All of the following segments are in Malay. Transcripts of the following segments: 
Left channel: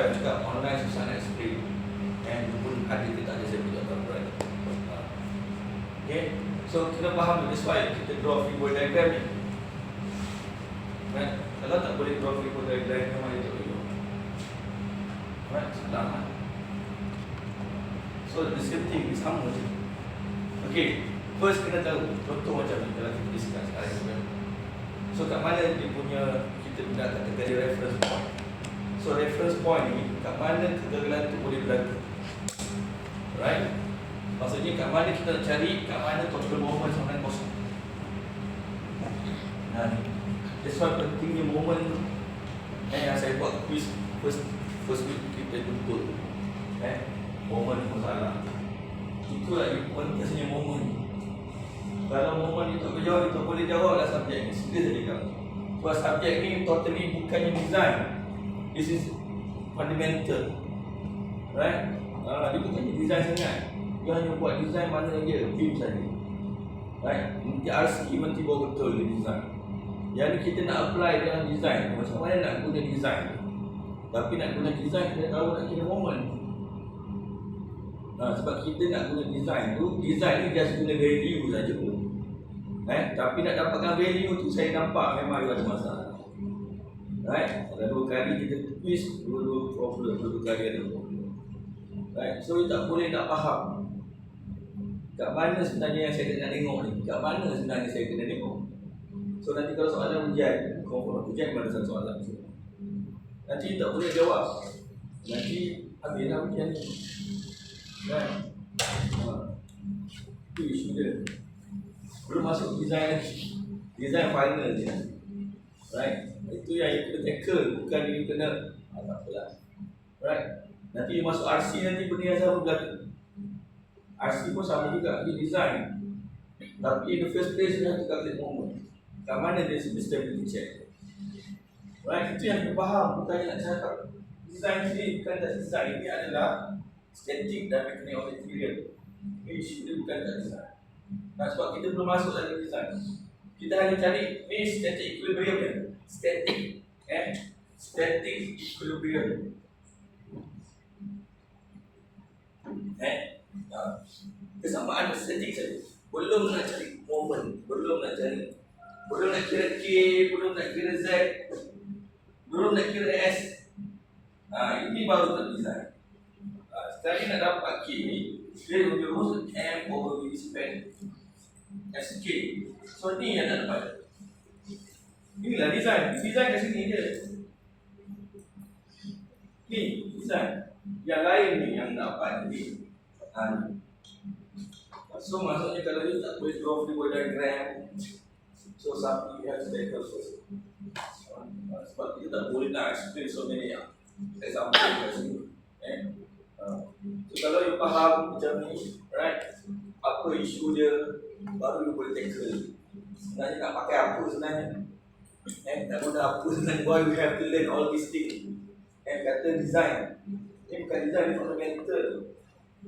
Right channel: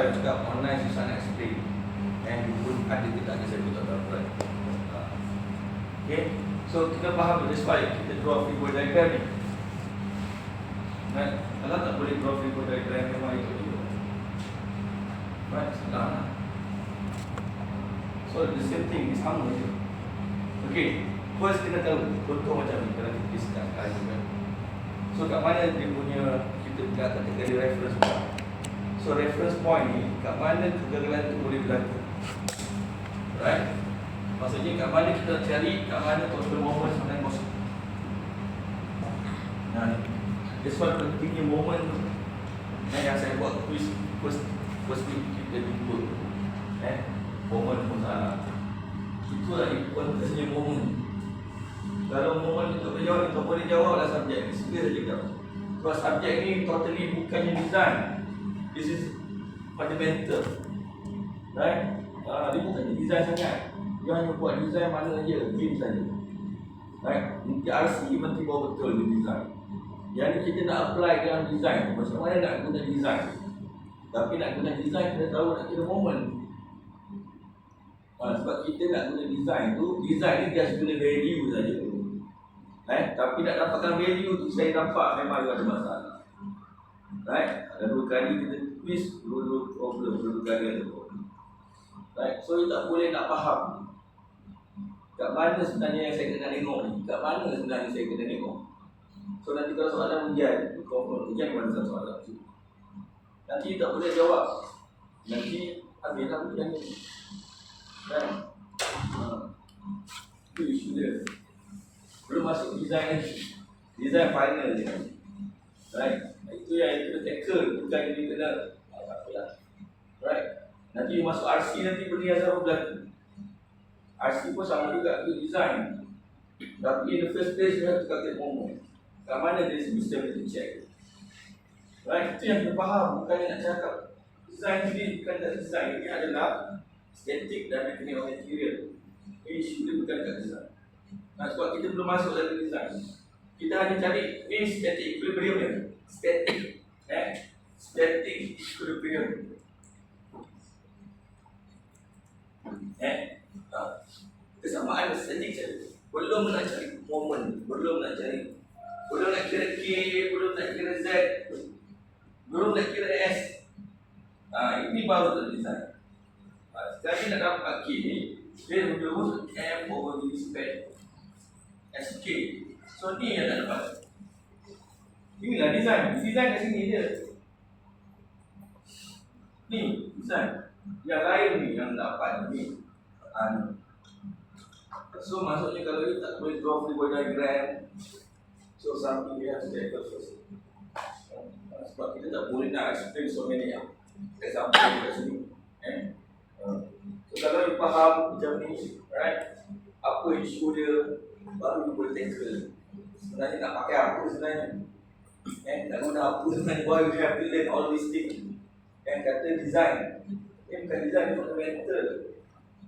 susah juga online, susah nak explain. Yang pun ada tidak ada saya tak tahu. Okay, so kena faham, that's why kita draw figure diagram ni. Right? Kalau tak boleh draw figure diagram, memang itu tunjuk. Right? Salah. So the same thing, sama je. Okay, first kena tahu contoh macam ni kalau kita discuss sekarang. So kat mana dia punya, kita nak kategori reference point. So reference point ni kat mana kegagalan tu boleh berlaku. Right? Maksudnya kat mana kita nak cari, kat mana total moment sampai kosong. Nah, that's why pentingnya moment tu. Yang saya buat quiz first week kita jumpa. Moment pun salah. Itulah importansnya moment ni. Kalau moment itu berjawab, kita boleh jawablah subjek ni. Sila saja jawab. Sebab subjek ni totally bukannya design. This is fundamental. Right? Dia bukannya design sangat. Dia hanya buat design mana saja, beam saja. Right? Nanti RC nanti bawa betul ni design. Yang kita nak apply dalam design, macam mana nak guna design. Tapi nak guna design, kita tahu nak kira moment. Sebab kita nak guna design tu, design ni just guna value saja pun. Tapi nak dapatkan value tu, saya nampak memang ada masalah. Right? Ada 2 kali kita quiz, 2 problem, 2 kali ada problem. Right? So, kita tak boleh nak faham kat mana sebenarnya yang saya kena tengok ni, kat mana sebenarnya saya kena tengok. So, nanti kalau soalan ujian, ujian mana satu soalan tu, nanti tak boleh jawab. Nanti habislah ujian ni. Right? Itu isu dia. Belum masuk design ni. Design final je. Right? Itu yang kita tackle, bukan dia kena tak apalah. Right? Nanti dia masuk RC, nanti benda yang sama berlaku. RC pun sama juga, dia design. Tapi in the first place, dia harus calculate moment. Kat mana dia stability check. Right? Itu yang kita faham, bukannya nak cakap design ni bukan tak design. Ini adalah static dan mechanics of material. Isu dia bukan kat design. Sebab kita belum masuk dalam design. Kita hanya cari ni static equilibrium ni. Static. Static equilibrium. Kesamaan static saja. Belum nak cari moment, belum nak kira K, belum nak kira Z, belum nak kira S. Ini baru terdesign. Sekarang nak dapat K ni, dia rumus M over V span SK. So ni yang nak dapat. Inilah design. Design kat sini je. Ni design. Yang lain ni yang dapat ni. So maksudnya kalau you tak boleh draw figure diagram, so something you have to tackle first. Sebab kita tak boleh nak explain so many example kat sini. So kalau you faham macam ni, right, apa isu dia, baru you boleh tackle. Sebenarnya nak pakai apa sebenarnya, nak guna apa sebenarnya, why you have to learn all these things. Kata design, bukan design, ni fundamental.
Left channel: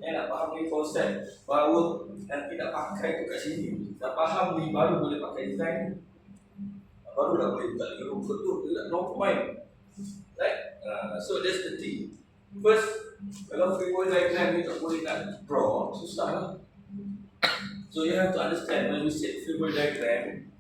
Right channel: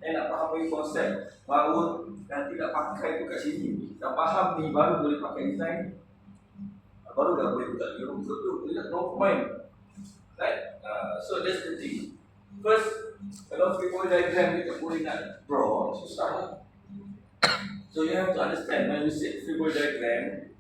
Nak faham ni konsep, baru nanti nak pakai tu kat sini. Dah faham ni, baru boleh pakai design. Baru dah boleh buka lagi rumput tu, no point. Right? So that's the thing. First, kalau figure diagram ni tak boleh nak draw, susah lah. So you have to understand when we set figure diagram,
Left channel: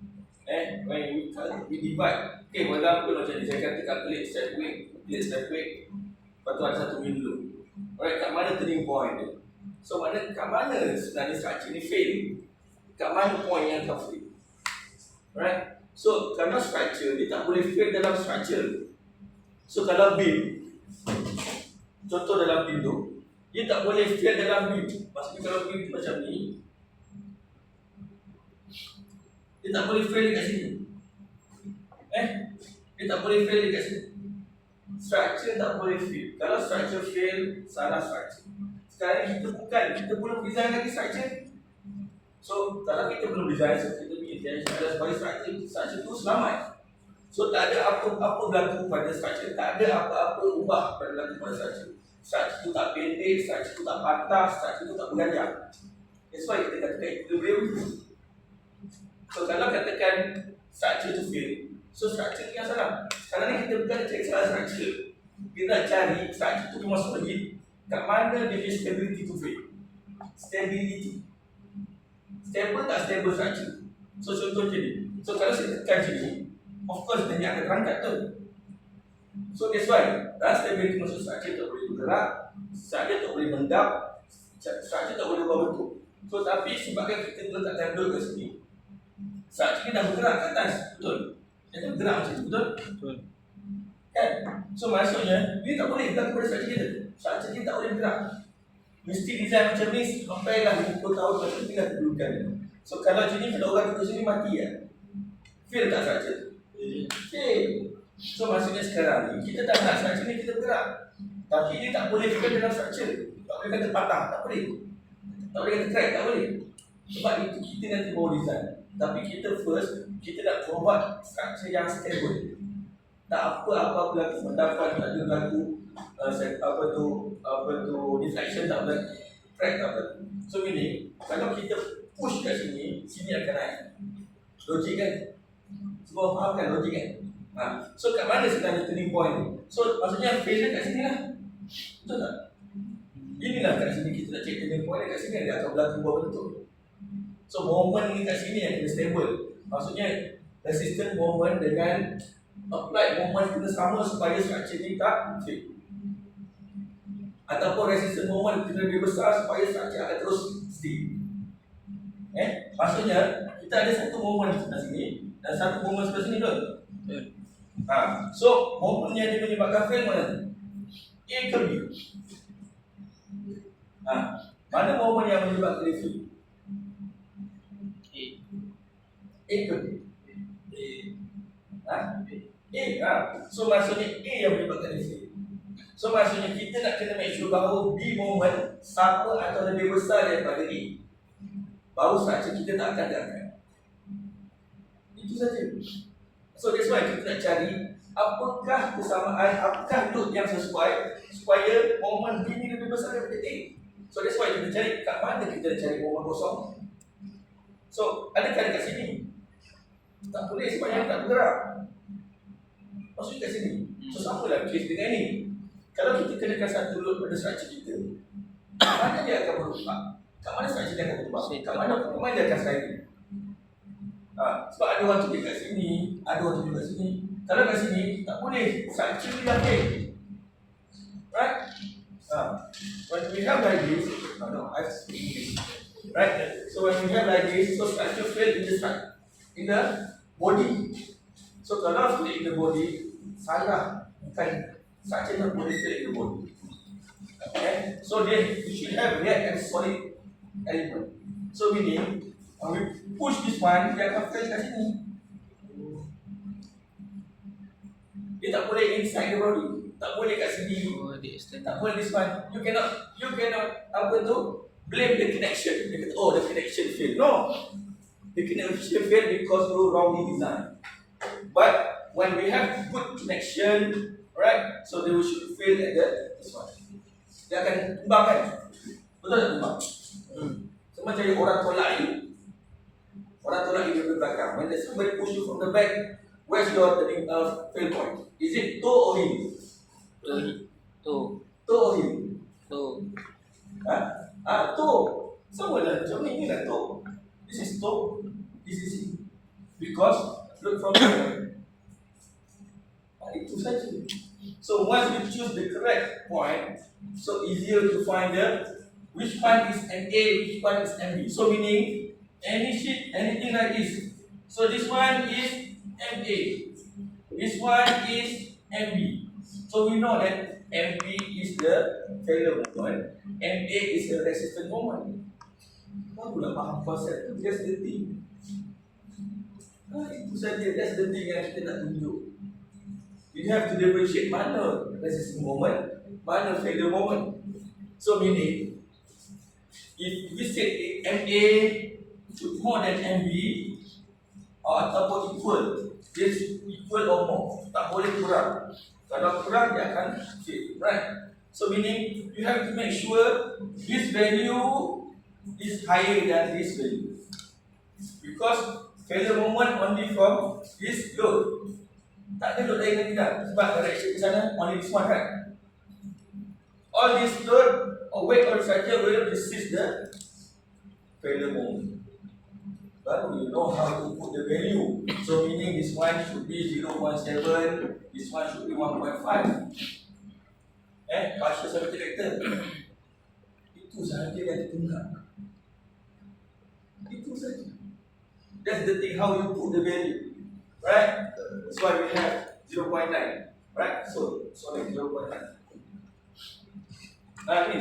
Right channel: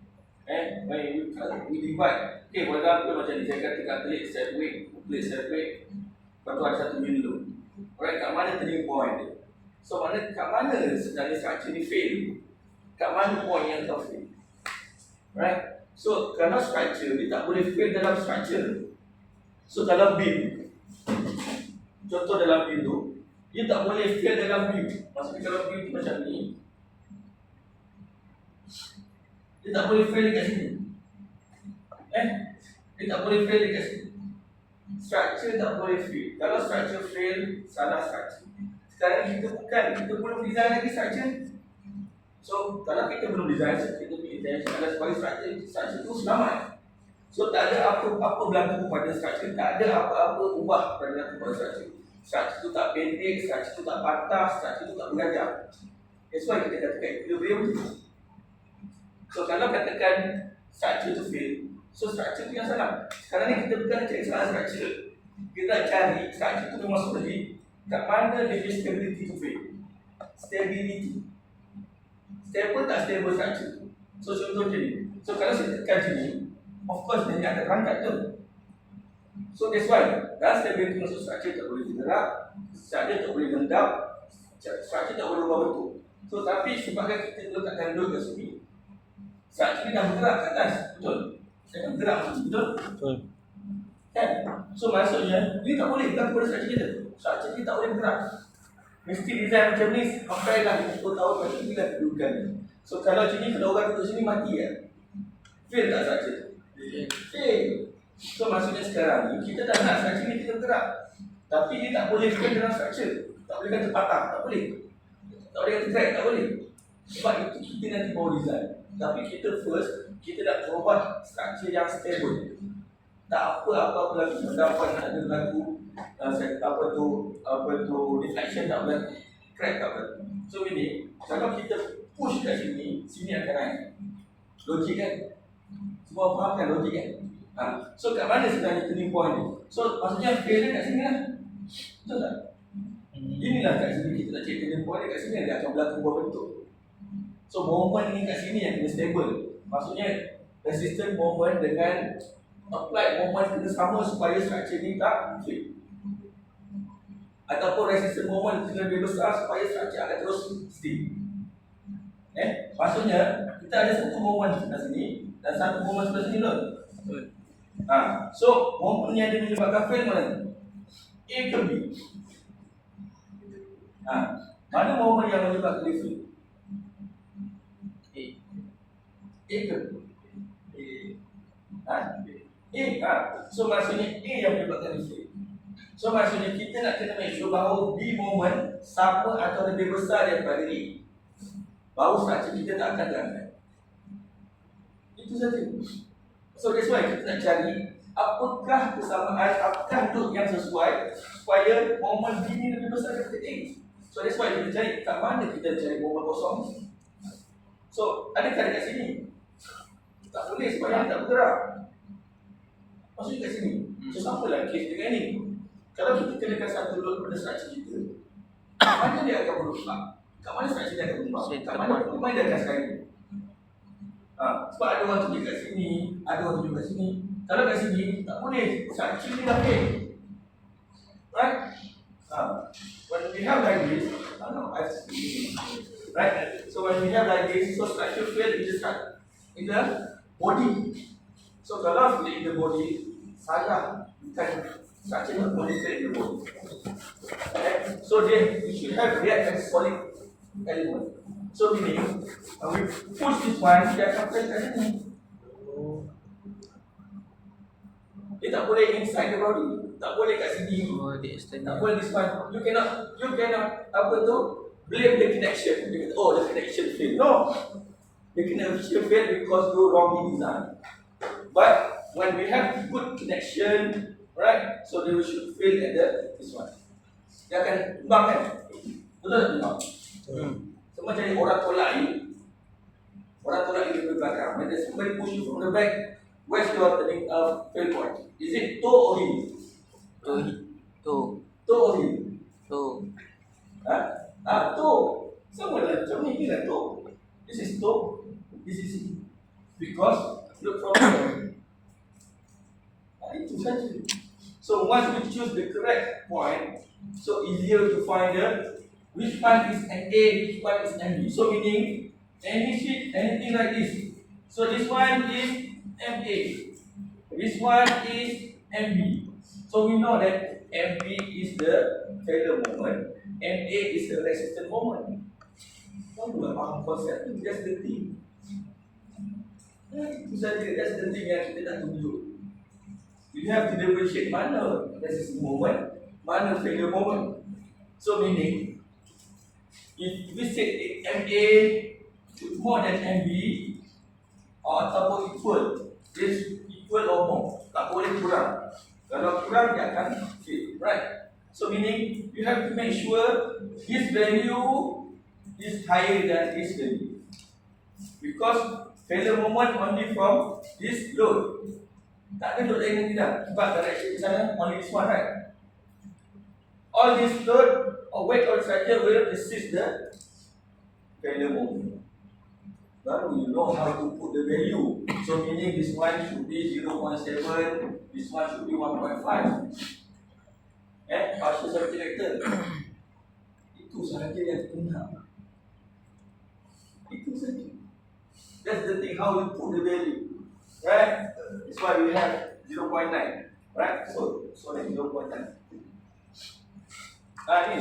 when we divide. Okay, for example macam ni, saya kata calculate set weight, lepas tu ada satu window. Alright, kat mana turning point dia? So kat mana sebenarnya structure ni fail? Kat mana point yang tak fail? Right? So kalau structure, dia tak boleh fail dalam structure. So kalau beam, contoh dalam beam tu, dia tak boleh fail dalam beam. Maksudnya kalau beam tu macam ni, dia tak boleh fail dekat sini. Dia tak boleh fail dekat sini. Structure tak boleh fail. Kalau structure fail, salah structure. Sekarang kita belum design lagi structure. So kalau kita belum design, kita punya intention adalah supaya structure tu selamat. So tak ada apa-apa berlaku pada structure, tak ada apa-apa ubah berlaku pada structure. Structure tu tak pendek, structure tu tak patah, structure tu tak berganjang. That's why kita katakan equilibrium tu. So kalau katakan structure tu fail, so structure tu yang salah. Sekarang ni kita bukan cari salah structure, Kita nak cari structure tu memang solid, kat mana dia punya stability tu fail. Stability. Stable tak stable structure. So contoh ni. So kalau saya tekan sini, of course dia akan terangkat tu. So that's why stability maksud structure tak boleh bergerak, structure tak boleh mendap, structure tak boleh ubah bentuk. So tapi sebabkan kita letakkan duduk kat sini, structure ni dah bergerak ke atas, betul? Dia kan bergerak macam tu, betul? Betul. Kan? So maksudnya dia tak boleh bergerak kepada structure kita. Structure kita tak boleh bergerak. Mesti design macam ni sampai dah 50 tahun lepas tu lah kedudukan. So kalau macam ni, kalau orang duduk sini mati ya. Fail tak structure? Fail. So maksudnya sekarang ni kita dah nak structure ni kita bergerak, tapi dia tak boleh fail dalam structure. Tak boleh kata patah, tak boleh. Tak boleh kata crack, tak boleh. Sebab itu kita nanti bawa design. Tapi kita first, kita nak provide structure yang stable. Tak apa-apa lagi pendapat tak ada berlaku, apa tu deflection tak berlaku, crack tak berlaku. So meaning kalau kita push kat sini, sini akan naik. Logik kan? Semua faham kan logik kan? So kat mana sebenarnya turning point ni? So maksudnya failure kat sini lah. Betul tak? Inilah kat sini kita nak cek turning point kat sini dia akan berlaku buah bentuk. So moment ni kat sini yang kena stable. Maksudnya resistance moment dengan applied moment kena sama supaya structure ni tak fail. Ataupun resistance moment kena lebih besar supaya structure akan terus stay. Maksudnya kita ada satu moment sebelah sini dan satu moment sebelah sini betul? Betul. So moment yang dia menyebabkan fail mana? A ke B? Mana moment yang menyebabkan dia fail? A ke B? A. So maksudnya A yang menyebabkan dia fail. So maksudnya kita nak kena make sure bahawa B moment sama atau lebih besar daripada A. Baru structure kita tak akan ganggu. Itu saja. So that's why kita nak cari apakah kesamaan, apakah bentuk yang sesuai supaya moment B ni lebih besar daripada A. So that's why kita cari kat mana kita cari moment kosong. So adakah dekat sini? Tak boleh sebab yang tak bergerak. Maksudnya kat sini. So sama lah case dengan ni. Kalau kita kenakan satu load pada structure kita, kat mana dia akan berubah? Kat mana structure dia akan berubah? Kat mana dia akan sekali? Sebab ada orang tunjuk kat sini, ada orang tunjuk kat sini. Kalau kat sini, tak boleh. Structure dia dah fail. Right? When we have like this, right? So when we have like this, so structure fail in the body. So kalau fail in the body, salah. Bukan structure tak boleh fail in the body. So then you should have react as solid element. So meaning, we push this one, dia akan fail kat sini. Dia tak boleh inside the body. Tak boleh kat sini. Tak boleh this one. You cannot apa tu? Blame the connection. Dia kata, the connection fail. No. The connection fail because you wrongly designed. But when we have good connection, right? So they should fail at this one. Dia akan tumbang kan? Betul tak tumbang? So macam ni orang tolak you. Orang tolak you dari belakang. When somebody push you from the back, where's your fail point? Is it toe or heel? Toe. Toe or heel? Toe. Toe. Sama lah macam ni lah toe. This is toe. This is heel. Because look from here. Itu saja. So once we choose the correct point, so easier to find which one is MA, which one is MB. So meaning any sheet, anything like this. So this one is MA, this one is MB. So we know that MB is the failure moment, MA is the resistance moment. Barulah faham konsep tu. That's the thing. Itu saja. That's the thing yang kita nak tunjuk. You have to differentiate mana resistance moment, mana failure moment. So meaning, if we say MA more than MB, ataupun equal, this equal or more, tak boleh kurang. Kalau kurang dia akan fail, right? So meaning, you have to make sure this value is higher than this value, because failure moment only from this load. Tak ada load lain lagi dah. Sebab direction di sana only this one, right? All this load or weight of the structure will resist the failure moment. Baru you know how to put the value. So meaning this one should be 0.7, this one should be 1.5. Partial solid character. Itu sahaja yang kita. Itu saja. That's the thing, how you put the value. Right? That's why we have 0.9. Right? So like 0.9.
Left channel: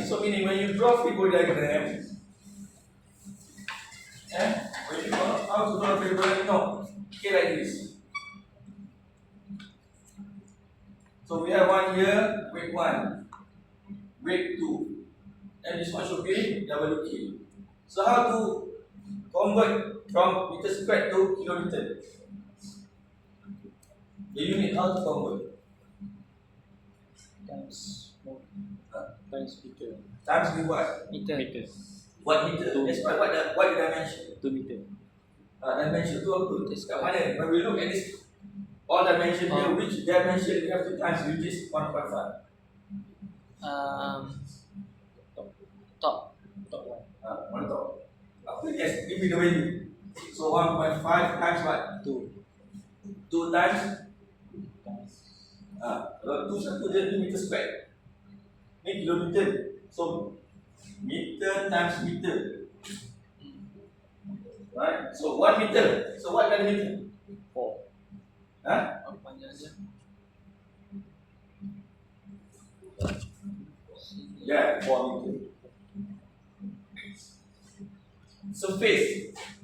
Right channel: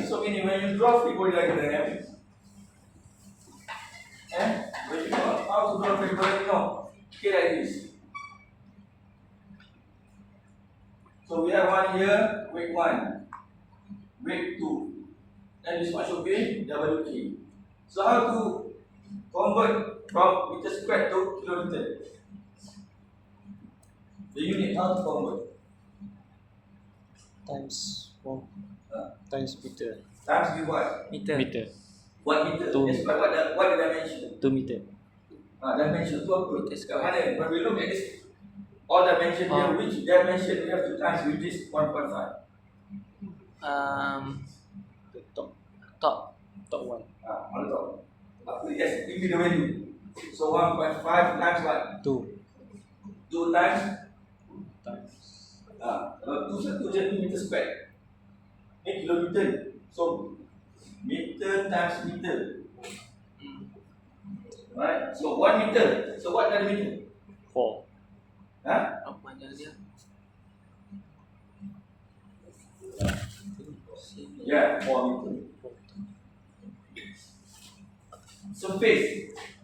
So meaning when you draw free body diagram, when you know how to draw free body diagram, okay, like this. So we have one here, weight 1, weight 2, and this one should be WK. So how to convert from meter squared to kilometer? The unit, how to convert? Times 4 times meter. Times with what? Meter. What meter? Two. That's what the dimension? 2 meter. Dimension tu apa? Meter Kat square. mana? When we look at this, all dimension here, which dimension we have to times with this 1.5? Top one. Mana tahu? Apa? Yes, give me the value. So 1.5 times what? 2 2 times? times. Kalau 2 satu je ni meter square. Ni kilometer. So meter times meter. Right? So 1 meter. So what dari meter? 4. Apa panjang dia? Yeah, 4 meter.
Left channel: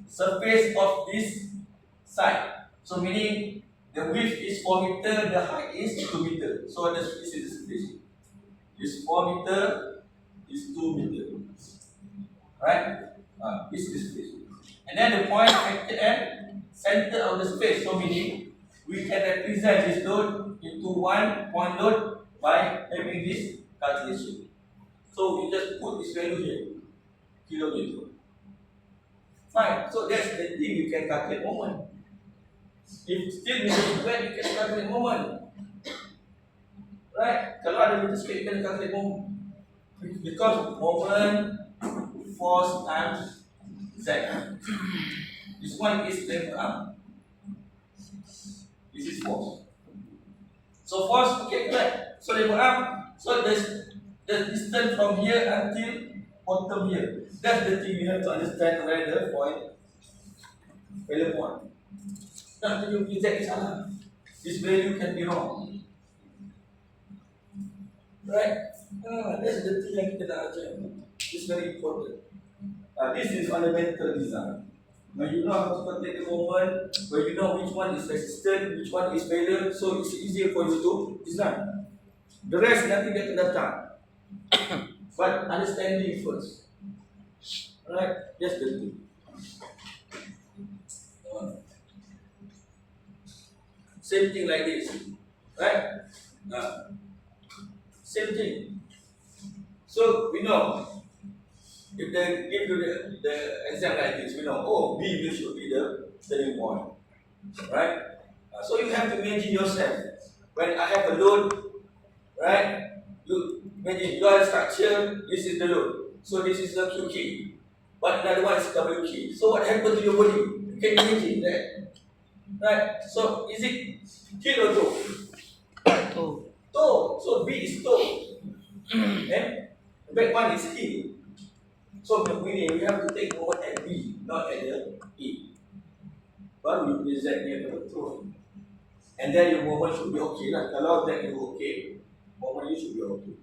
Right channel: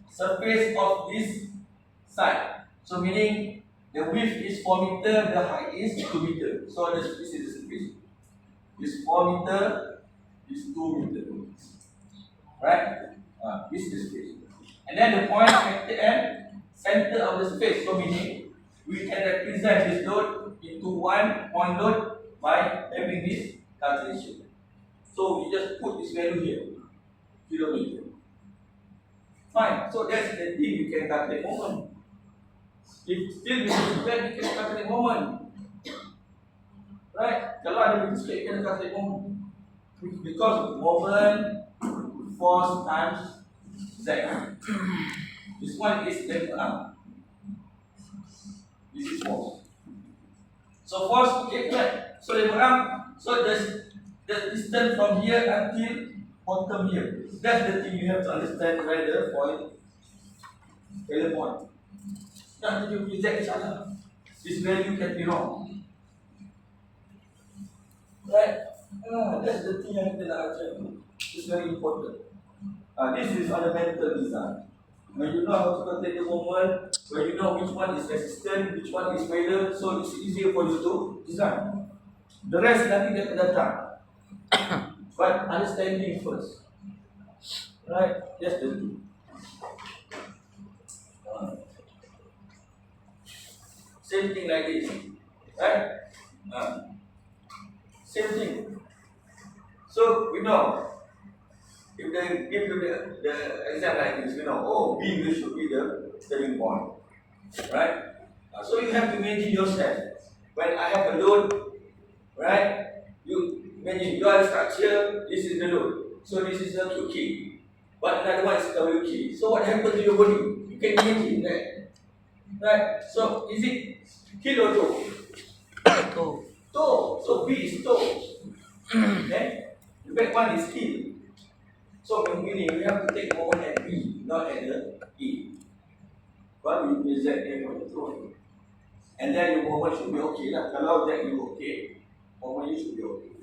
Surface of this side. So meaning the width is 4 meter, the height is 2 meter. So this is the surface. This 4 meter, this 2 meter. Right? This is the space. And then the point at the end, center of the space. So meaning we can represent this load into one point load by having this calculation. So we just put this value here, kilometer. Fine. So that's the thing you can calculate moment. If still meter square, you can calculate moment. Right? Kalau ada meter square, you can calculate moment. Because moment, force times z. This one is left arm. This is force. So force, okay, yeah. So left arm. So the distance from here until bottom here. That's the thing you have to understand where the point, failure point. Not that you reject each other. This value can be wrong. Right? That's the thing yang kita nak ajar. It's very important. This is fundamental design. When you know how to calculate the moment, when you know which one is resistant, which one is failure, so it's easier for you to design. The rest nanti dia akan datang. But understanding first. Right? That's the thing. Same thing like this. Right? Same thing. So we know if they give you the exam like this, we know, oh, B should be the turning point. Right? So you have to imagine yourself. When I have a load, right? You imagine you are the structure, this is the load. So this is the Q key. But another one is W key. So what happens to your body? You can imagine that. Right? So is it heel or toe? Toe. Toe. So B is toe. Okay? The back one is heel. So meaning we have to take moment at B, not at the E. But we present here control. And then your moment should be okay. Lah. Kalau then you okay, moment you should be okay.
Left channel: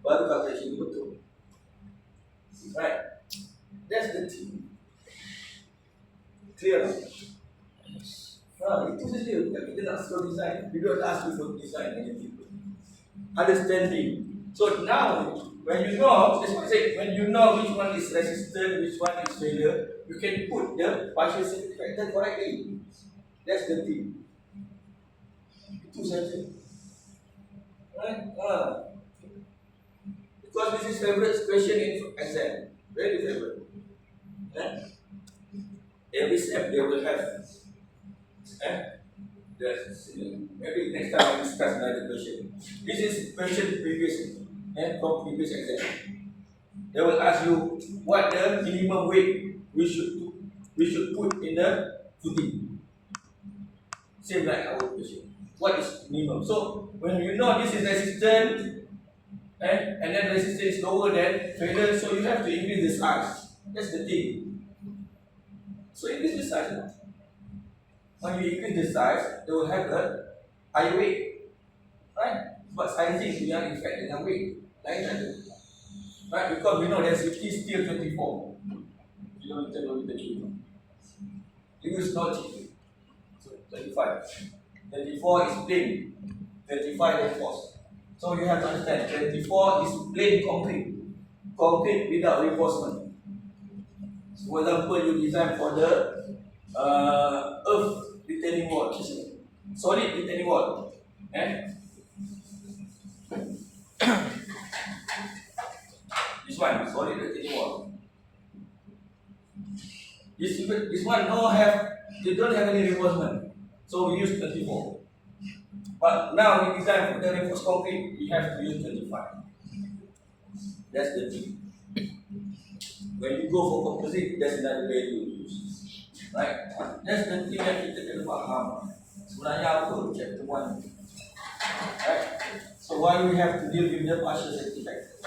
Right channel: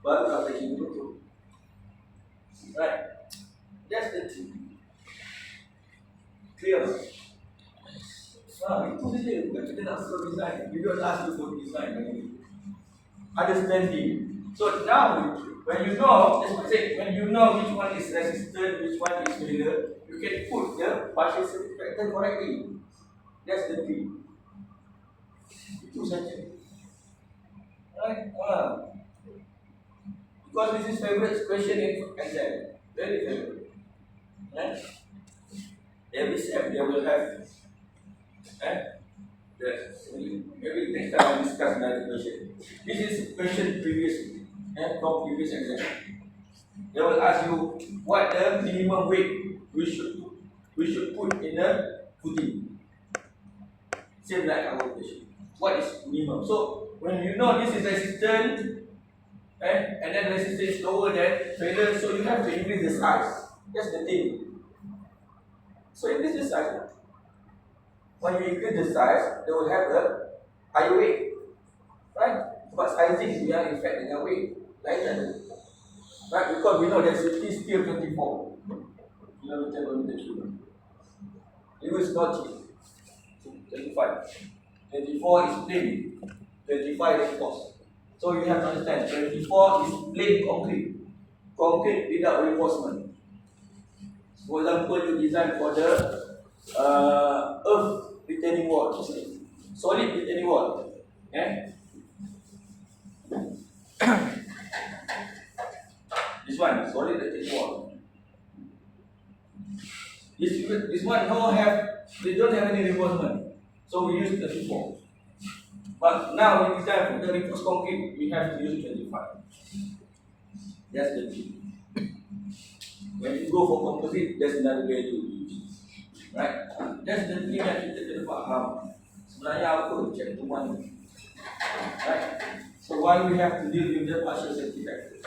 But calculation you betul. Right? That's the thing. Clear? Itu saja. Bukan kita nak slow design. We don't ask you for design anything. Understanding. So now, when you know, as I said, when you know which one is resistant, which one is failure, you can put the partial safety factor correctly. That's the thing. Itu saja. Right? Because this is favorite question in exam. Very favorite. Right? Every step they will have Yes. Maybe next time I discuss another question. This is question previous and from previous exam. They will ask you what the minimum weight we should put in the footing. Same like our question. What is minimum? So when you know this is resistant, and then resistance is lower than failure, so you have to increase the size. That's the thing. So increase the size. When you increase the size, they will have a higher weight. Right? But sizing we are in fact in a weight. Like that. Right? Because we know density is still 24 kilometer per meter cube. It is not cheap. So 25. 24 is plain. 25 is force. So you have to understand 24 is plain concrete. Concrete without reinforcement. So for example, you design for the earth retaining wall, solid retaining wall. This one, solid retaining wall. This one they don't have any reinforcement. So we use 24. But now we design for the reinforced concrete, we have to use 25. That's the thing. When you go for composite, that's another way to use. Right? That's the thing that kita kena faham. Sebenarnya apa chapter 1? Right? So why we have to deal with the partial safety factor?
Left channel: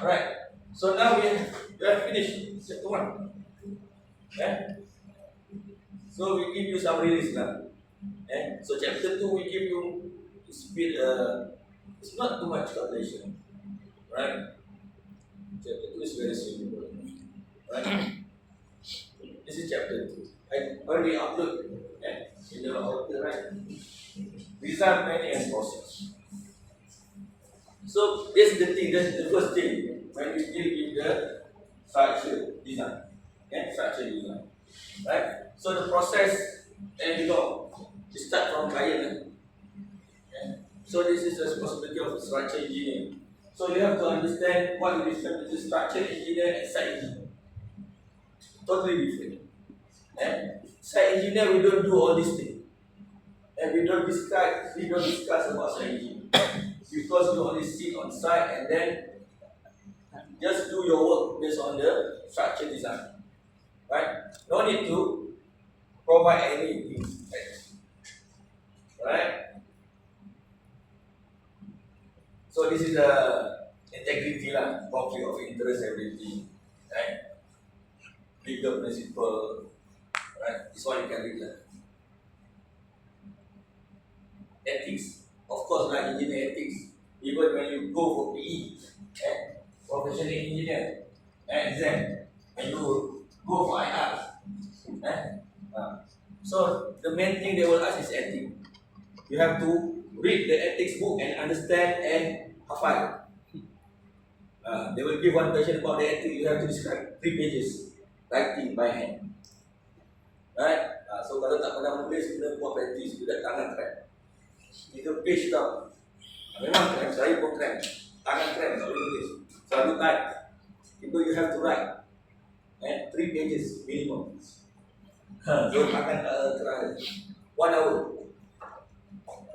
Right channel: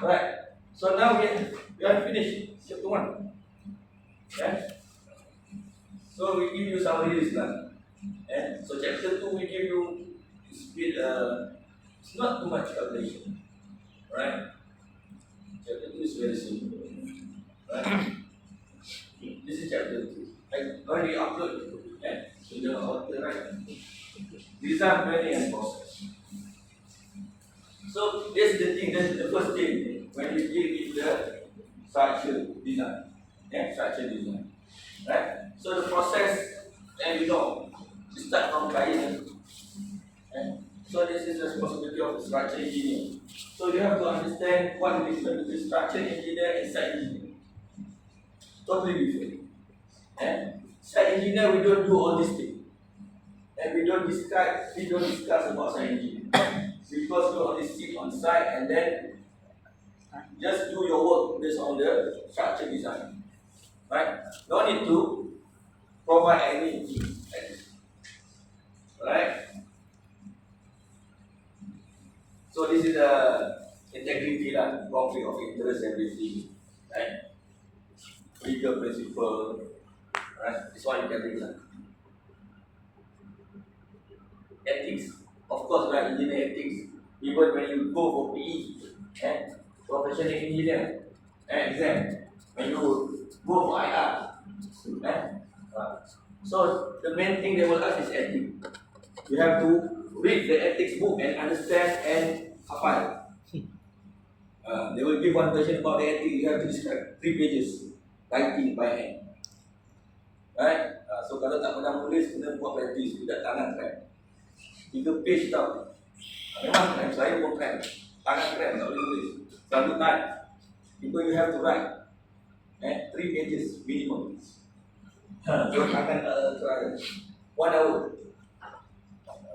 Alright. So now we have finished chapter 1. Okay? So we give you summary list lah. So chapter 2 we give you speed. It's not too much calculation, right? Chapter 2 is very simple, right? This is chapter 2. I already upload in the author, right? Design, planning, and process. So that's the thing. That's the first thing when you deal with the structure design, structure design, right? So the process, and you know, you start from client. So this is the responsibility of structure engineer. So you have to understand what is different between structure engineer and site engineer. Totally different. Site engineer, we don't do all these things, and we don't discuss about site engineer because you only sit on site and then just do your work based on the structure design. Right? No need to provide anything. Right? So this is the integrity lah, conflict of interest, everything. Right? Legal principle. Right? This one you can read lah. Ethics. Of course, right, engineer ethics. Even when you go for PE, professional engineer, exam, when you go for IR. So the main thing they will ask is ethics. You have to read the ethics book and understand and hafal. They will give one question about the ethics. You have to describe 3 pages, writing by hand. Right? So kalau tak pernah menulis, kena buat practice. Tidak tangan krem. 3 page tau. Memang krem, saya pun krem. Tangan krem, tak boleh tulis. Selalu type. People you have to write. 3 pages minimum. So tangan krem. 1 hour.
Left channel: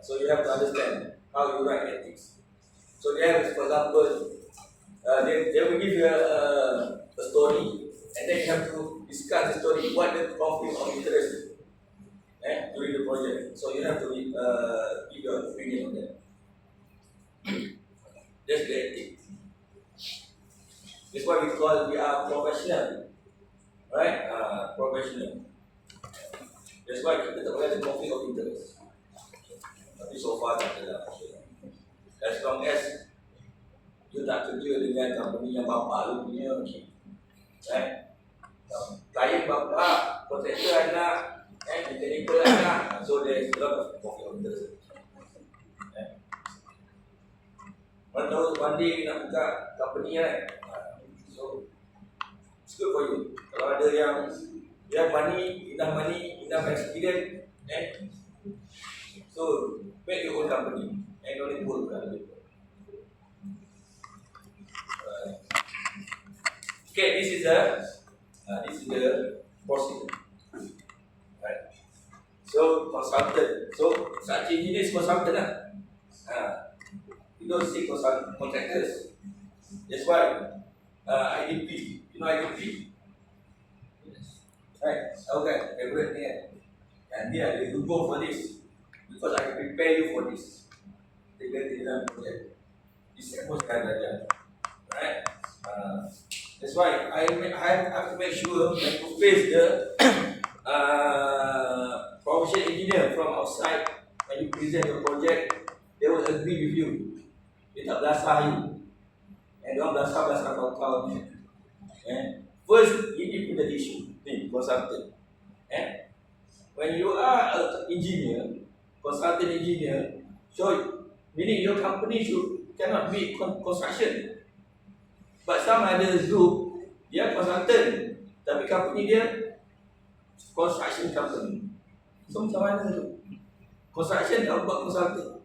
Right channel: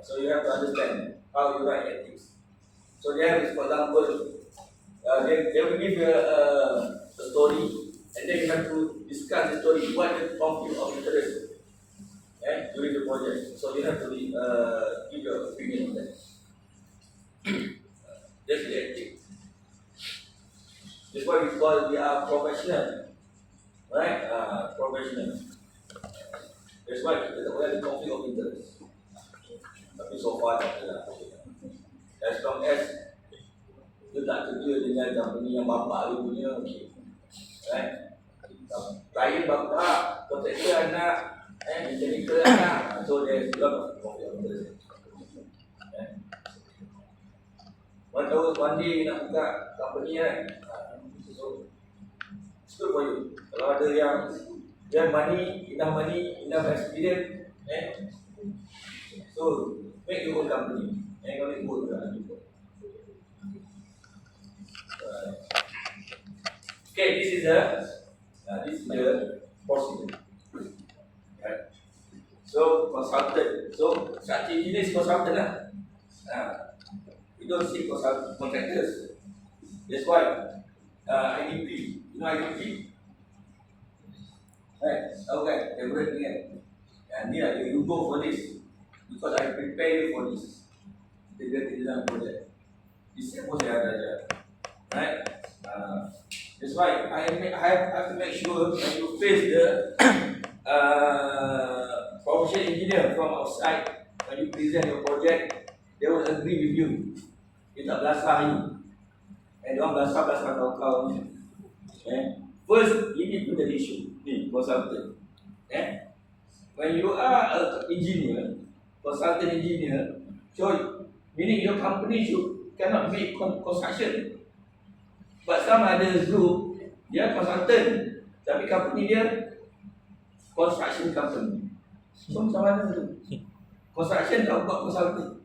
So you have to understand how you write ethics. So there is, for example, they will give you a story, and then you have to discuss the story. What the conflict of interest during the project. So you have to give your opinion on that. That's the ethics. That's why we are professional, right? Professional. That's why kita tak boleh ada conflict of interest. Tapi so far tak ada. As long as you tak kerja dengan company yang bapa lu punya, okay. Right? Klien bapa, kontraktor anak, mechanical anak, so there's a lot of conflict of interest. One day you nak buka company, right? So it's good for you. Kalau ada yang money, enough experience, so make your own company and don't need to work for other people. Okay, this is the procedure. Right. So consultant. So such engineer is consultant lah. You don't see contractors. That's why IDP. You know IDP? Right. Okay. Everything. And yeah, you go for this because I prepare you for this. Integrated design project. This is what I have. Right. That's why I have to make sure when you face the professional engineer from outside, when you present your project, they will agree with you. Dia tak belasah you. Dia orang belasah kau ni. First, ini punya issue. Ni, consultant. When you are an engineer, consultant engineer, so meaning your company cannot be construction. But some other group, dia consultant, tapi company dia construction company. So macam mana tu? Construction tak buat consultant.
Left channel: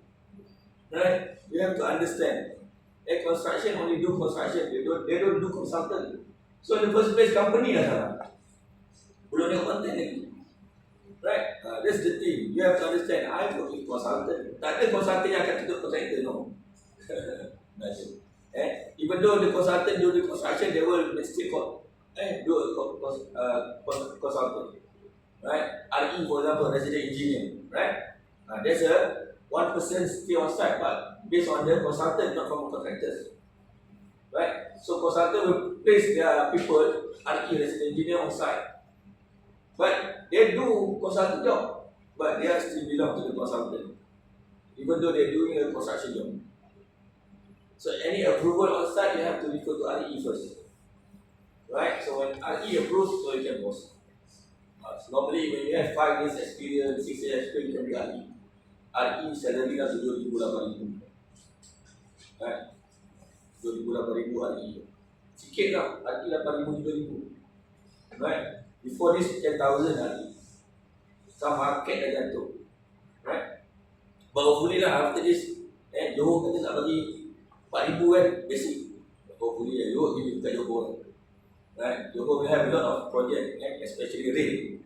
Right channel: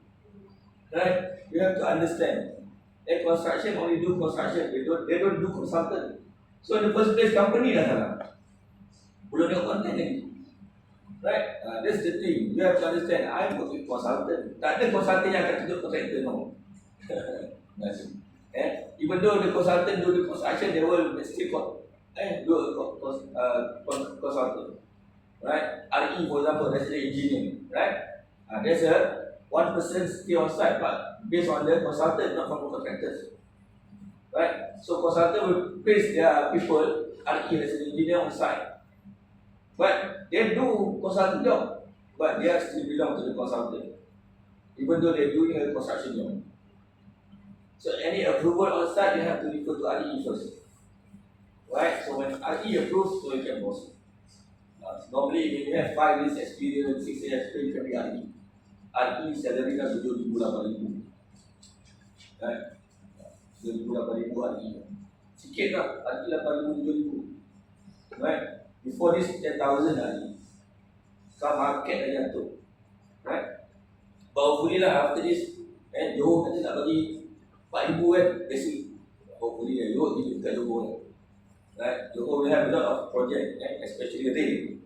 Right? You have to understand. Construction only do construction, they don't do consultant. So in the first place, company dah salah. Belum tengok content lagi. Right? That's the thing. You have to understand. I work with consultant. Tak ada consultant yang akan tunjuk contractor, no. Even though the consultant do the construction, they will still do a consultant. Right? RE, for example, resident engineer. Right? There's a one person stay on site, but based on the consultant, not from the contractors. Right? So consultant will place their people, RE, resident engineer on site. But they do consultant job, but they are still belong to the consultant, even though they're doing a construction job. So any approval on site, you have to refer to RE first. Right? So when RE approves, so you can post. So normally when you have 5 years experience, 6 years experience, you can be RE. RE salary dah 7,000, 8,000. Right? 7,000, 8,000 RE. Sikit lah, RE 8,000, 7,000. Right? Before this 10,000 RE. Sekarang market dah jatuh. Right? But hopefully lah after this, Johor kata nak bagi 4,000 kan, basic. Hopefully Johor give dekat Johor. Right? Johor will have a lot of project, especially rail.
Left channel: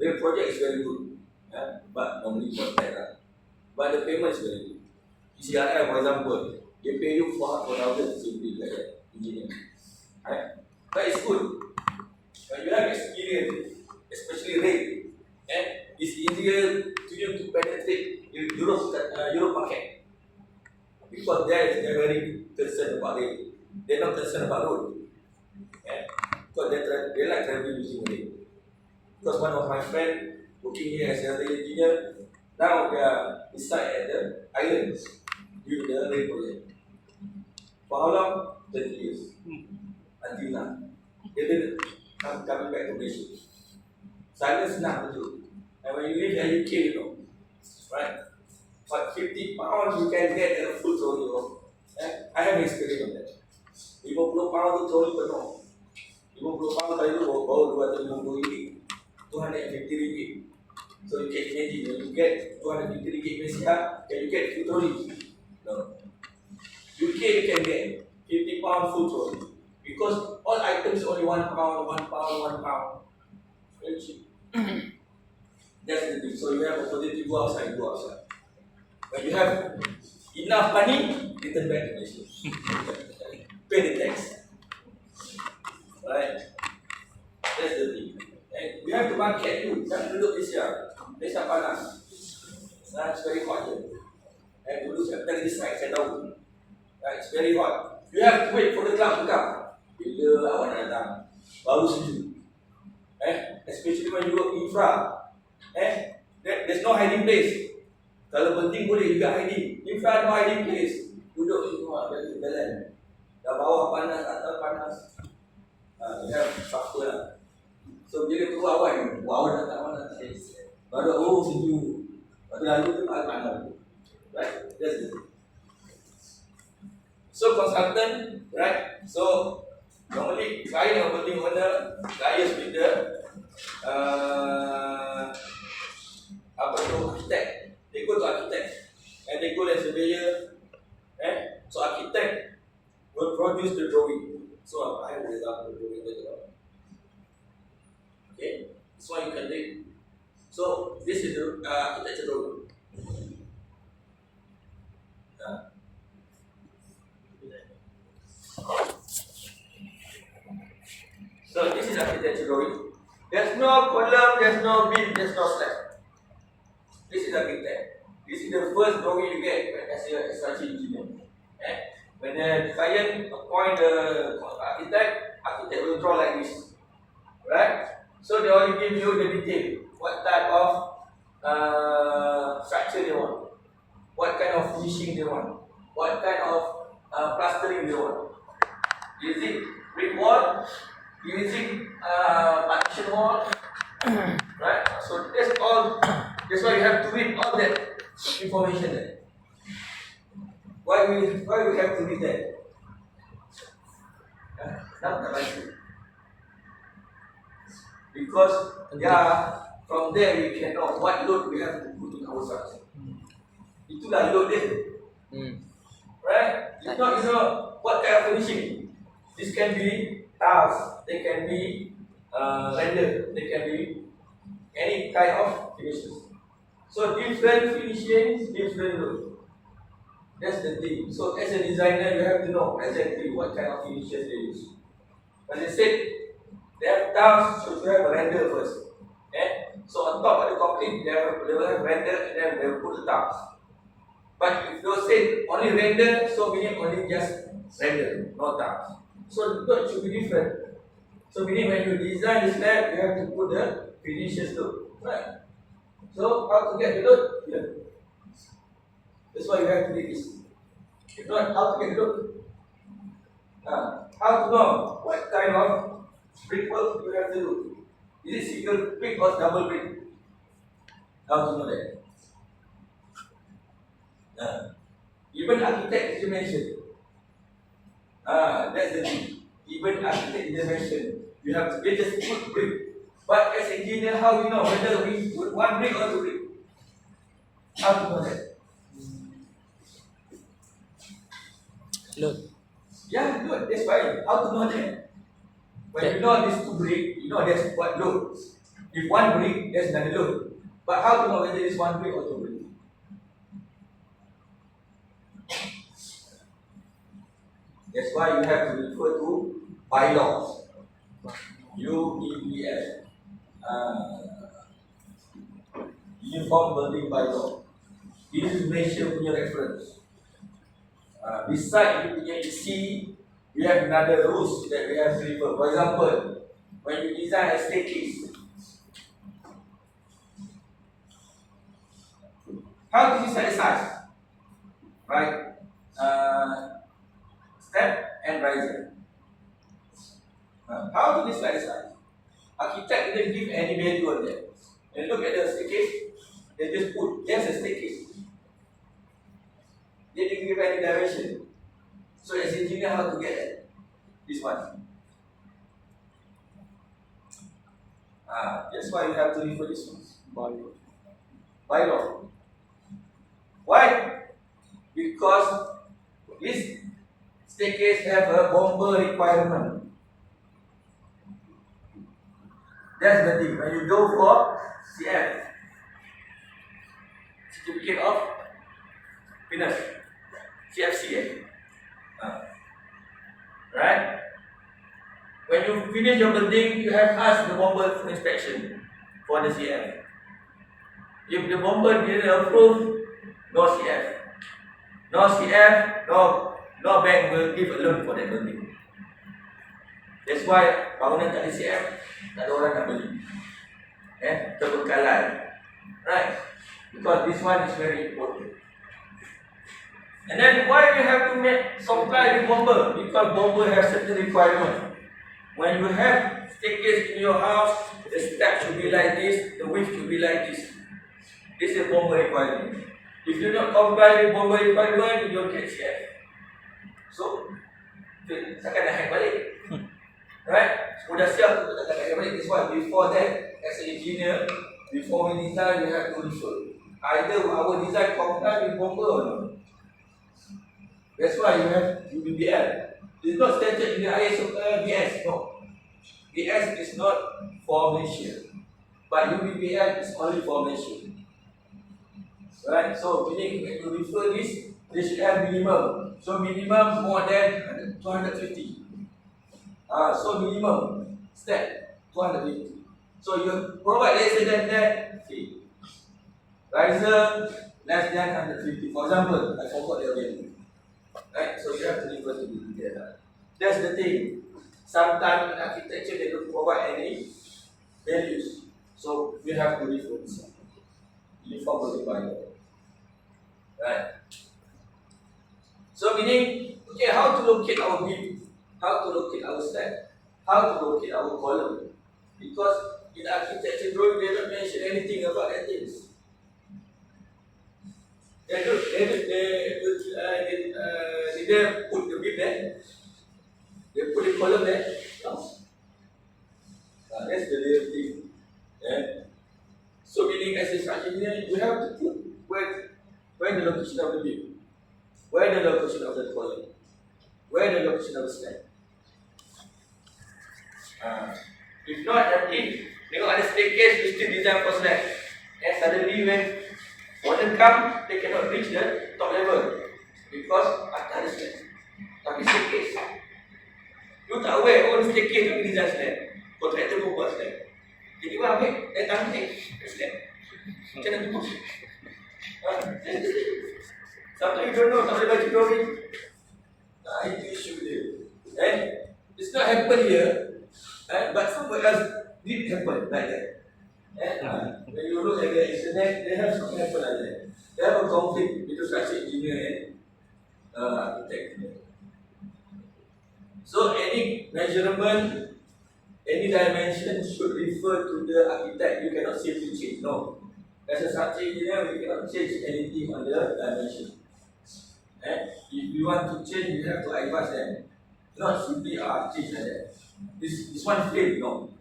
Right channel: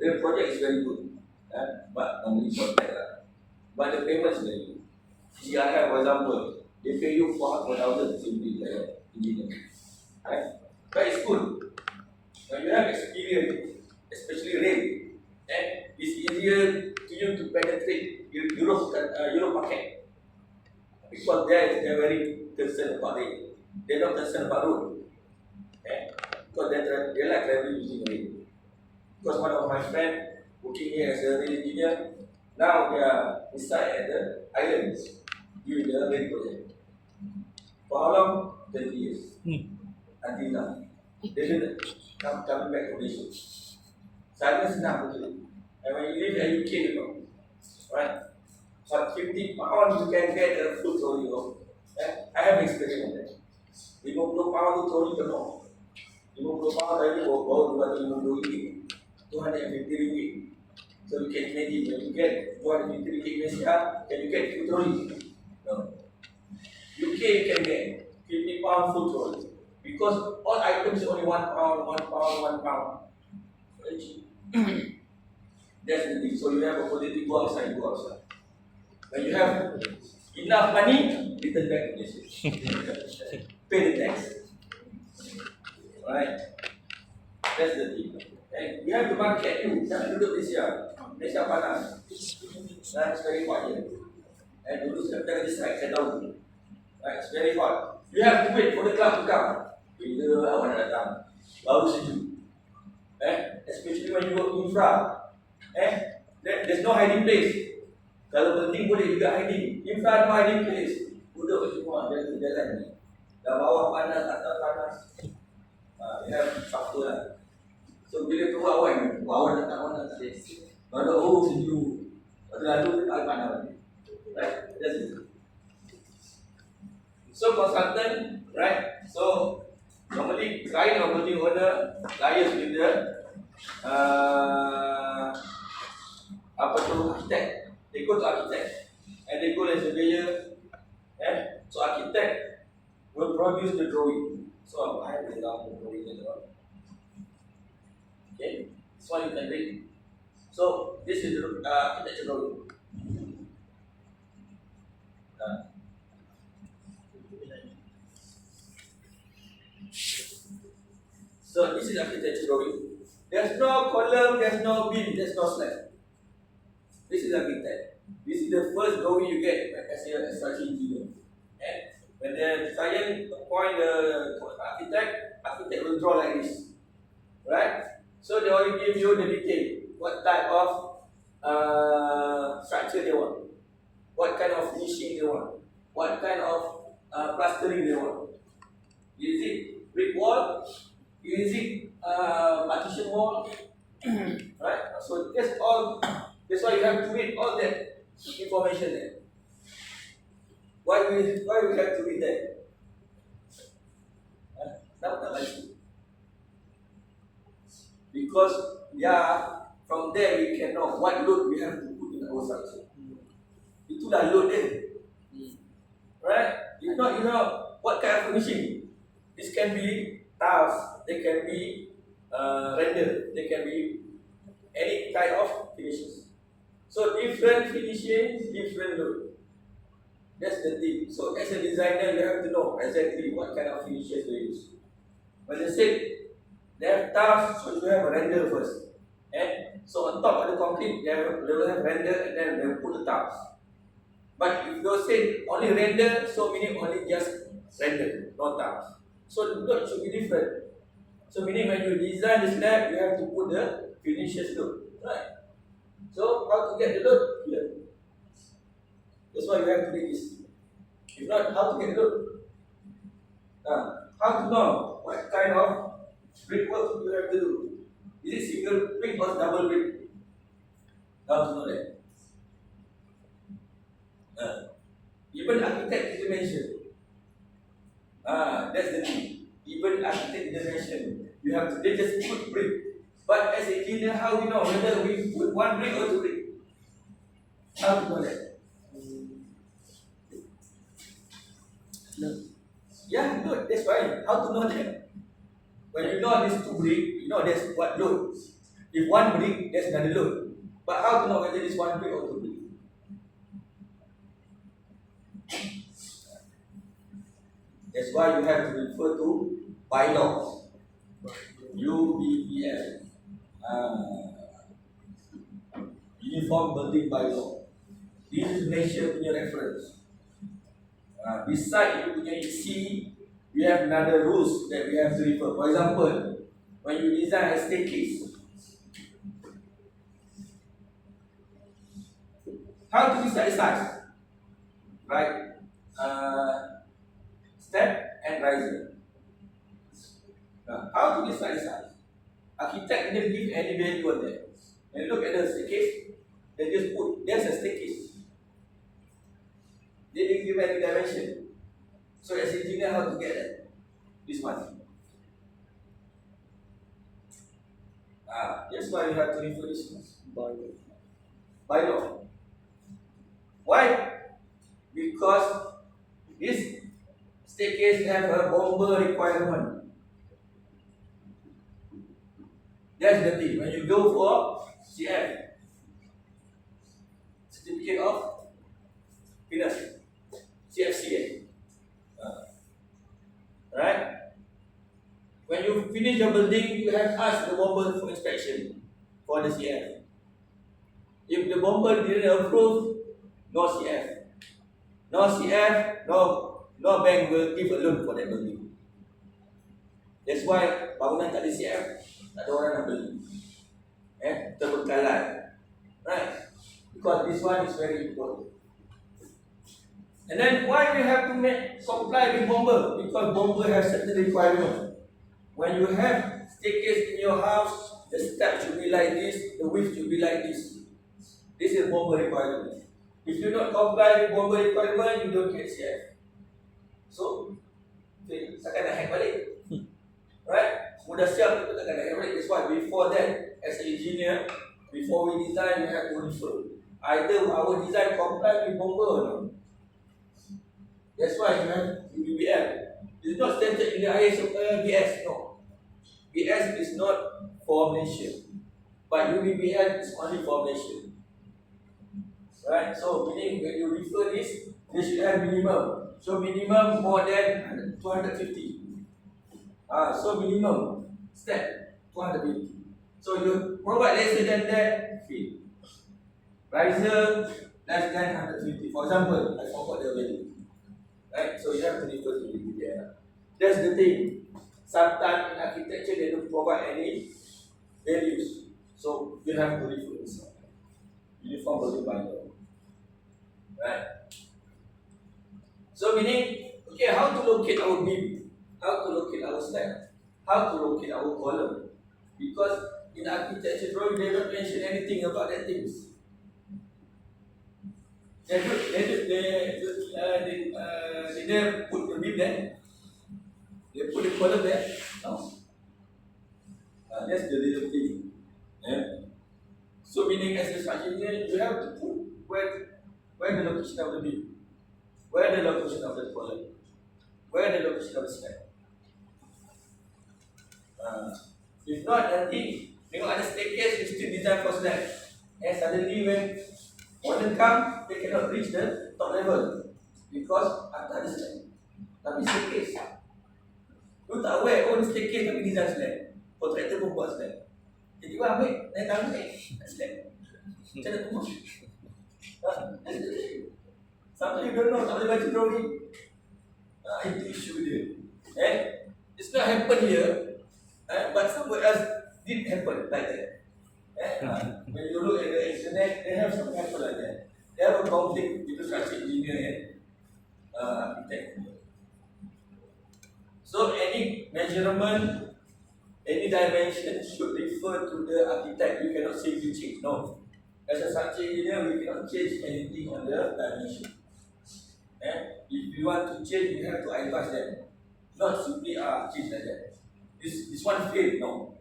Rail project is very good. But normally contract lah. But the payment is very good. PCRF for example, they pay you 4,000 simply like that, engineer. Right? But it's good. When you have experience, especially rail, it's easier to you to penetrate Europe market. Because they're very concerned about rail. They're not concerned about road. Because they like traveling using rail. Because one of my friends working here as a rail engineer, now they are inside at the islands doing the rail project. For how long? 30 years. Until now. They didn't coming back to Malaysia. Sana senang betul. And when you live in UK, you know, right? For 50 pounds, you can get a full trolley. I have experience on that. 50 pounds tu trolley penuh. 50 pounds tadi tu bawa RM250. RM250. So you can imagine, when you get RM250 Malaysia, can you get full trolley? No. UK you can get 50 pounds full trolley. Because all items only £1, £1. Very cheap. That's the thing. So you have opportunity to go outside. When you have enough money, return back to Malaysia. Pay the tax. Alright? That's the thing. And we have to market you. Jangan duduk Malaysia. Malaysia panas. It's very hot here. And dulu saya pernah di site, saya tahu. It's very hot. You have to wait for the cloud to come. Bila awak nak datang, baru sejuk. Especially when you work infra. There's no hiding place. Kalau penting boleh juga hiding. Infra no hiding place. Duduk semua, biasa jalan. Dah bawah panas, atas panas. You have faktor lah. So bila tu awak nak datang mana tak ada. Baru sejuk. Lepas lalu dia panas. Right? That's it. So consultant, right? So normally client or building owner liaise with the architect. They go to architect and they go as surveyor. So architect will produce the drawing. So I have an example. you can read. So this is the architecture drawing. So this is architecture drawing. There's no column, there's no beam, there's no slab. This is architect. This is the first drawing you get as a structural engineer. When the client appoint the architect will draw like this. Right? So they only give you the detail. What type of structure they want. What kind of finishing they want. What kind of plastering they want. Is it brick wall? Is it partition wall? Right? So that's why you have to read all that information there. Why we have to read that? Not because from there we can know what load we have to put in our structure. Itulah load dia. Right? If not, you know what kind of finishing. This can be tiles, they can be render, they can be any kind of finishes. So different finishing, different load. That's the thing. So as a designer, you have to know exactly what kind of finishes they use. But they said they have tiles, so you have a render first. So on top of the concrete, they will have render and then they will put the tiles. But if you say only render, so meaning only just render, no tiles. So the load should be different. So meaning when you design the slab, you have to put the finishes load. Right? So how to get the load? Here. That's why you have to read this. If not, how to get the load? How to know what kind of brickwork you have to do? Is it single brick or double brick? How to know that? Even architect is mentioned. That's the thing. Even architect is mentioned. You have to, they just put brick. But as engineer, how you know whether we put one brick or two brick? How to know that? Look. Yeah, load. That's why. How to know that? When you know these two brick, you know that's what load. If one brick, that's another load. But how to know whether it's one brick or two brick? That's why you have to refer to bylaws. UBBL. Uniform Building Bylaw. This is Malaysia punya reference. Beside you punya EC, we have another rules that we have to refer. For example, when you design a staircase, how to decide the size? Right? Step and riser. How to decide the size? Architect didn't give any value on that. And look at the staircase, they just put, there's a staircase. They didn't give any direction. So as engineer, how to get that? This one. That's why you have to refer this one. Bylaw. Why? Because this staircase have a bomber requirement. That's the thing. When you go for CF, Certificate of Fitness, CFC, right? When you finish your building, you have asked the bomber for inspection for the CF. If the bomber didn't approve, no CF. No CF, no bank will give a loan for that building. That's why bangunan tak ada CF, tak ada orang nak beli. Terbengkalai. Right? Because this one is very important. And then why you have to comply with bomber? Because bomber has certain requirement. When you have staircase in your house, the step should be like this, the width should be like this. This is bomber requirement. If you don't comply with bomber requirement, you don't get CF. So, takkan nak hack balik. Right? Sudah siap tu takkan nak hack balik. That's why before that, as an engineer, before we design, we have to refer. Either our design comply with bomber or not. That's why you have UBBL. It's not stated in the ISO BS. No. BS is not for Malaysia. but UBBL is only for Malaysia. Right? So meaning when you refer this, they should have minimum. So minimum more than 250. So minimum step 250. So you provide less than that fee. Riser less than 150. For example, I forgot their value. Right? So you have to refer to UBBL. That's the thing. Sometimes in architecture they don't provide any values. So you have to refer to this. Uniform Bible. Right? So meaning, okay, how to locate our beam, how to locate our step, how to locate our column. Because in architecture drawing they don't mention anything about that things. They put the beam there. They put the column there. No. That's the real thing. Yeah. So meaning as a structure engineer, you have to put where the location of the beam, where the location of the column, where the location of the step. If not, nanti tengok ada staircase, you still design for slab. And suddenly when modern come, they cannot reach the top level because atas ada slab. Tapi staircase, you tak aware on staircase tapi design slab. Kontraktor pun buat slab. Jadi orang ambil, tanggung slab. Macam mana tu? Sometimes you don't know, tak boleh baca drawing. Itu issue dia. And it's not happen here, but somewhere else did happen like that. When you look at the internet, they have something happen like that. They have a conflict between structural engineer and architect. So any measurement, any dimension should refer to the architect. You cannot simply change. No. As a structural engineer, we cannot change anything on the dimension. If you want to change, you have to advise them. Not simply change like that. This one failed, no.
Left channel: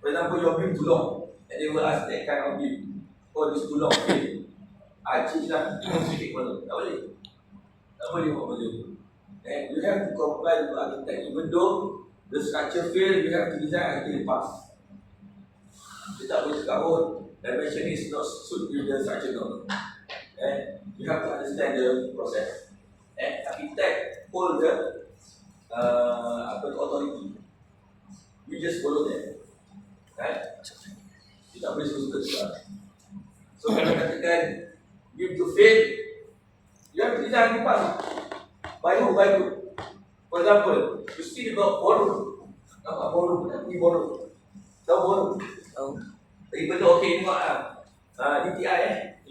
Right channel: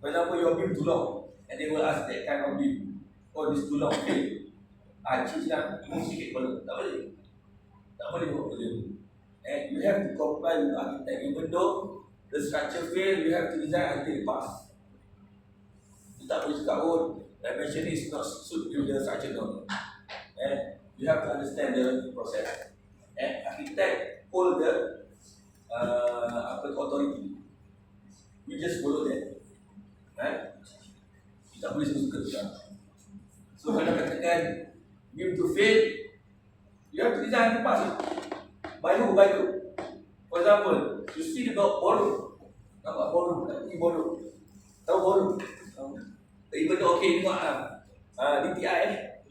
For example, your beam too long, and they will ask that kind of beam. Oh, this too long, failed. Change lah, don't speak column. Tak boleh. Tak boleh buat macam tu. And you have to comply with architect. Even though the structure failed, you have to design until it pass. Kita tak boleh cakap, oh, dimension is not suit with the structure, no. And you have to understand the process. And architect hold the authority. You just follow them. Right? You tak boleh suka-suka. So kalau katakan give to fail, you have to design the pass. By who? By who? For example, you see the ballroom. Nampak ballroom? Nanti ballroom. Tahu ballroom? Tahu. Even though okay, tengok DTI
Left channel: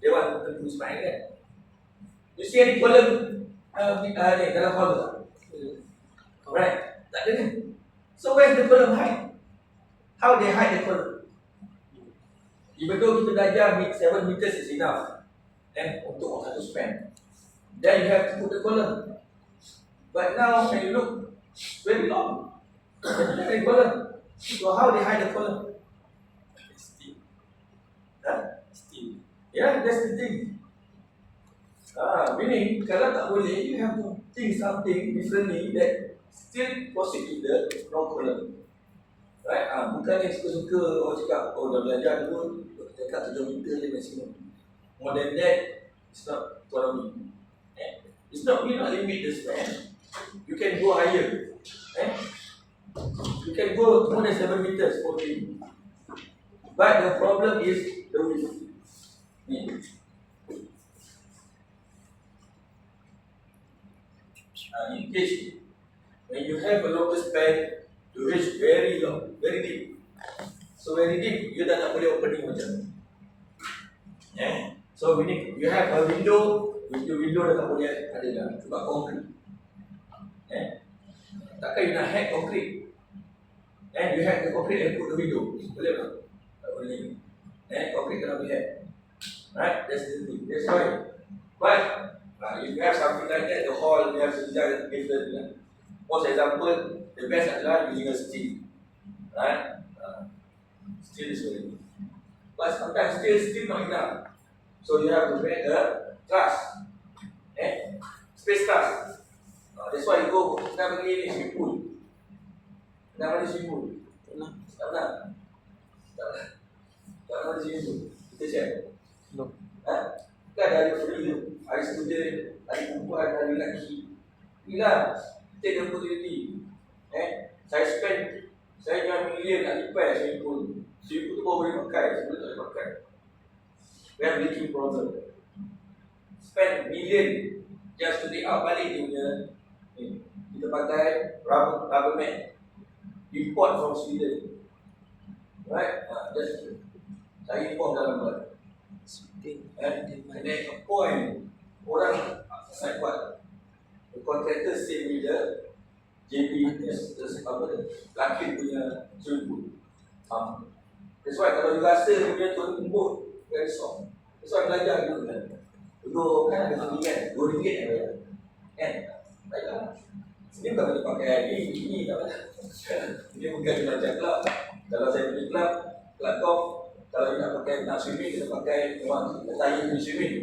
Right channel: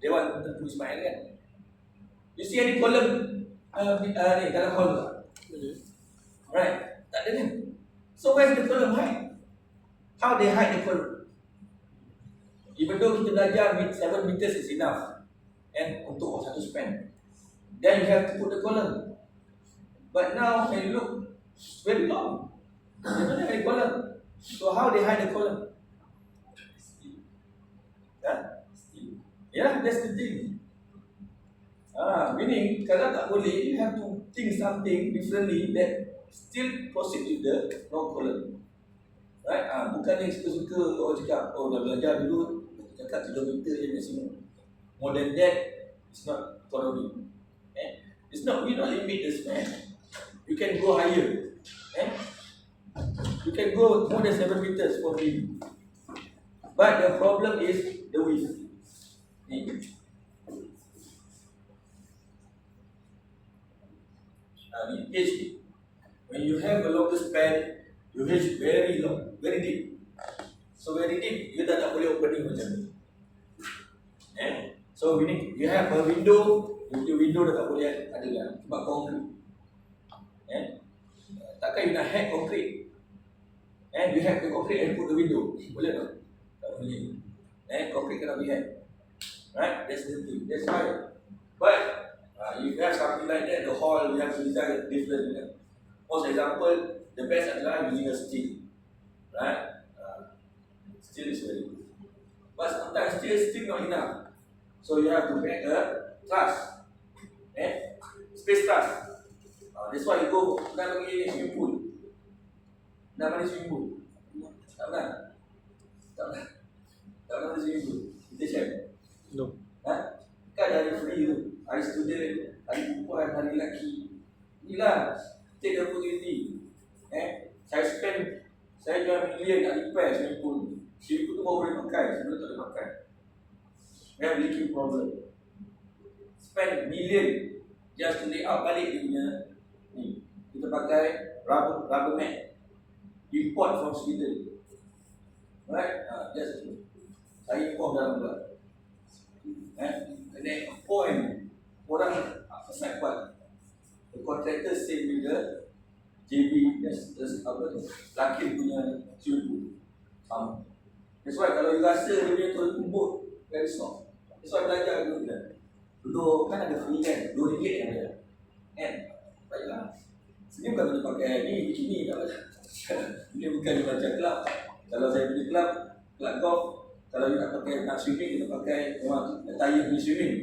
They want to smile kan. You see any column ni dalam column? Right? Tak ada ni. So where's the column hide? How they hide the column? Even though kita belajar 7 meters is enough, and untuk satu span, then you have to put the column. But now when you look, very long. They don't have any column. So how they hide the column? Steam. Steam. Yeah, that's the thing. Meaning kalau tak boleh, you have to think something differently that still proceed with the no column. Right? Bukan yang suka-suka orang cakap, oh dah belajar dulu, cakap 7 meter je maksimum. More than that, it's not economy. It's not, we not limit the span. You can go higher. You can go more than 7 meters for free. But the problem is the width. In case when you have a longer span, you reach very long, very deep. So very deep, you dah tak boleh opening macam ni. So you have a window, your window dah tak boleh ada dah sebab konkrit. Takkan you nak hack konkrit? You hack the concrete and put the window. Boleh tak? Tak boleh. Concrete cannot be hacked. Right? That's the thing. That's why. But if you have something like that, the hall you have to design different. For example, the best adalah using a steel. Right? Steel is very good. But sometimes steel not enough. So you have to make a truss. Space truss. That's why you go, nak bagi ni swimming pool. Nak bagi swimming pool? Tak pernah? Tak ada. Tak ada sini tu. Kita share. No. Kan dari free tu. Hari student, hari perempuan, hari lelaki. Inilah take the opportunity. Saya spend, saya jual million nak repair swimming pool. Swimming pool tu baru boleh pakai, sebelum tak boleh pakai. We have leaking problem. Spend million just to take out balik dia punya ni. Kita pakai rubber mat. Import from Sweden. Right? That's true. Saya import dalam bulan. And then a point orang nak buat the contractor same with the JB apa tu laki punya swimming pool. That's why kalau you rasa dia punya tu lembut very soft. That's why belajar dulu kan. Dulu kan ada pertandingan RM2 yang bayar. Kan? Baiklah. Sini bukan boleh pakai ini tak apa. Ini bukan macam club. Kalau saya pergi club golf, kalau you nak pakai nak swimming, kita pakai memang tayar pergi swimming.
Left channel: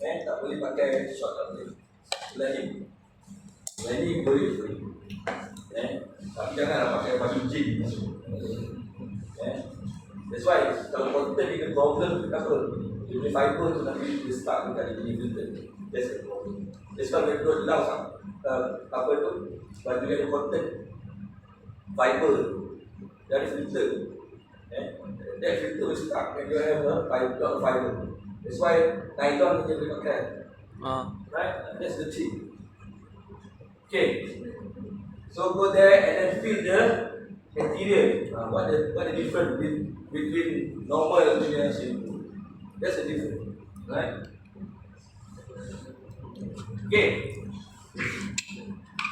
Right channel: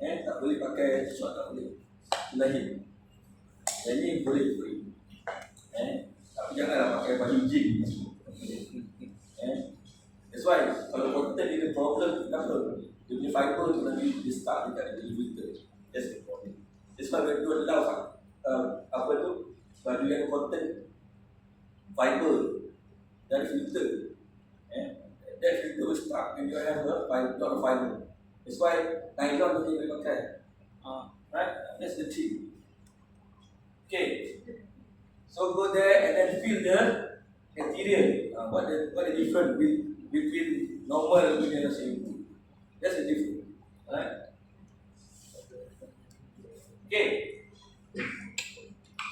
Tak boleh pakai short, tak boleh. Lain. Ini boleh free. Tapi janganlah pakai baju jean. That's why kalau content ni problem kenapa? Dia punya fiber tu nanti dia stuck dekat dia punya filter. That's the problem. That's why when you allow apa tu baju yang content fiber dari filter. That filter will stuck when you have a fiber. That's why nylon dia boleh pakai. Right? That's the thing. Okay. So go there and then feel the material. What the difference between normal and swimming pool? That's the difference. Right? Okay.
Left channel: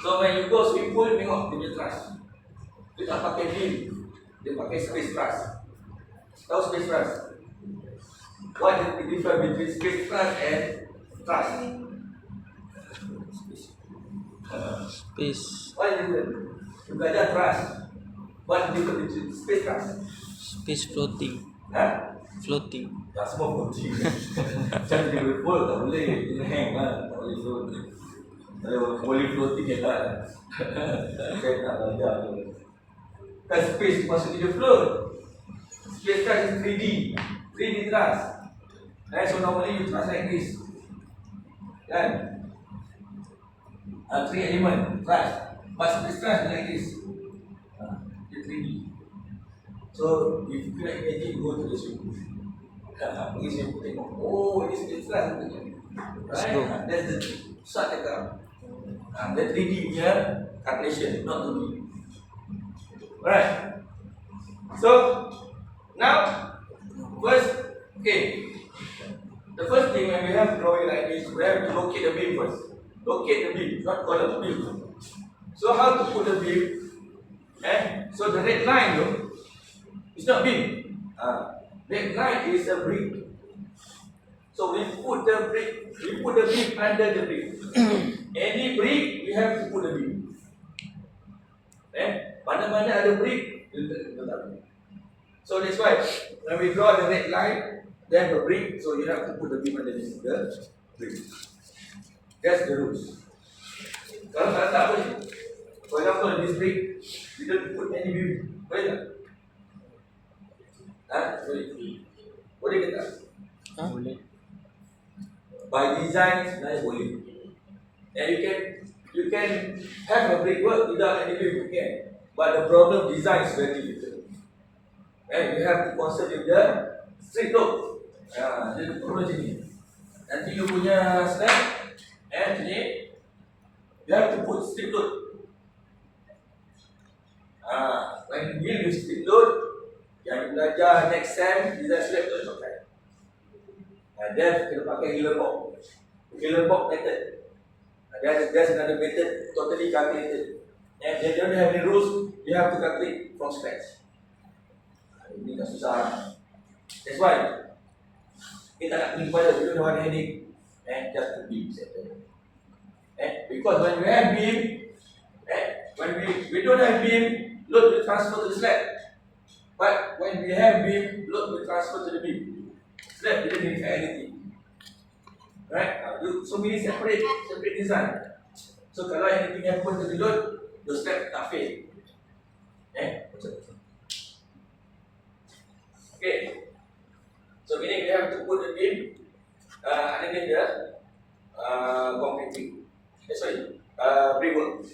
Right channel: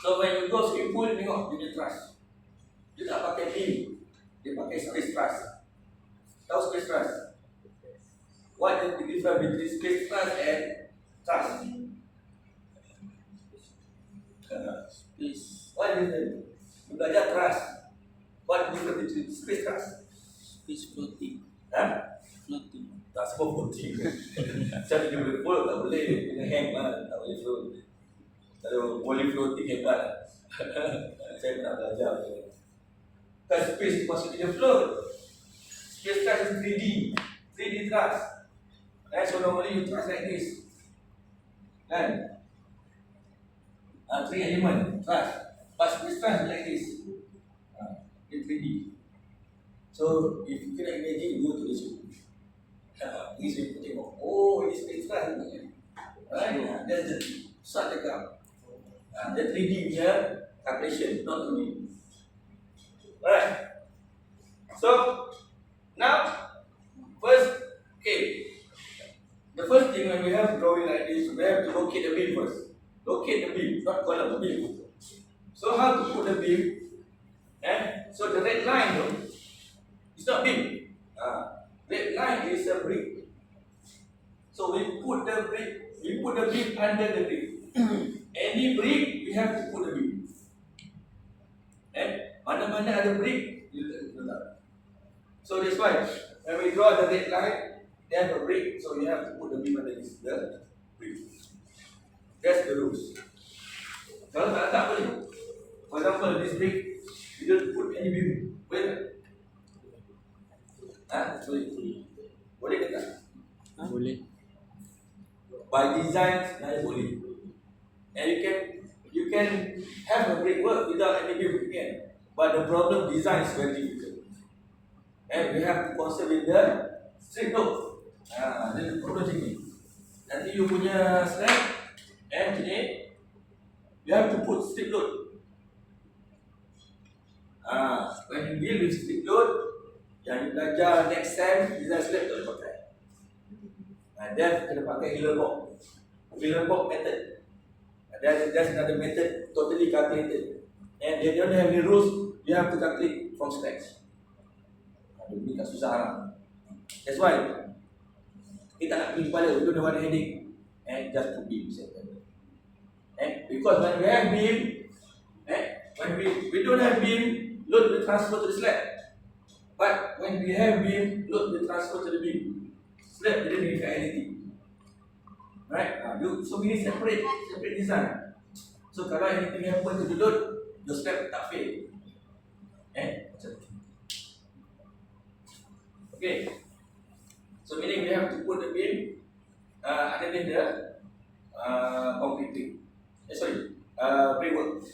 So when you go swimming pool, tengok dia punya truss. Dia tak pakai beam, dia pakai space truss. Tahu space truss? What is the difference between space truss and truss? Space. What is the difference? You belajar truss. What is the difference between space truss? Space floating. Floating. Tak semua floating. Macam dia berpul tak boleh, kena hang lah, tak boleh float. Kalau boleh floating ke tak? Saya nak belajar. Kan space maksud dia float. Space truss is 3D. 3D truss. So normally you truss like this. Kan? 3 element truss. But space truss like this. Dia 3D. So if you cannot imagine, go to the swimming pool. Pergi swimming pool tengok. Oh, ini space truss. Right? That's the start cakap. The 3D punya calculation, not 2D. Alright. So now, first, okay. The first thing when we have drawing like this, we have to locate the beam first. Locate the beam, not column, beam. So how to put the beam? So the red line though, it's not beam. Red line is a brick. So we put the beam under the brick. Any brick, we have to put the beam. Mana-mana ada brick, letak. So that's why when we draw the red line, then the brick, so you have to put the beam underneath the brick. That's the rules. Kalau tak boleh. For example, this brick, you don't put any beam. Boleh tak? Boleh. Boleh ke tak? Boleh. By design, sebenarnya boleh. And you can have a brickwork without any beam again. But the problem design is very difficult. And we have to consider the strict load. Jadi problem macam ni. Nanti you punya snap, ni, you have to put strict load. When you deal with strict load, yang belajar next sem, design slab boleh pakai. Then kita pakai Gillen box method. There's another method totally calculated. And they don't have any rules, you have to calculate from scratch. Ini tak susah. That's why kita nak pergi kepala, we don't want headache. And just put beam settle. Because when we have beam, when we don't have beam, load will transfer to the slab. But when we have beam, load will transfer to the beam. Slab didn't make anything. Right? So we need separate design. So kalau anything happen to the load, the slab tak fail. Macam tu. Okay. So meaning we have to put the beam underneath the concrete. Brickwork.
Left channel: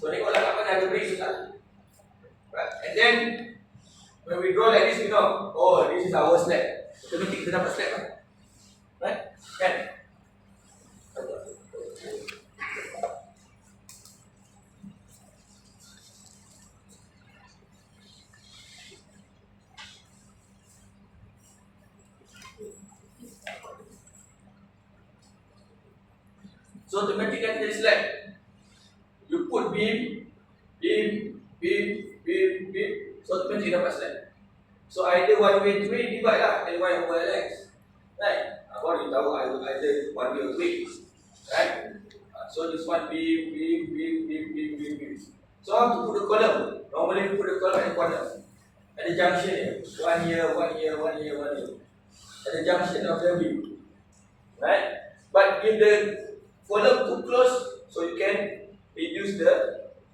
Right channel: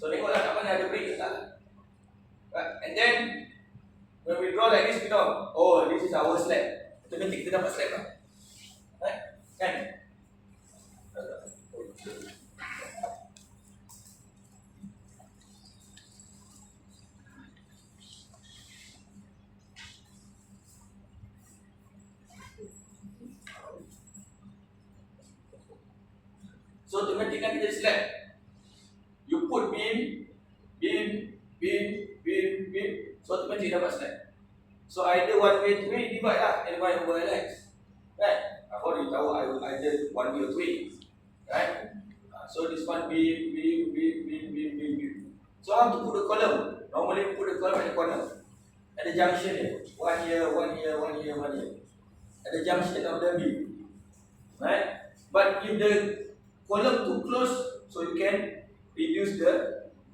So tengoklah kat mana ada brick tak? Right. And then when we draw like this, we know, oh, this is our slab. Automatic kita dapat slab lah. Right? Kan? So automatic kan jadi slab. You put beam, so automatic dapat slab. So either 1/3 divide lah L1/Lx. Right? Apa you tahu either 1/3 or 2. Right? So this one beam. So how to put the column? Normally we put the column at the corner. At the junction here. One here. At the junction of the beam. Right? But if the column too close, so you can reduce the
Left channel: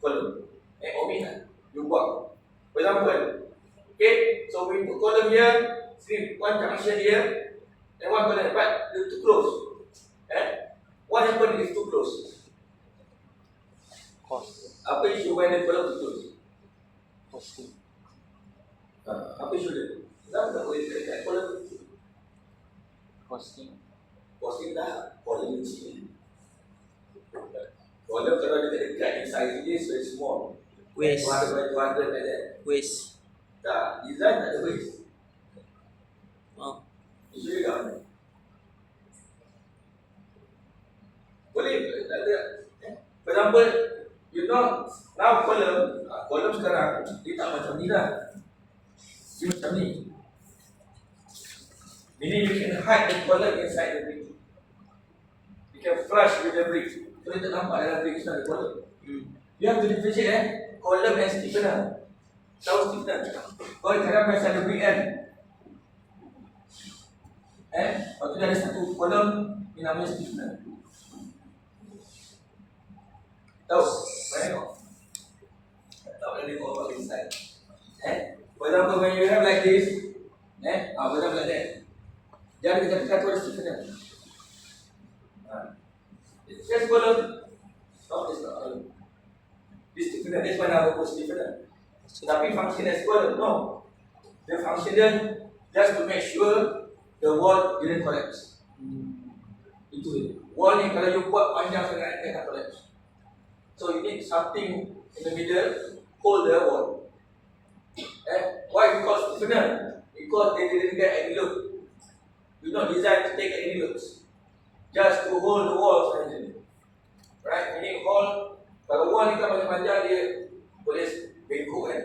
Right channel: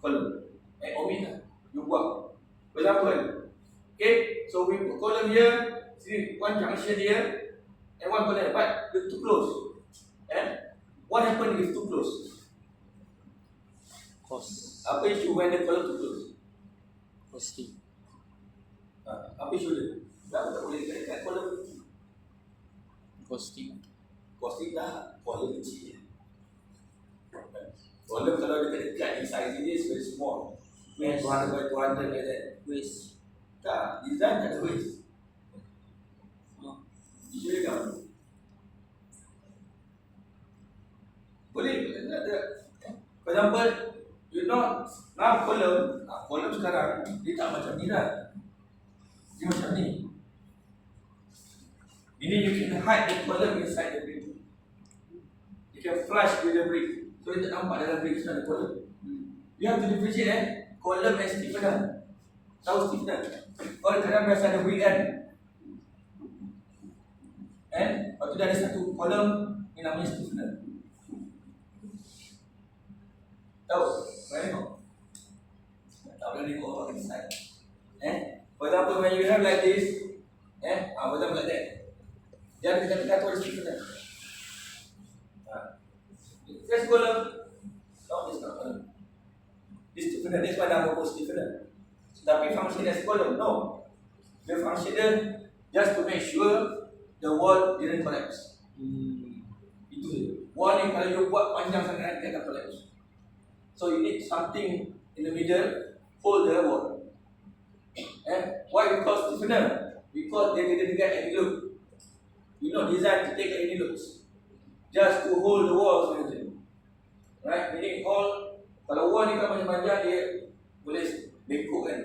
column. Omit lah. You buat. For example, okay, so we put column here, see one junction here, and one column, but they're too close. What happens if too close? Cos. Apa issue when the column too close? Costing. Apa issue dia? Tak boleh dekat column tu. Costing. Costing dah, column kecil. Column kalau dekat size dia is very small. Waste. 200 by 200 like that. Waste. Tak, design tak ada waste. Isu dia kan? Boleh, tak ada. For example, you know, now column sekarang, dia tak macam ni lah. Dia macam ni. Meaning you can hide the column inside the brick. You can flush with the brick. So dia tak nampak dalam brick sana ada column. You have to differentiate column and stiffener. Tahu stiffener? Kalau kadang biasa ada brick kan? Lepas tu dia ada satu column, ni namanya stiffener. Tahu? Mana tengok? Tak boleh tengok apa inside. For example, when you have like this, for example like that, jangan dekat-dekat tu ada stiffener. Just column. No, it's not column. This stiffener, this one nama pun stiffener. Tapi function as column, no. The function just to make sure the wall didn't collapse. Itu je. Wall ni kalau you buat panjang sangat, dia akan collapse. So you need something in the middle, hold the wall. Why? Because stiffener. Because they didn't get any look. You not designed to take any looks. Just to hold the wall sahaja. Right? Meaning hold. Kalau wall ni kan panjang dia boleh bengkok kan.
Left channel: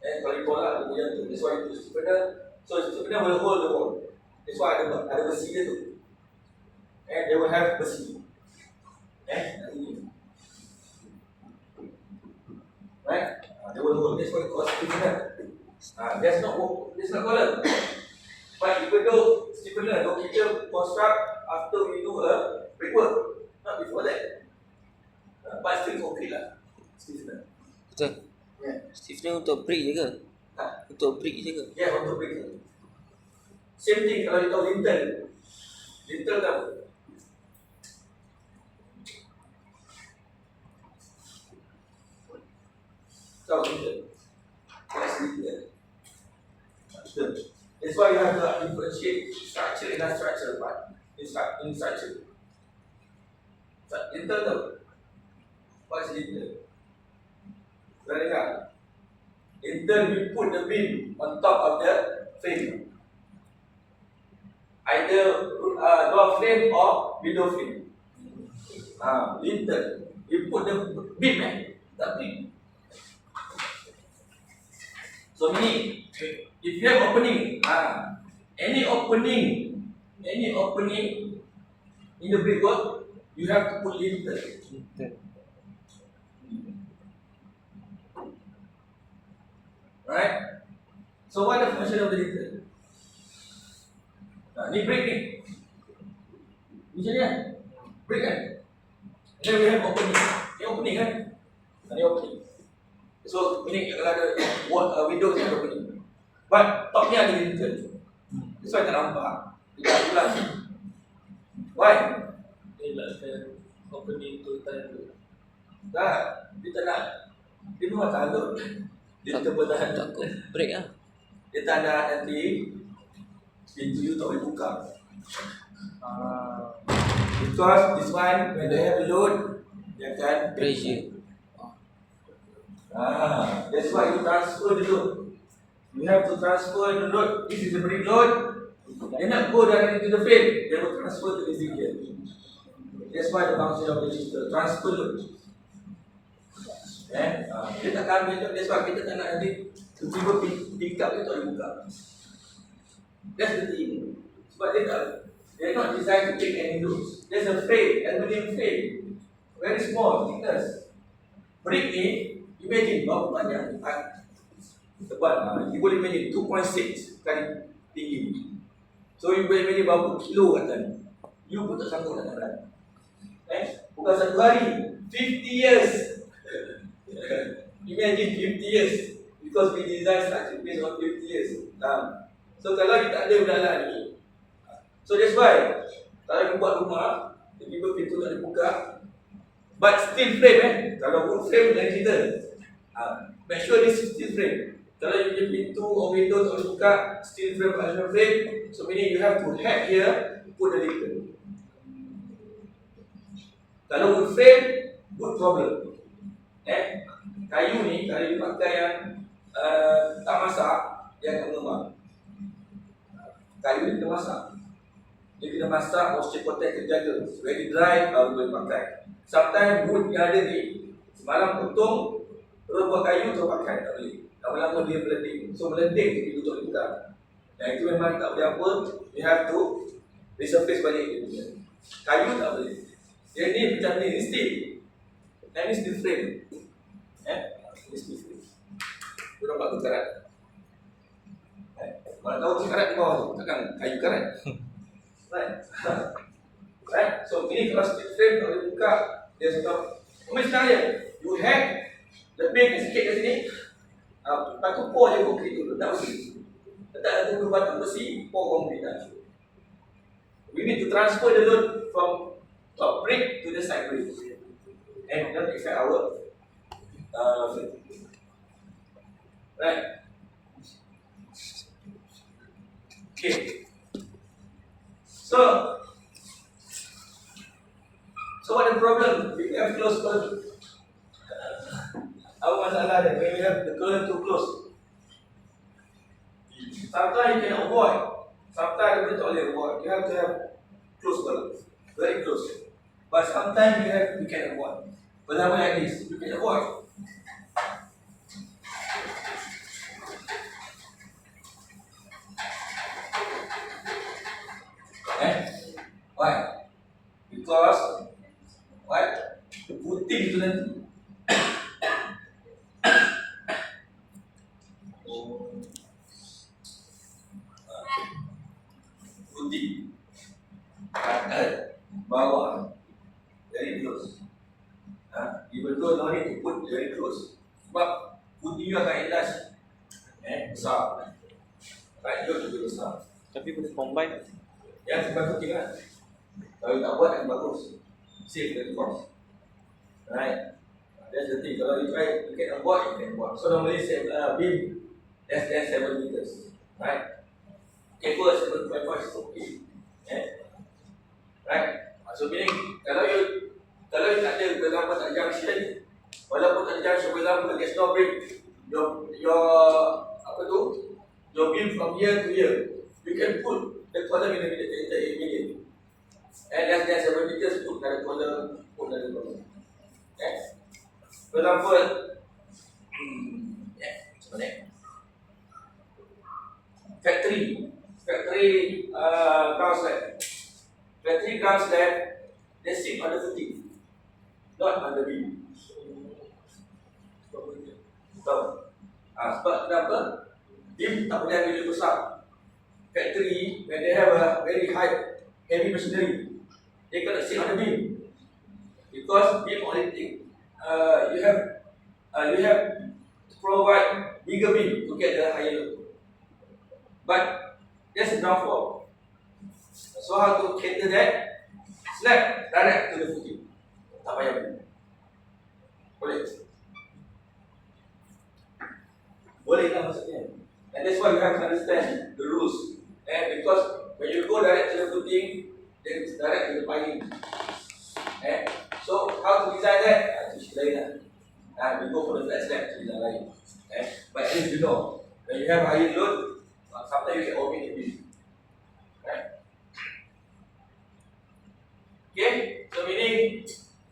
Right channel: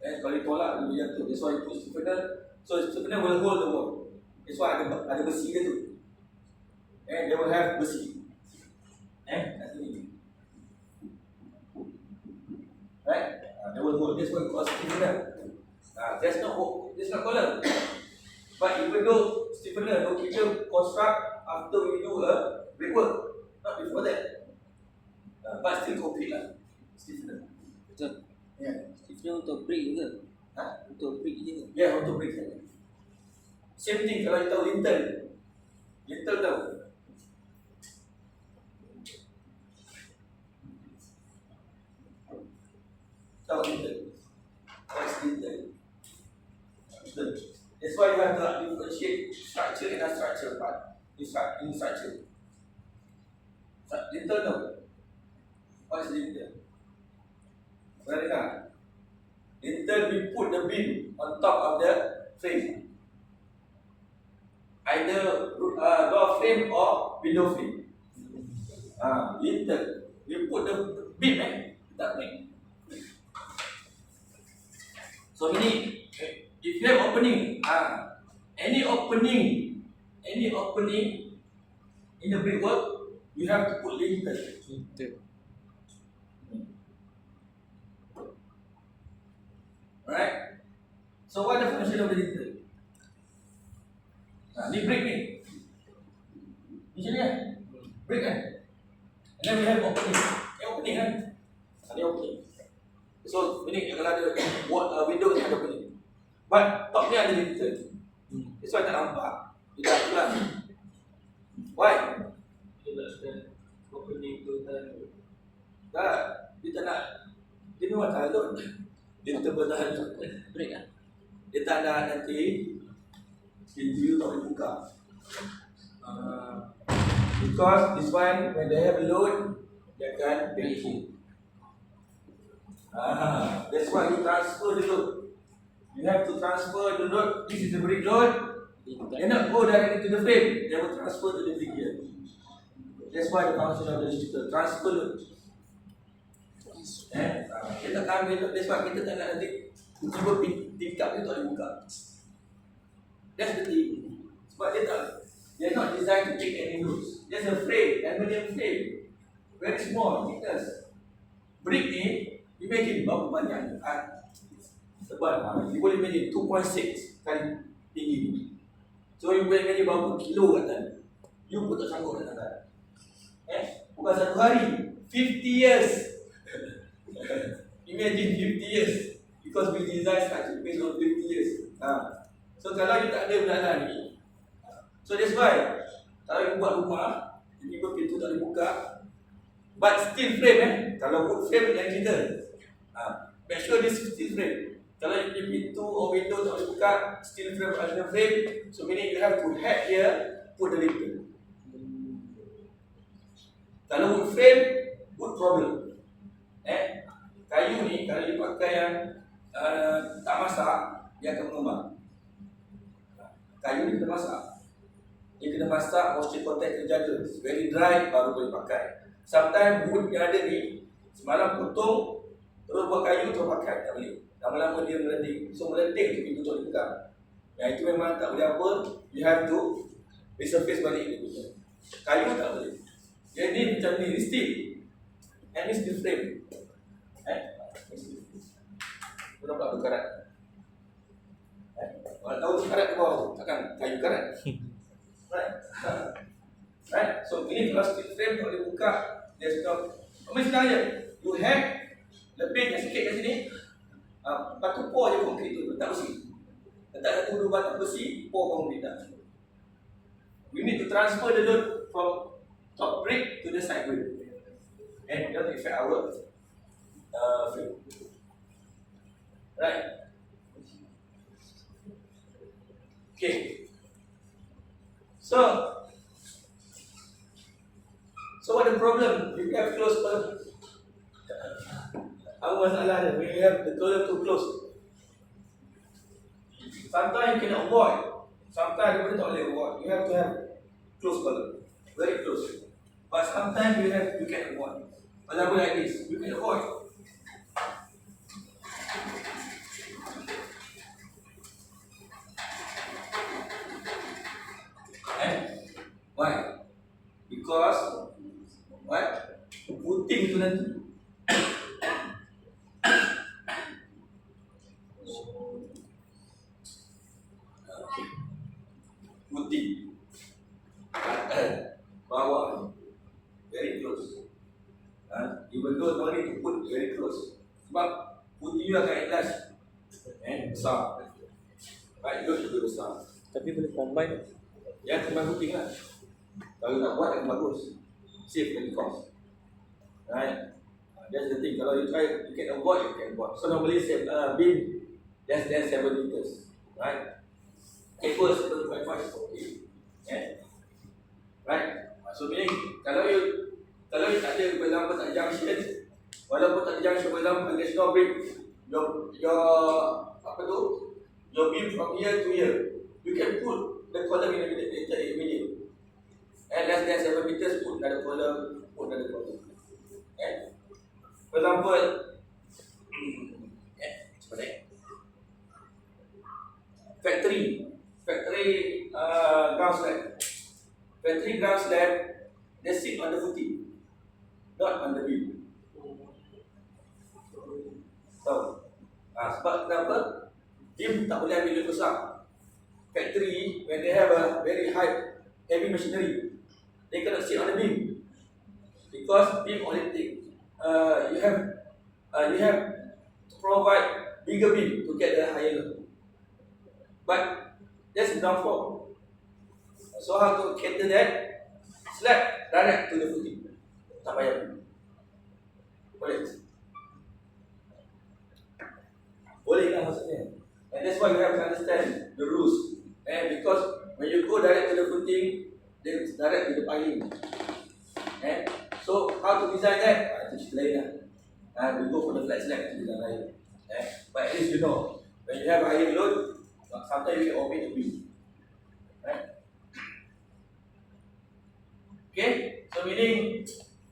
Kalau ditolak dia macam tu. That's why you put stiffener. So stiffener will hold the wall. That's why ada besi dia tu. They will have besi. Nanti ni. Right? They will hold. That's why you call stiffener. That's not column. But even though stiffener, though kita construct after we do a brickwork, not before that. But still concrete lah. Stiffener. Betul. Yeah. Stiffener untuk brick je ke? Untuk brick je ke? Yeah, untuk brick saja. Same thing kalau kita tahu lintel. Lintel tahu. Tahu lintel. What is lintel? That's why you have to differentiate structure and non-structure part. In structure. Lintel tahu. What is lintel? Pernah dengar? Lintel, we put the beam on top of the frame. Either door frame or window frame. Lintel, we put the beam, that beam. So meaning, if you have opening, any opening in the brickwork, you have to put lintel. Right? So what the function of the lintel? Ni brick ni. Ni macam ni kan? Brick kan? And then we have opening. Ni opening kan? Ni opening. So, ini kalau ada window ni ada opening. But top ni ada little. That's why tak nampak. Dia tak pulang. Why? Dia nakkan opening tu time tu. Tak. Dia tak nak. Dia memang tak ada. Dia terpenahan tak. Takut break lah. Dia tak nak nanti pintu you tak boleh buka. Because this one when they have a load, dia akan Pressure. That's why you transfer the load. You have to transfer the load. This is the brick load. They not go directly to the frame. They will transfer to the zinc here. That's why the function of the lifter transfer load. Kita tak ambil load. That's why kita tak nak nanti tiba-tiba pick up dia tak boleh buka. That's the thing. Sebab they're not designed to take any loads. There's a frame, aluminium frame, very small thickness. Brick ni, imagine berapa banyak tebal. You boleh imagine 2.6 kali tinggi ni. So you boleh imagine berapa kilo kat sana. You pun tak sanggup nak tahan. Bukan satu hari, 50 years. Imagine 50 years. Because we design structure based on 50 years. So kalau kita ada benda ni, so that's why kalau you buat rumah, tiba-tiba pintu tak boleh buka, but steel frame kalau wood frame lain cerita. Make sure this is steel frame. Kalau you punya pintu or window tak boleh buka, steel frame, aluminum frame, so meaning you have to head here, put the lifter. Kalau wood frame, wood problem. Kayu ni kalau you pakai yang tak masak, dia akan mengembang. Kayu ni kena masak. Dia kena masak, moisture content kena jaga. Very dry, baru boleh pakai. Sometimes wood yang ada ni, semalam potong, terus buat kayu, terus pakai, tak boleh. Lama-lama dia melending. So melending tu pintu tak boleh buka. Yang itu memang tak boleh apa, you have to resurface balik dia punya. Kayu tak boleh. Yang ni macam ni, steel. And ni steel frame. Ni steel frame. Tu nampak tu karat. Kalau tahu tu karat di bawah tu, takkan kayu karat. Right? So ini kalau steel frame tak boleh buka, dia stop. Macam je, you hack, lebih sikit kat sini. Lepas tu pour je konkrit tu, letak besi. Letak tu batang besi, pour konkrit dah. We need to transfer the load from top brick to the side brick. And don't affect our frame. Right? Okay. So what the problem? We have close column. Apa masalah dia? We have the column too close. Sometimes you can avoid. Sometimes you tak boleh avoid. You have to have close column, very close. But sometimes you can avoid. For example, like this, you can avoid. Why? Because what? Putih itu nanti. Putih. Kanan, bawah, very close. Even though no need to put very close. Sebab putih you akan ikhlas. Besar. Right, you juga besar. Tapi boleh combine. Ya, sebab putih kan. Kalau tak buat akan bagus. Save the cost. Right? That's the thing. Kalau you try, you can avoid, you can avoid. So normally beam less than 7 meters. Right? Cable 7.5 is okay. Right? So meaning kalau you tak ada, for example, tak junction, walaupun tak ada junction, for example, there's no break. Your apa tu? Your beam from here to here. You can put the column in the middle. And less than 7 meters, put another column, put another column. For example, factory ground slab. Factory ground slab, they sit on the footing, not on the beam. Tahu? Sebab kenapa? Beam tak boleh ambil lebih besar. Factory, when they have a very high, heavy machinery, they cannot sit on the beam because beam only thing. You have to provide bigger beam to get the higher load. But there's a ground floor. So how to cater that? Slab direct to the footing. Tak payah. Boleh. Boleh lah maksudnya. And that's why you have to understand the rules. And because when you go direct to the footing, then it's direct to the piling. So how to design that? Teach later. We go for the flat slab to design lain. But at least you know, when you have higher load, sometimes you can omit the beam. Okay, so meaning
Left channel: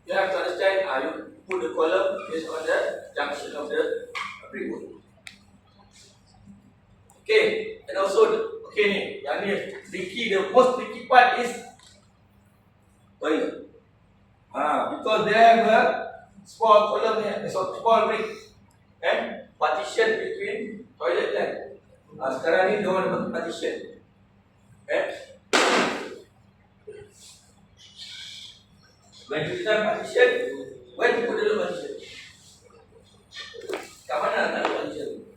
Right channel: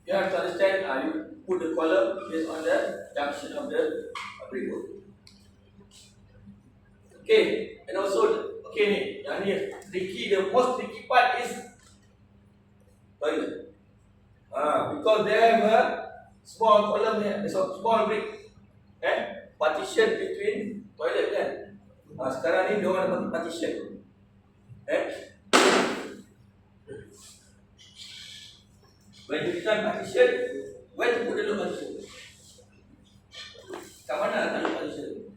you have to understand, you put the column based on the junction of the brickwork. Okay, and also, okay ni, yang ni tricky, the most tricky part is toilet. Because they have a small column here, small brick, partition between toilet kan. Sekarang ni dia orang nak pakai partition. When you design partition, where to put the partition? Kat mana nak letak partition?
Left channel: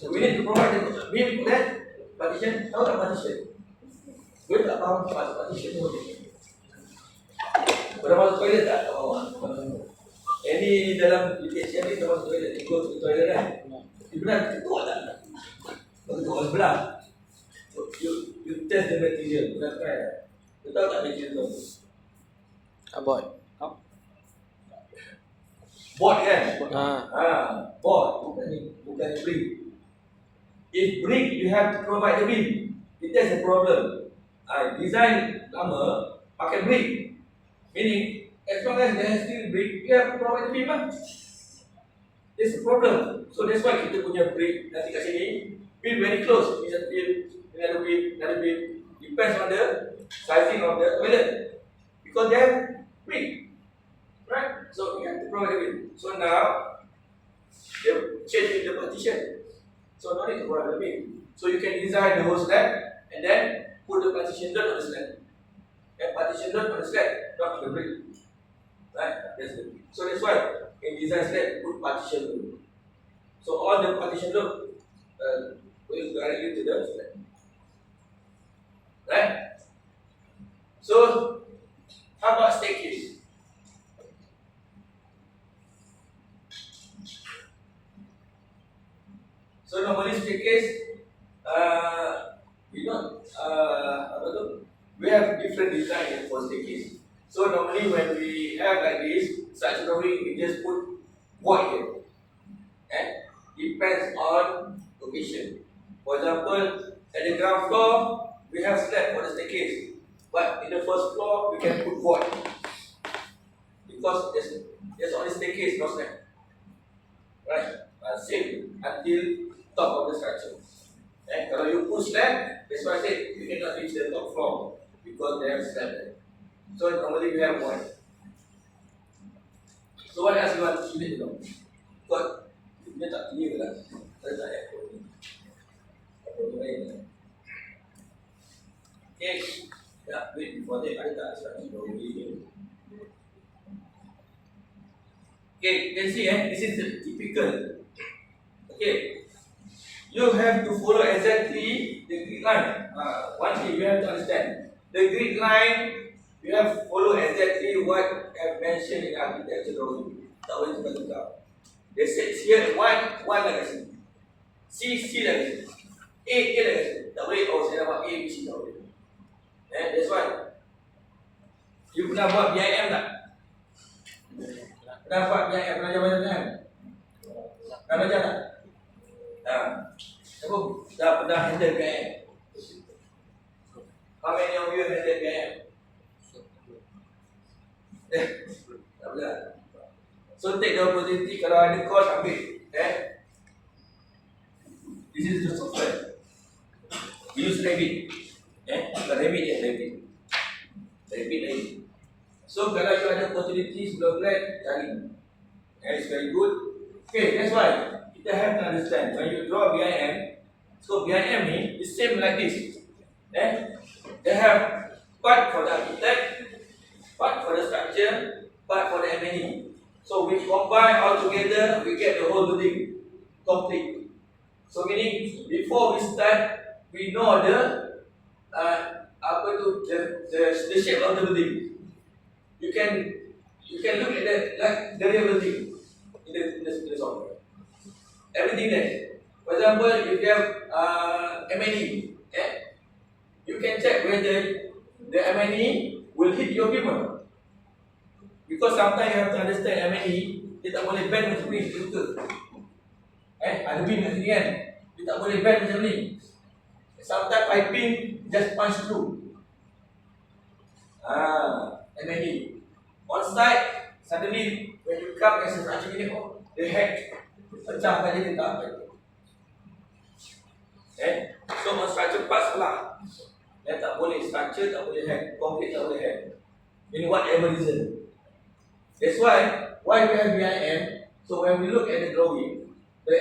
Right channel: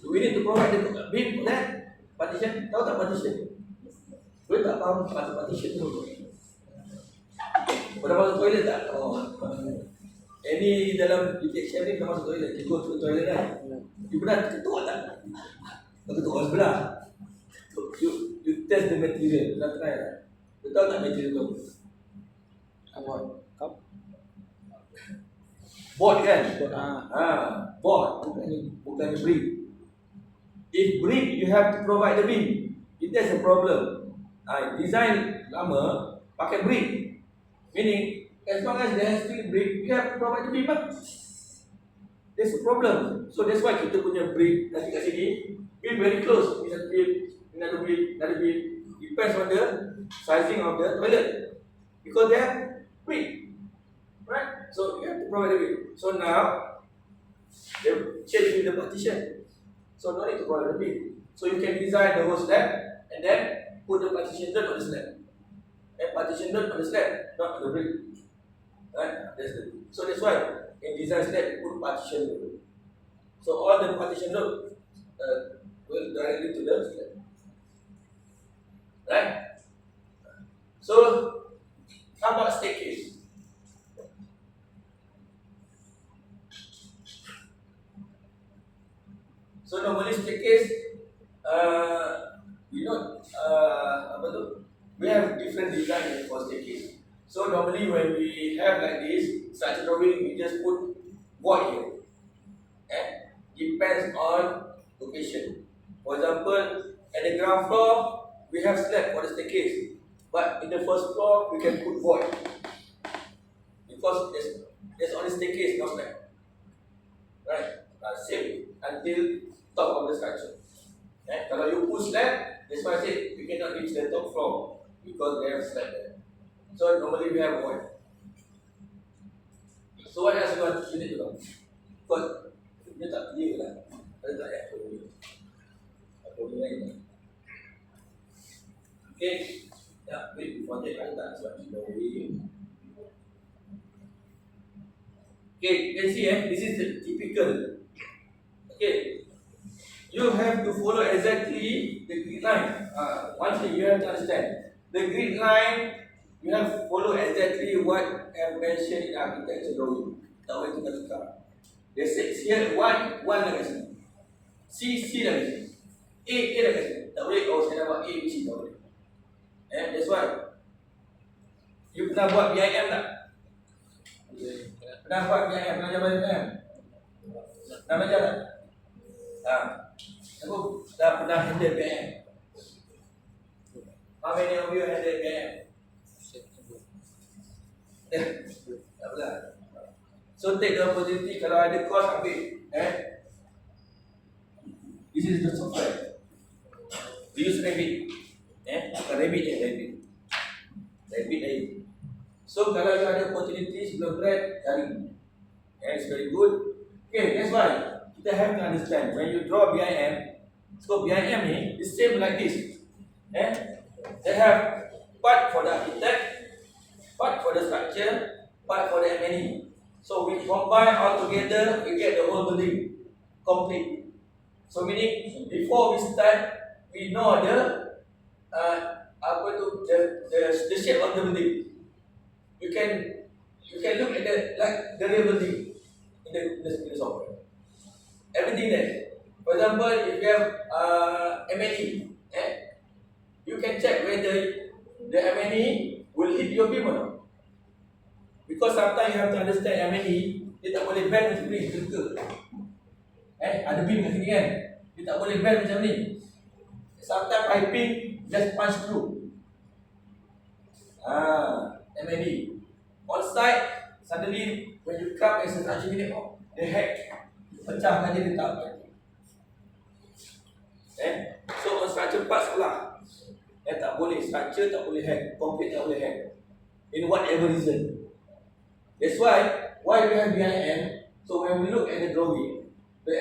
So we need to provide the beam for that partition. Tahu tak partition? Boleh tak faham pasal partition tu? Pernah masuk toilet tak? Ini dalam detection ni dah masuk toilet. You go to toilet kan? You pernah ketuk tak? Ketuk sebelah. So, you test the material. You try. You tahu tak material tu? Aboy. Kau? Board kan? Board. Board. Bukan brick. If brick, you have to provide the beam. That's a problem. Design lama pakai brick. Meaning, as long as there is still brick, you have to provide the beam lah. That's a problem. So that's why kita punya brick nanti kat sini, beam very close. Ini satu beam, another beam. Depends on the sizing of the toilet. Because they have brick. Right? So you have to provide the beam. So now, they change the partition. So no need to provide the beam. So you can design the whole slab and then put the partition dot on the slab. And partition dot on the slab, not on the brick. Right? So that's why in design slab put partition dot. So all the partition dot will directly to the slab. Right? So how about staircase? So normally staircase, we have different design for staircase. So normally when we have like this, such drawing, we just put void here. Depends on location. For example, at the ground floor, we have slab for the staircase. But in the first floor, we can put void. Because there's only staircase, no slab. Right? Same until top of the structure. Kalau you push slab, that's why I said you cannot reach the top floor because they have slab there. So normally we have void. So what else you need to know? Because dia tak clear lah. Saya tak apa lain. Okay. Ya, wait before that I tak sebab ni baru ni. Okay, you can see this is the typical. Okay. You have to follow exactly the grid line. One thing you have to understand. The grid line, you have to follow exactly what I have mentioned in architecture drawing. Tak boleh tukar-tukar. They say here 1 dah kasi. C dah kasi. A dah kasi. Tak boleh, saya dapat A, B, C tak boleh. That's why. You pernah buat BIM tak? Pernah buat BIM? Pernah belajar BIM? Pernah belajar tak? Aku dah pernah handle BIM. How many of you handle BIM? Tak pernah. So take the opportunity, kalau ada course ambil. This is the software. Use Revit. Bukan Revit je, Revit. Revit lagi. So kalau you ada opportunity sebelum grad, cari. It's very good. Okay, that's why kita have to understand when you draw BIM. So BIM ni is same like this. They have part for the architect, part for the structure, part for the M&E. So we combine all together, we get the whole building complete. So meaning before we start, we know the shape of the building. You can look at the real building in the software. Everything there. For example, if you have M&E, you can check whether the M&E will hit your beam or not. Because sometimes you have to understand M&E, dia tak boleh bend macam ni, betul. Ada beam kat sini kan, dia tak boleh bend macam ni. Sometimes piping just punch through. M&E. On site, suddenly when you come as a structure unit, the head pecahkan dia tak piping. So on structure parts pula, tak boleh structure, tak boleh head, concrete tak boleh head. In whatever reason. That's why we have BIM. So when we look at the drawing, the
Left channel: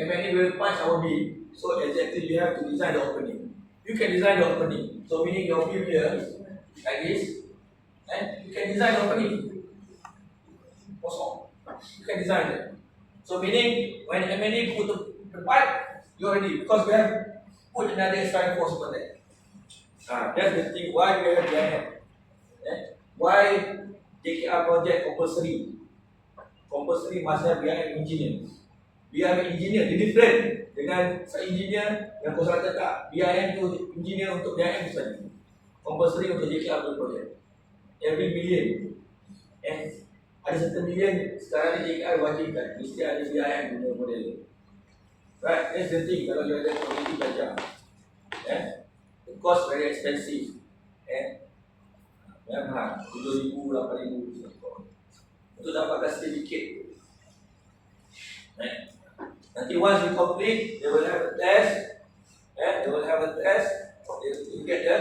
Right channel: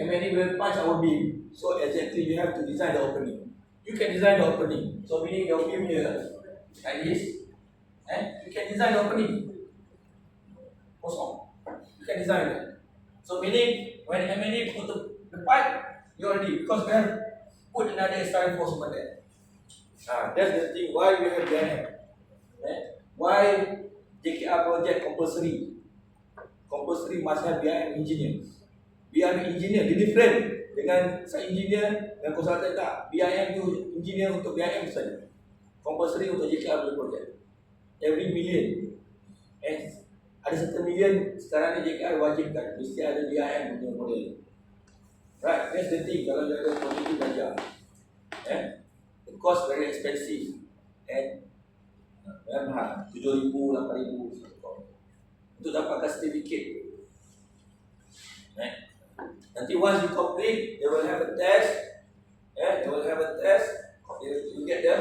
M&E will punch our beam. So exactly you have to design the opening. You can design the opening. So meaning your beam here, like this, and you can design the opening. Kosong. You can design it. So meaning when M&E put the pipe, you already, because we have put another extra force over there. That's the thing why we have BIM. Why JKR project compulsory? Compulsory must have BIM engineer. BIM engineer dia different dengan saya engineer dengan konsultan tak. BIM tu engineer untuk BIM tu saja. Compulsory untuk JKR project. Every million. Ada satu million sekarang di JKR wajibkan mesti ada BIM punya model. Right, that's the thing kalau you ada community belajar. The cost very expensive. Memang 7,000, 8,000 untuk dapatkan sertifikat. Nanti once you complete, they will have a test. They will have a test. You get the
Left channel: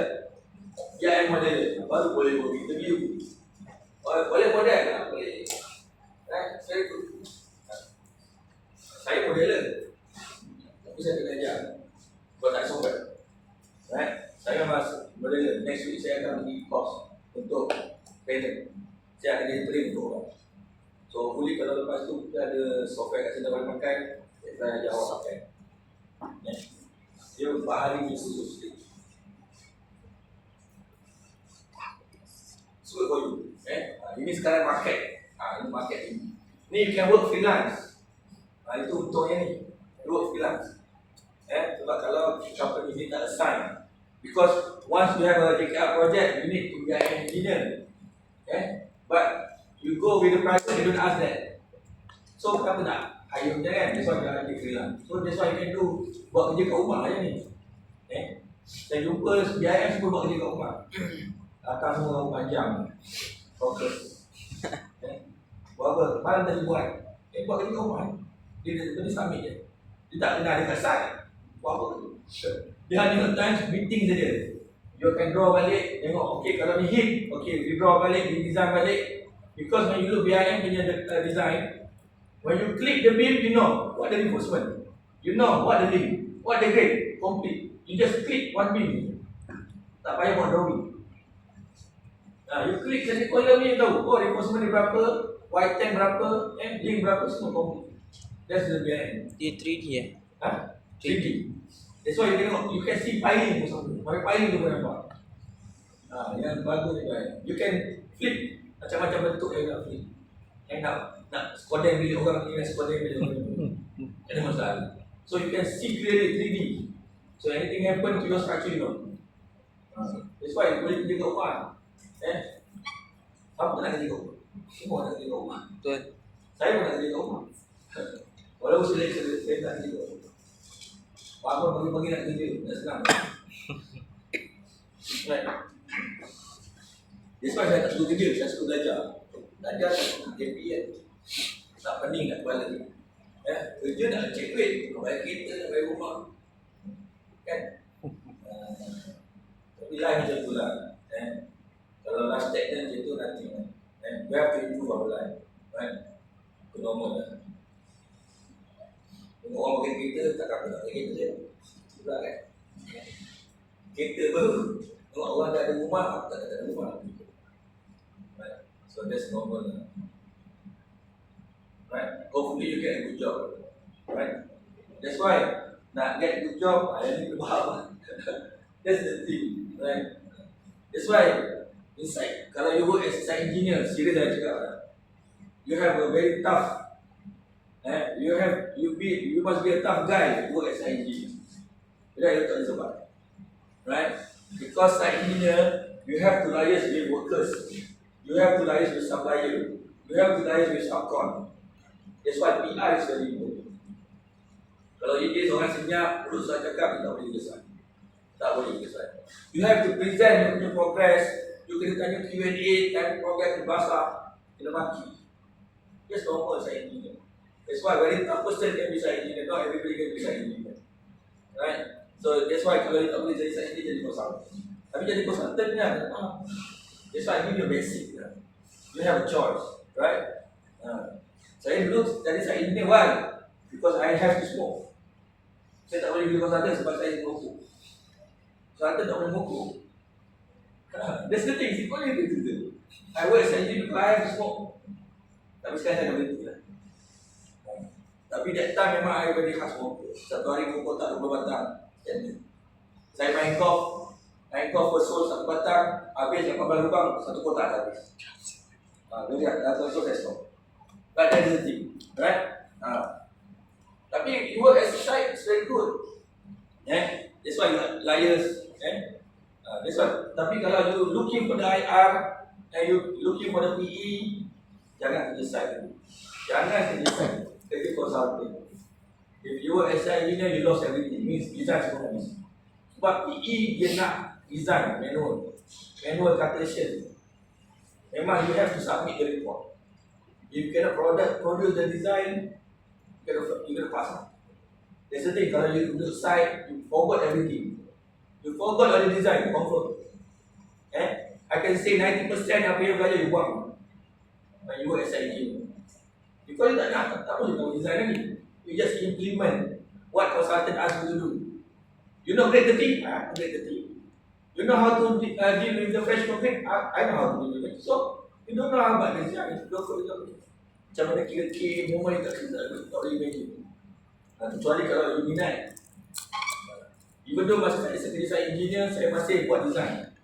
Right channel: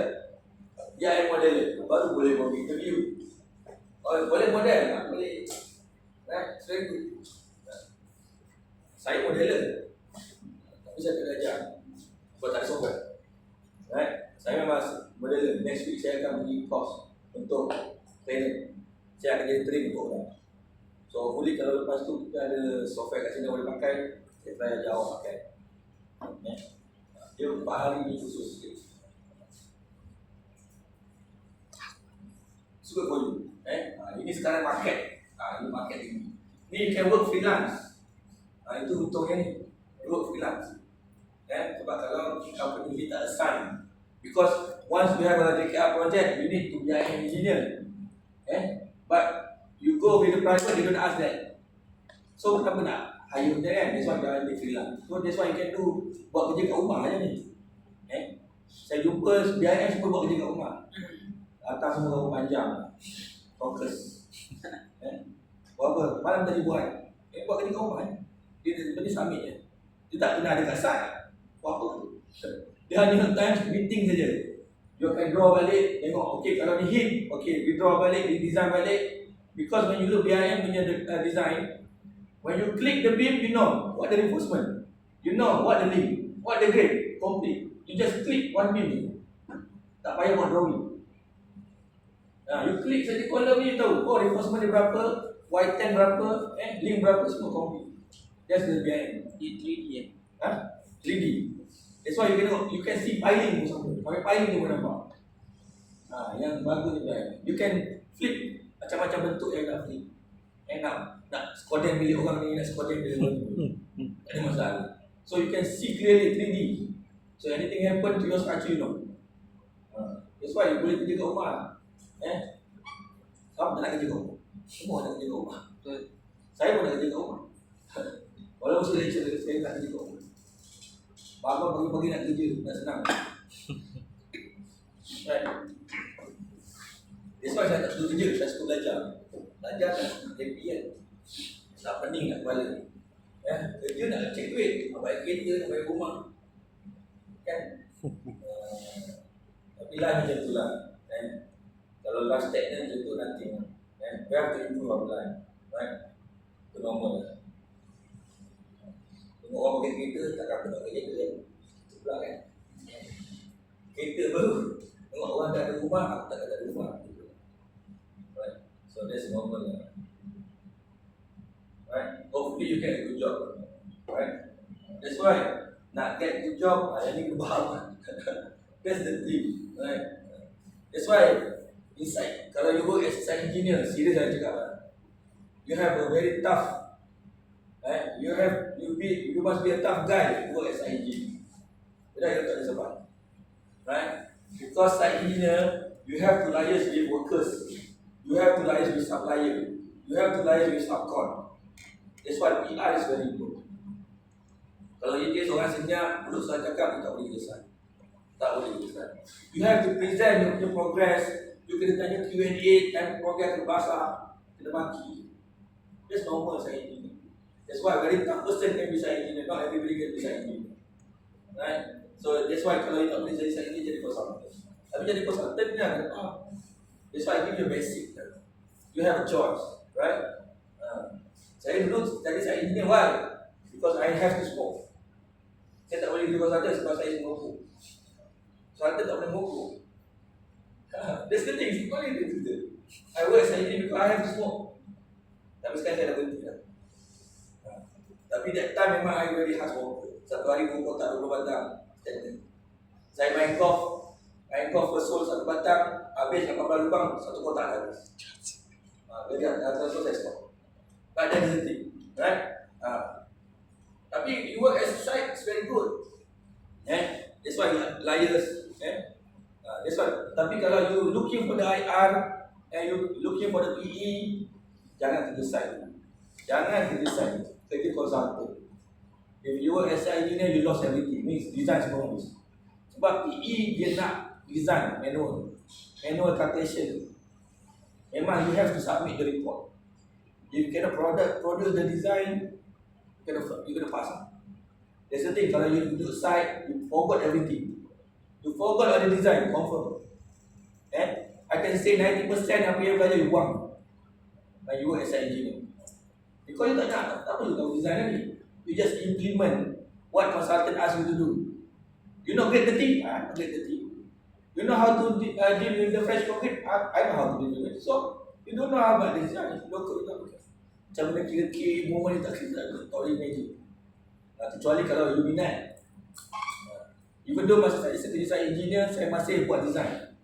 BIM model. Baru boleh pergi interview. Boleh model, boleh. Very good. Saya modeler, tapi saya tak belajar. Buat tak software. Saya mas modeler. Next week saya akan pergi course untuk trainer. Saya akan jadi trainer untuk orang. So hopefully kalau lepas tu kita ada software kat sini boleh pakai, saya try ajar awak pakai. Dia 4 hari ni khusus. Good for you. Ini sekarang market. Ini market ini. Ni you can work freelance. Itu untungnya ni. Work freelance. Sebab kalau company ni tak assign. Because once you have a JKR project, you need to be an engineer. But you go with the private, they don't ask that. So kenapa nak hire je kan? That's why you are freelance. So that's why you can do buat kerja kat rumah je ni. Saya jumpa BIM semua buat kerja kat rumah. Datang semua panjang. Fokus. Buat apa? Malam tadi buat. Buat kerja kat rumah. Dia submit je. Dia tak pernah ada kat site. Buat apa tu? Dia hanya time meeting saja. You can draw balik, tengok, okay kalau ni hit, okay, we draw balik, we design balik. Because when you look BIM punya design, when you click the beam, you know what the reinforcement, you know what the link, what the grade, complete. You just click one beam. Tak payah buat drawing. You click saja column ni, tahu, reinforcement ni berapa, Y10 berapa, link berapa, semua complete. That's the BIM. Dia 3D 3D. That's why you can see piling pun. Pakai piling tu pun nampak. Yang bagus tu kan. You can flip macam-macam bentuk yang nak flip. Nak skoden bilik orang ni, nak skoden bilik orang ni. Tak ada masalah. So you can see clearly 3D. So anything happen to your structure, you know. That's why you boleh kerja kat rumah. Siapa tak nak kerja kat rumah? Semua nak kerja kat rumah. Betul. Saya pun nak kerja kat rumah. Walaupun saya lecturer, saya tak kerja kat rumah. Bangun pagi-pagi nak kerja, nak senang. Right. That's why saya tak suka kerja, saya suka belajar. Belajar tak happy kan. Tak pening nak kepala ni. Kerja nak cek duit, nak bayar kereta, nak bayar rumah. Kan? Tapi lah macam tu lah. Kalau last statement macam tu nanti. We have to improve our life. Right? Itu normal lah. Tengok orang pakai kereta, tak apa nak pakai kereta je. Itu pula kan. Kereta baru. Tengok orang tak ada rumah, aku tak ada rumah. Right. So that's normal lah. hopefully you get a good job, right? That's why nak get a good job, I need to faham. That's the thing, right? That's why inside, kalau you work as site engineer, serious saya cakap, you have a very tough, you must be a tough guy to work as site engineer. Tidak you tak sebab, right? Because site engineer, you have to liaise with workers, you have to liaise with supplier, you have to liaise with subcon. That's why PR is very important. Kalau dia seorang senyap, mulut saya cakap, tak boleh kesan. Tak boleh kesan. You have to present your progress. You kena tanya Q&A, time progress berbahasa, kena maki. That's normal site engineer. That's why very tough person can be site engineer. Not everybody can be site engineer. Right? So that's why kalau you tak boleh jadi site engineer, jadi consultant. Tapi jadi consultant ni ada faham. That's why I give you a basic. You have a choice, right? Saya dulu jadi site engineer, why? Because I have to smoke. Saya tak boleh jadi consultant sebab saya merokok. Consultant tak boleh merokok. That's the thing, it's only the thing. I work as an engineer because I have to smoke. Tapi sekarang saya dah berhenti lah. Tapi that time memang I very hard smoker. Satu hari pukul tak 20 batang. Saya main golf first hole 1 batang, habis 18 lubang, 1 kotak habis. Jadi after so saya stop. But that's the thing, right? Tapi you work as a site, it's very good. That's why you liars. That's why. Tapi kalau you looking for the IR and you looking for the PE, jangan kerja site dulu. Jangan kerja site, kerja consultant. If you work as an engineer, you lost everything. Means design semua habis. Sebab PE dia nak design manual calculation. Memang you have to submit the report. If you cannot produce the design, you gonna pass. That's the thing. Kalau you do site, you forgot everything. You forgot all the design, confirm. I can say 90% apa yang belajar you buang. You work as an engineer. Because you tak boleh tahu design lagi. You just implement what consultant ask you to do. You know grade 30? Grade 30. You know how to deal with the fresh concrete? I know how to deal with it. So, you don't know about the design. Macam mana kira-kira moment tak boleh imagine. Kecuali kalau you minat. Even though masa saya kerja saya engineer, saya masih buat design.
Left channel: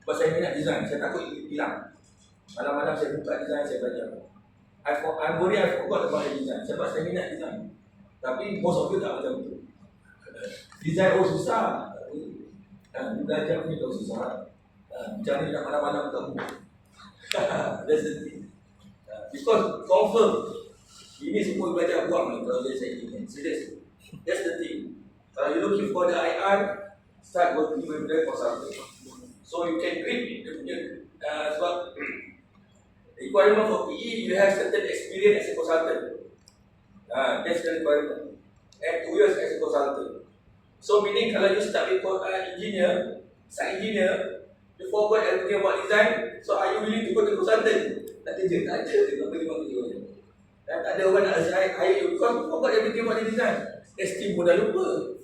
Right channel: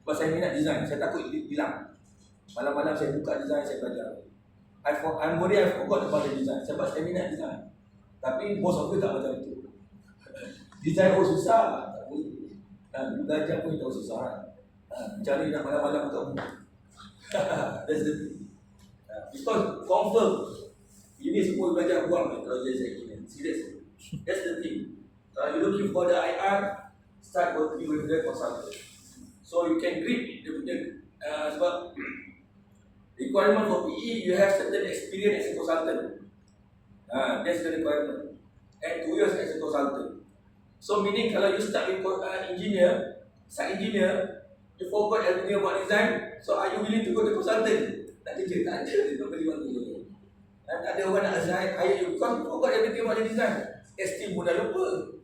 Sebab saya minat design, saya takut hilang. Malam-malam saya buka design, saya belajar. I'm worried I forgot about the design sebab saya minat design. Tapi most of you tak macam tu. Design susah. Belajar pun tahu susah. Macam mana nak malam-malam buka buku. That's the thing. Because confirm ini semua belajar buang kalau jadi saya ini. Serius. That's the thing. Kalau you looking for the IR, start working with the consultant. So you can grip dia punya sebab requirement for PE, you have certain experience as a consultant. That's the requirement. And 2 years as a consultant. So meaning kalau you start with engineer, site engineer, you forgot everything about design, so are you willing to go to consultant? Tak kerja, tak ada. Tak kerja. Tak ada orang nak hire you because you forgot everything about the design. Esteem pun dah lupa.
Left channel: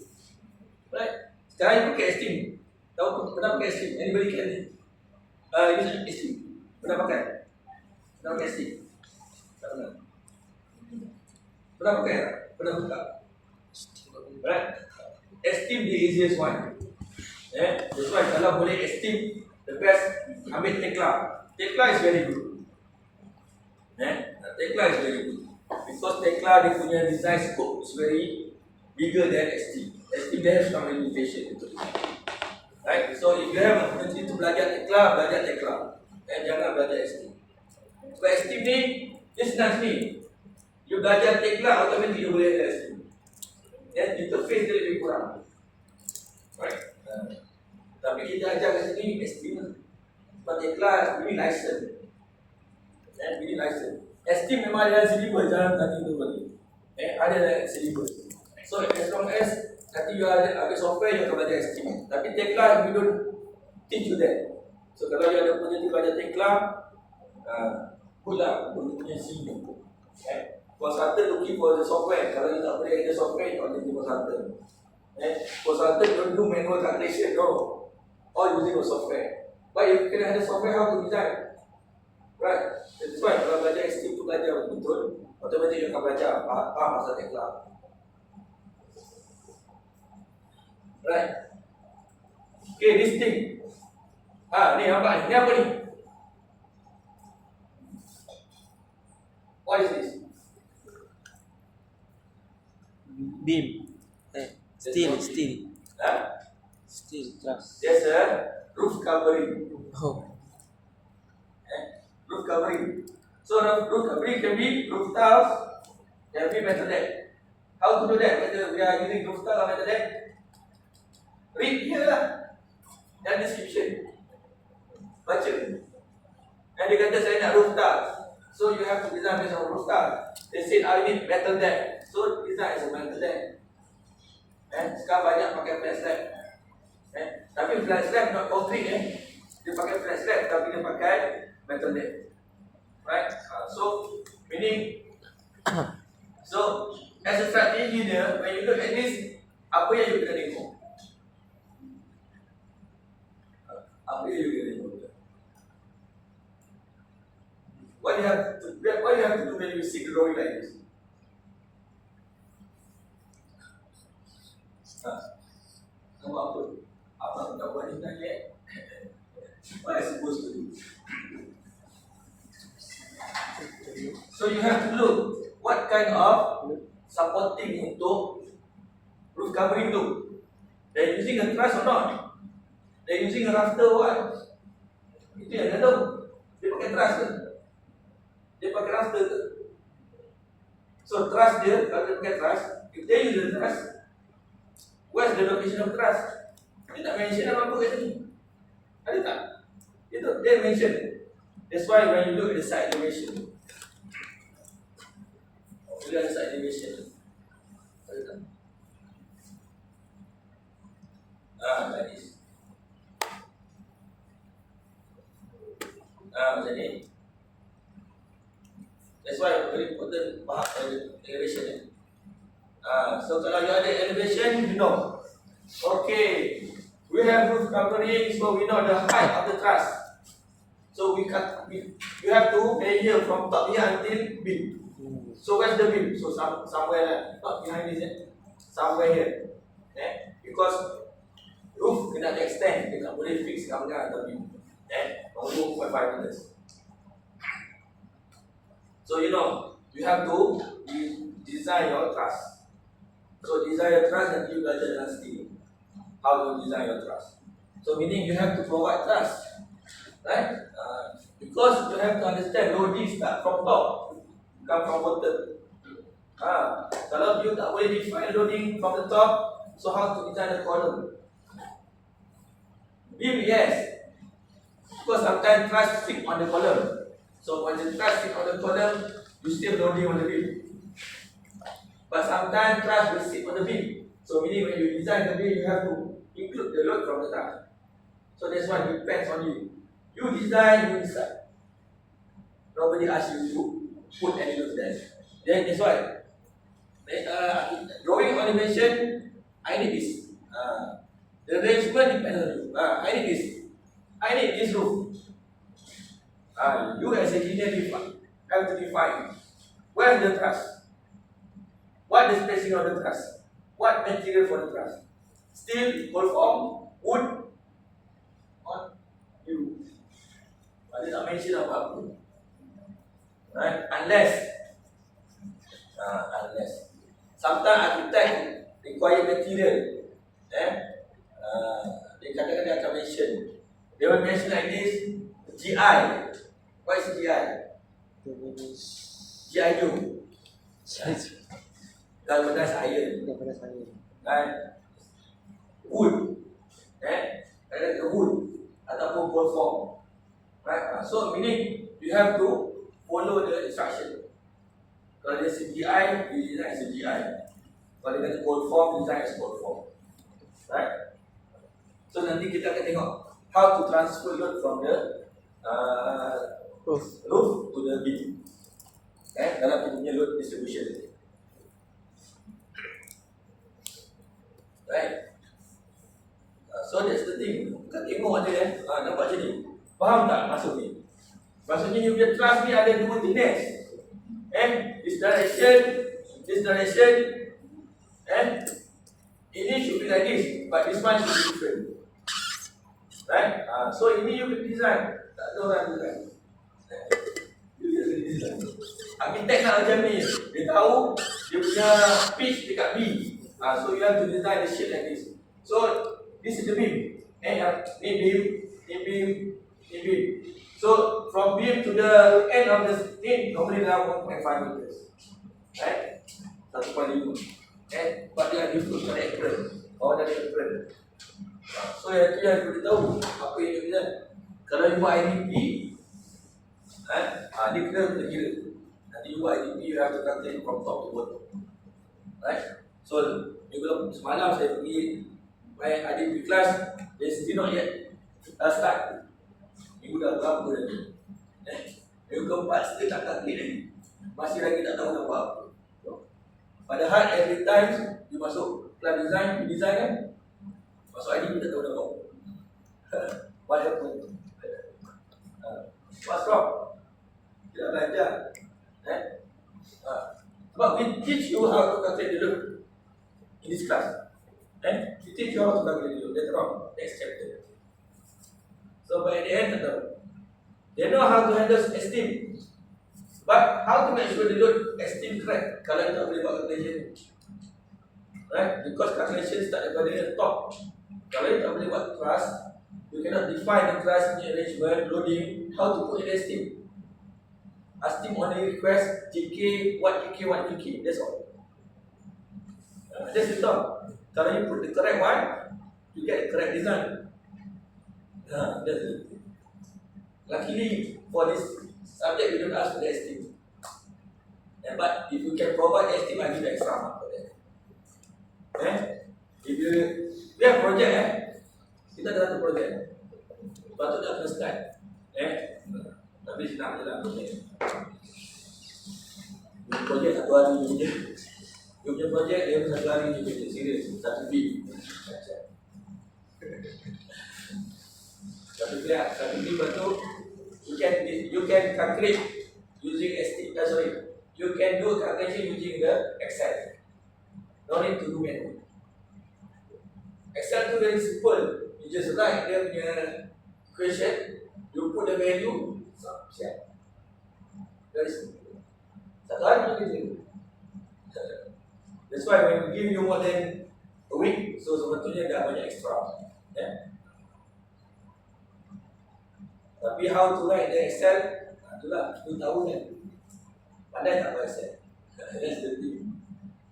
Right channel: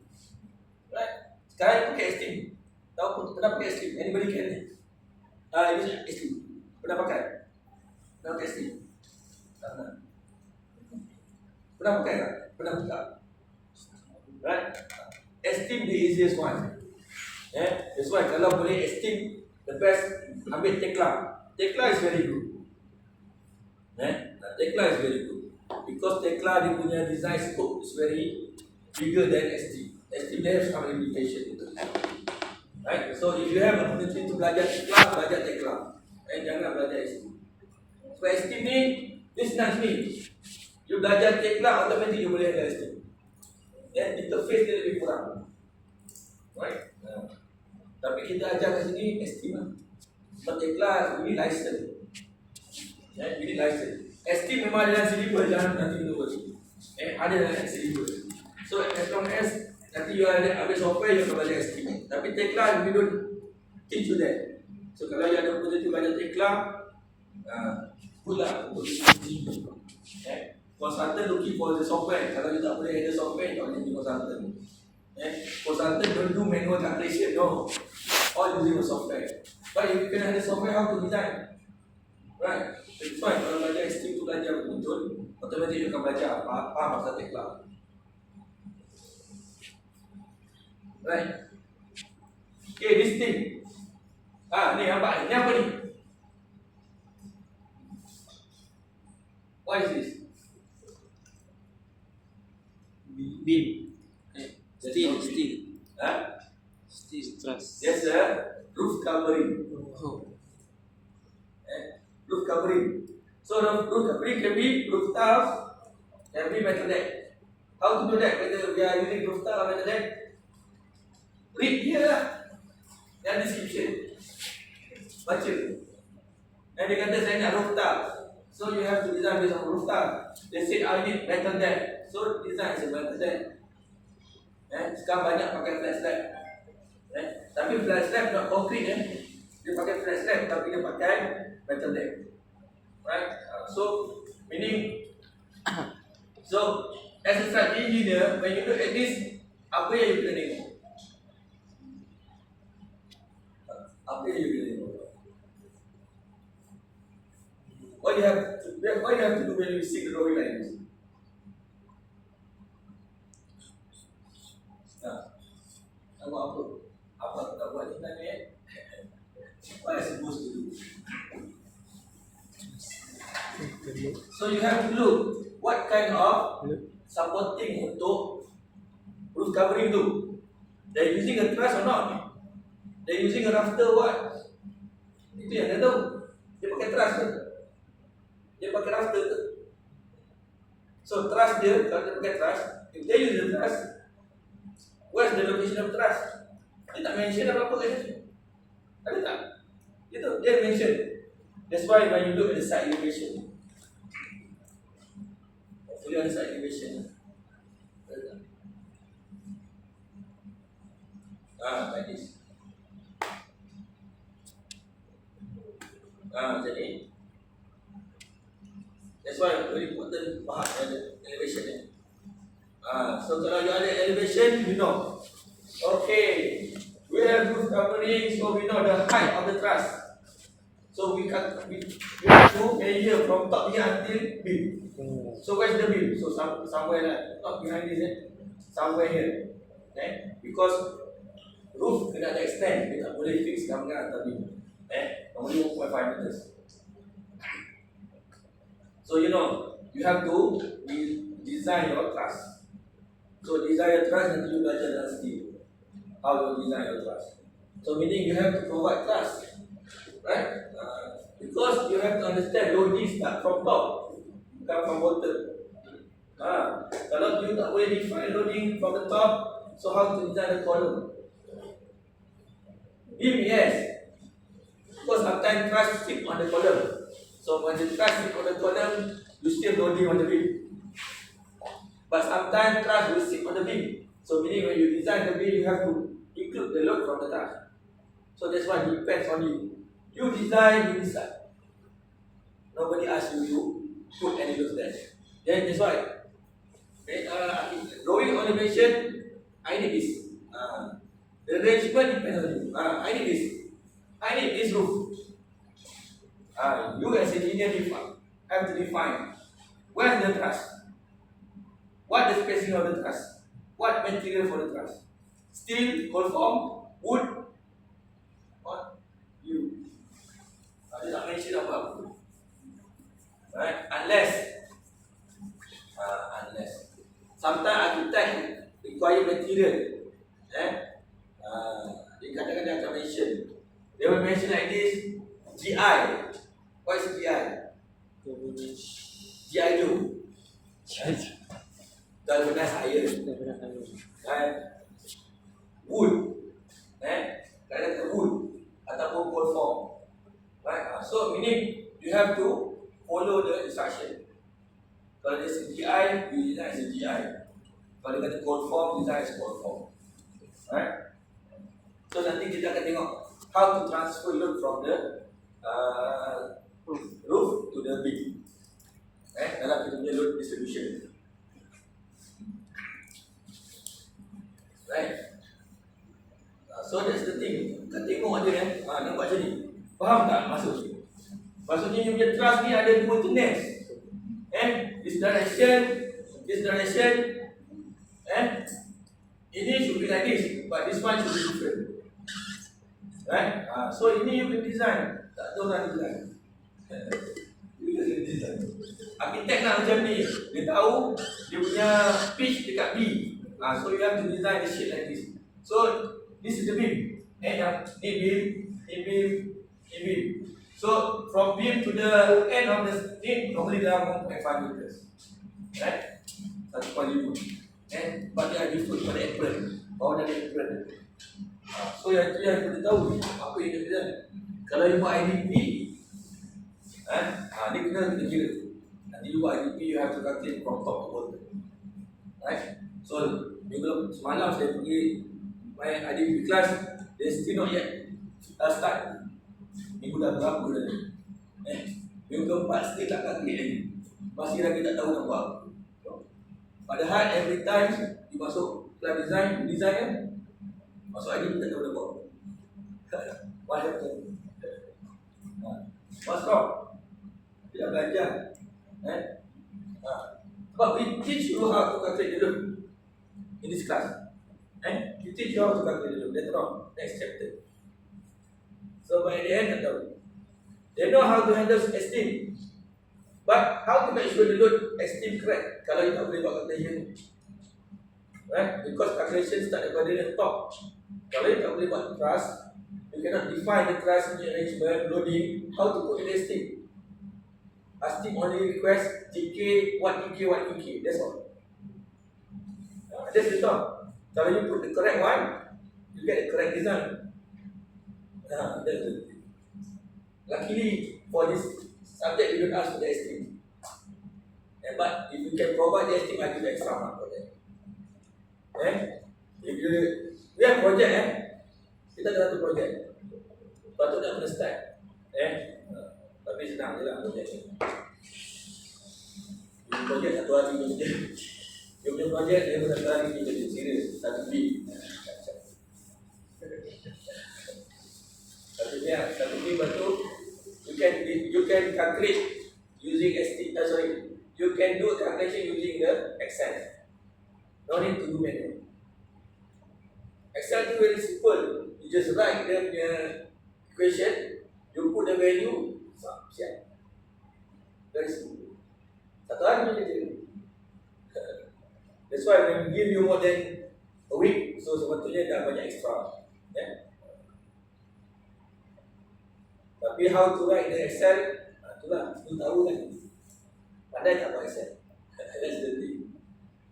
Right? Sekarang you pakai Esteem. Tahu pernah pakai Esteem? Anybody can use Esteem? Pernah pakai? Pernah pakai Esteem? Tak pernah. Pernah pakai tak? Pernah buka? Right? Esteem the easiest one. That's why kalau boleh Esteem, the best, ambil Tekla. Tekla is very good. Tekla is very good. Because Tekla dia punya design scope is very bigger than Esteem. Esteem dia have some limitation. Right? So if you have an opportunity to belajar Tekla. Jangan belajar Esteem. Sebab Esteem ni, dia senang sini. You belajar Tekla, automatic you boleh ada Esteem. Interface dia lebih kurang. Right? Tapi kita ajar kat sini Esteem lah. Sebab Tekla ini license. Ini license. Esteem memang ada syllabus, jangan nanti tu lagi. Ada syllabus. So as long as nanti you ada software, you akan belajar Esteem. Tapi Tekla, we don't teach you that. So kalau you ada opportunity belajar Tekla, good lah untuk tinggi. Consultant looking for the software. Kalau you tak boleh ada software, you boleh jadi consultant. Consultant don't do manual calculation, no. All using a software. But you can have the software how to design. Right? That's why kalau belajar Esteem tu belajar betul, Automatic you akan belajar faham pasal tekla. Right. Okay, this thing. Ni nampak ni? Ni apa ni? What is this? Beam. Steel. Ha? Steel truss. There's a roof covering. Oh. Roof covering. So the roof covering can be roof tiles, can be metal deck. How to do that? Whether we are using roof tile or metal deck? Read here lah. Dan description. Baca. And dia kata saya nak roof tile. So you have to design based on roof tile. They said I need metal deck. So design is a metal deck. Sekarang banyak pakai flat slab. Tapi flat slab not concrete Dia pakai flat slab tapi dia pakai metal deck. Right? So meaning so as a structural engineer, when you look at this, apa yang you kena tengok? Apa yang you kena tengok? What you have to do when you see the drawing like this? Apa? Apa aku tak buat ni tanya? What am I supposed to do? So you have to look what kind of supporting untuk roof covering tu. They're using a truss or not? They're using a rafter or what? Itu yang dia tahu. Dia pakai truss ke? Dia pakai rafter ke? So truss dia, kalau dia pakai truss, if they use the truss, where's the location of truss? Dia tak mention apa-apa kat sini. Ada tak? Itu dia mention. That's why when you look at the side elevation, boleh ada side elevation. Ada tak? Like this. Macam ni. That's why very important faham elevation So kalau dia ada elevation, you know. Okay, we have roof covering, so we know the height of the truss. So we have to measure from top here until beam. So where's the beam? So somewhere not behind this, somewhere here. Because roof kena extend, kita tak boleh fix kat atas beam. 2.5 meters. So you know, you have to design your truss. So design your truss and you belajar dalam steel. How to design your truss. So meaning you have to provide truss, right? Because you have to understand loading start from top, bukan from bottom. Kalau you tak boleh define loading from the top, so how to design the column? Beam, yes. Because sometimes truss stick on the column. So when the truss stick on the column, you still loading on the beam. But sometimes truss will sit on the beam. So meaning when you design the beam, you have to include the load from the truss. So that's why it depends on you. You design, you decide. Nobody asks you to put any load there. Then that's why drawing elevation, I need this. The arrangement depends on you. I need this. I need this roof. You as an engineer have to define where is the truss, what the spacing of the truss, what material for the truss, steel, cold form, wood, what you. Dia tak mention apa-apa. Right? Unless sometimes architect require material. Dia kadang-kadang dia akan mention. They will mention like this, GI. What is GI? GI Joe. Galvanized iron. Right? Wood. Kadang-kadang wood ataupun cold form. Right? So meaning you have to follow the instruction. Kalau dia CGI, you design as a GI. Kalau dia kata cold form, design as cold form. Right? So nanti kita akan tengok how to transfer load from the roof to the beam. Dalam kita punya load distribution. Right? So that's the thing. Kita tengok aja nampak macam ni. Faham tak maksudnya? Maksudnya you punya truss ni ada dua thickness. It's direction, and ini should be like this, but this one should be different. Right? So ini you can design. Tak ada orang design. You can design. Arkitek nak macam ni. Dia tahu dia punya pitch dekat B. So you have to design the shape like this. So this is the beam. Ni beam, ni beam, ni beam. So from beam to the end of the thing normally dalam 1.5 meters. Right? 1.5. But dia ada different pada apron. Bawah dia ada apron. So yang tu yang perlu tahu apa yang dia design. Kalau you buat IDP, ni kena kira. Nanti you buat IDP, you have to calculate from top to bottom. Right? So, minggu semalam saya pergi main IDP class, they still not yet start. Minggu dah berapa dah ni? Minggu keempat still tak calculate lagi. Masih lagi tak tahu nak buat apa. Padahal every time you masuk class design, you design kan? Masuk IDP tak tahu nak buat apa. What happened? What's wrong? Tidak belajar. But we teach you how to calculate the loop in this class. We teach you how to calculate the loop later on, next chapter. So by the end, they know how to handle esteem. But how to make sure the load esteem correct kalau you tak boleh buat calculation. Right? Because calculation start daripada the top. Kalau you tak boleh buat thrust, you cannot define the thrust arrangement, loading, how to put in the esteem. Esteem only request TK, what TK, what TK. That's all. That's the top. Kalau you put the correct one, you get the correct design. That's the thing. Luckily for this subject, we don't ask for the esteem. But if you can provide the esteem, I give extra mark for that. If you we have project, kita ada satu project. Patut nak kena start. Tapi senang je lah project. You project satu hari je kerja. You punya project dia pun satu hari je kerja. Serius, satu B. Satu B betul. You can calculate using you can do calculation using the Excel. No need to do manual. Excel tu very simple. You just write dia punya equation, you put the value, siap. Very simple. Satu hari pun kerja. That's why when we give you more than a week, so sebetulnya dah banyak extra. Tapi how to write the Excel, itulah, you tahu kan. Pandai tak buat Excel? That's the thing.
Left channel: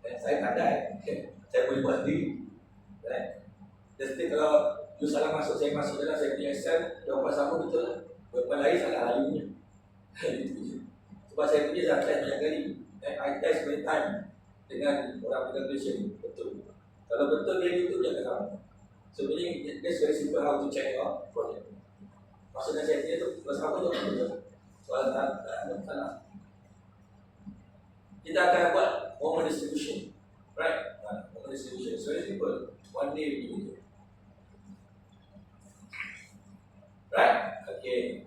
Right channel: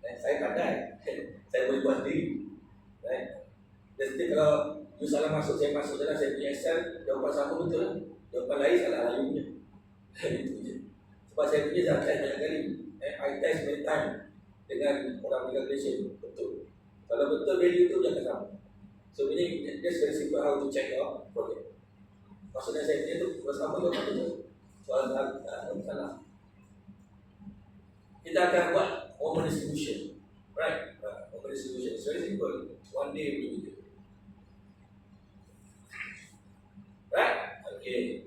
Saya pandai. Saya boleh buat sendiri. Right? Jadi kalau you salah masuk, saya masuk dalam saya punya Excel, jawapan sama betul lah. Jawapan lain salah you punya. Itu je. Sebab saya punya dah test banyak kali. I test many time dengan orang calculation. Betul. Kalau betul value tu jangan sama. So meaning that's very simple how to check your project. Maksudnya saya punya tu kalau sama jawapan betul. Soalan tak salah. Kita akan buat moment distribution. Right? Moment distribution. It's very simple. One day we do it. Right? Okay.